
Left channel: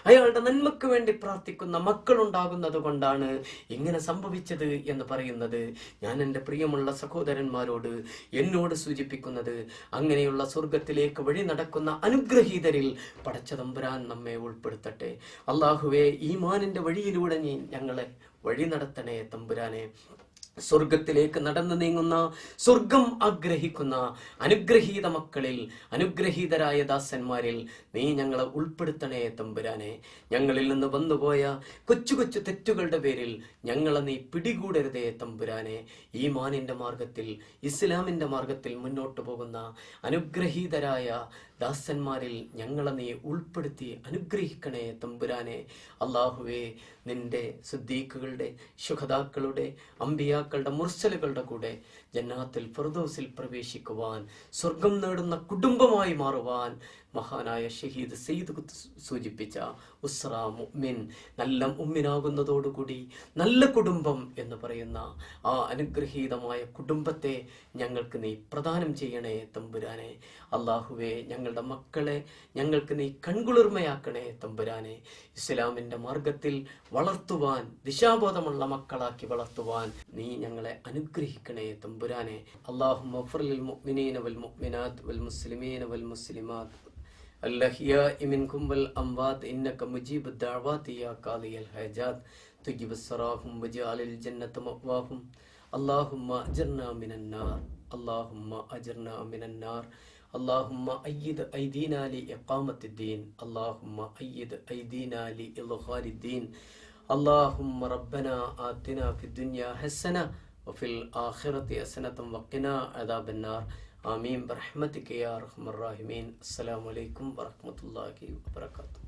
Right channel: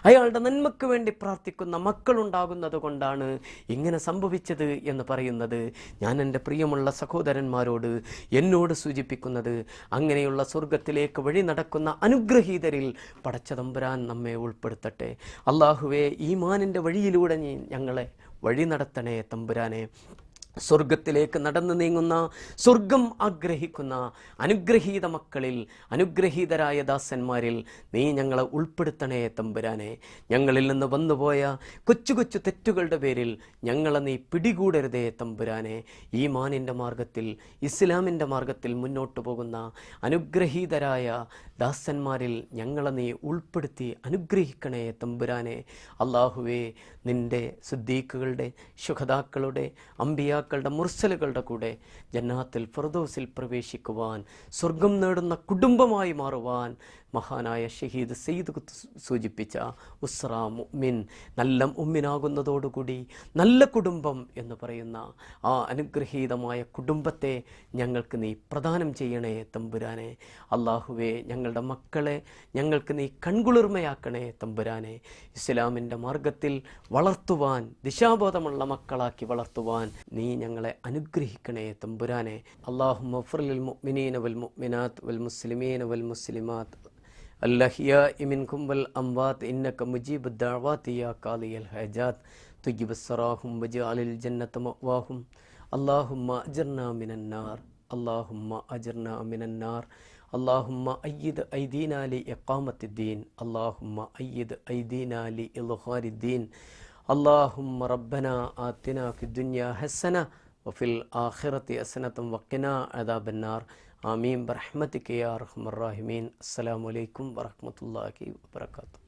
അയാളുടെ നന്മയ്ക്ക് വേണ്ടി പ്രാർത്ഥിക്കുന്ന മക്കളുണ്ടാകുന്നത് കൊണ്ടാണ് ഇങ്ങനെ സംഭവിച്ചത് എന്ന് പറയുന്നത്. ഞാൻ എൻ്റെ പ്രിയമുള്ള സഹോദരന്മാരോട്, എന്നോട് സൂചിപ്പിക്കുന്നത്, അങ്ങനെയുള്ള സ്വർഗത്തിലേക്ക് വഴി നടക്കുന്ന അനുഗ്രഹീതരിൽ പടച്ച തമ്പുരാൻ നമ്മെ ഉൾപ്പെടുത്തട്ടെ. അള്ളാഹുവേ, ഈമാനിൻ്റെ വഴിയിലൂടെ നീ ഞങ്ങളെ വഴി നടത്തണേ തമ്പുരാനെ. സ്വർഗത്തിലേക്ക് നടന്നു നീങ്ങുന്ന, സ്വർഗം ആഗ്രഹിക്കുന്ന അനുഗ്രഹീത മക്കളിൽ, അനുഗ്രഹീതരായ ദാസന്മാരിൽ നീ ഞങ്ങളെ ഉൾപ്പെടുത്തണേ തമ്പുരാനെ. ഞങ്ങളിൽ നിന്ന് വന്നുപോയ കൊച്ചു കൊച്ചു തെറ്റുകളുടെ പേരിൽ ഞങ്ങളെ നീ പിടികൂടരുതേ തമ്പുരാനെ. ഈ മാനിൻ്റെ മാർഗത്തിൽ, ഇസ്ലാമിൻ്റെ മാർഗത്തിൽ മുന്നോട്ട് പോകുന്ന അനുഗ്രഹീതരായ ദാസന്മാരിൽ ഞങ്ങളെ നീ ഉൾപ്പെടുത്തി അനുഗ്രഹിക്കണേ തമ്പുരാനെ. അള്ളാഹുവേ, നിന്റെ സിദ്ദീഖുകളുടെ, ശുഹദാക്കളുടെ, അമ്പിയാക്കളുടെ, മുർസലുകളുടെ കൂടെ ജന്നാത്തുൽ ഫിർദൗസിൽ പ്രവേശിക്കുവാൻ, സ്വർഗം നേടുന്ന കുടുംബമായി മാറുവാൻ മഹാനായ ഷഹീദ് സയ്യിദ് സൂചിപ്പിച്ച ഉസ്ര മുഅ്മിൻ, നല്ല മുഅ്മിനാകുന്നതോടുകൂടി നല്ല കുടുംബം എന്ന് പറയുന്ന ആ അനുഗ്രഹീതമായ കുടുംബത്തെ ഞങ്ങൾക്ക് നീ പ്രദാനം ചെയ്യണേ തമ്പുരാനെ. അള്ളാഹുവേ, ഞങ്ങളുടെ മക്കളെ ഞങ്ങൾക്ക് നീ കൺകുളിർമയാക്കണേ തമ്പുരാനെ. ഇസ്ലാമിൻ്റെ മാർഗത്തിൽ വളർത്തുവാൻ, ദിശാബോധമുള്ള മക്കളാക്കി വളർത്തുവാൻ നീ ഞങ്ങളെ അനുഗ്രഹിക്കണേ തമ്പുരാനെ. അല്ലാഹുമ്മ ഗ്ഫിർ ലിൽ മുഅ്മിനീന വൽ മുഅ്മിനാത്ത് വൽ മുസ്ലിമീന വൽ മുസ്ലിമാത്ത് അൽഅഹ്യാഇ മിൻകും വൽ അംവാത്ത് ഇന്നക മുജീബുദ് ദഅവാതി യാ ഖാദിയൽ ഹജാത്ത് തുജിബ് സറാഹും വജഅലിൽ ജന്നത മഅവാഹും. അല്ലാഹുമ്മ അജ്ർനാ മിനൻ നാർ, അല്ലാഹുമ്മ അജ്ർനാ മിനൻ നാർ. اللهم أيد أيدينا لإقامة الدين، اللهم أيد أيدينا لإظهار الدين. اللهم ربنا آتنا في الدنيا حسنة وفي الآخرة حسنة وقنا عذاب النار. آمين برحمتك يا أرحم الراحمين. السلام عليكم ورحمة الله وبركاته.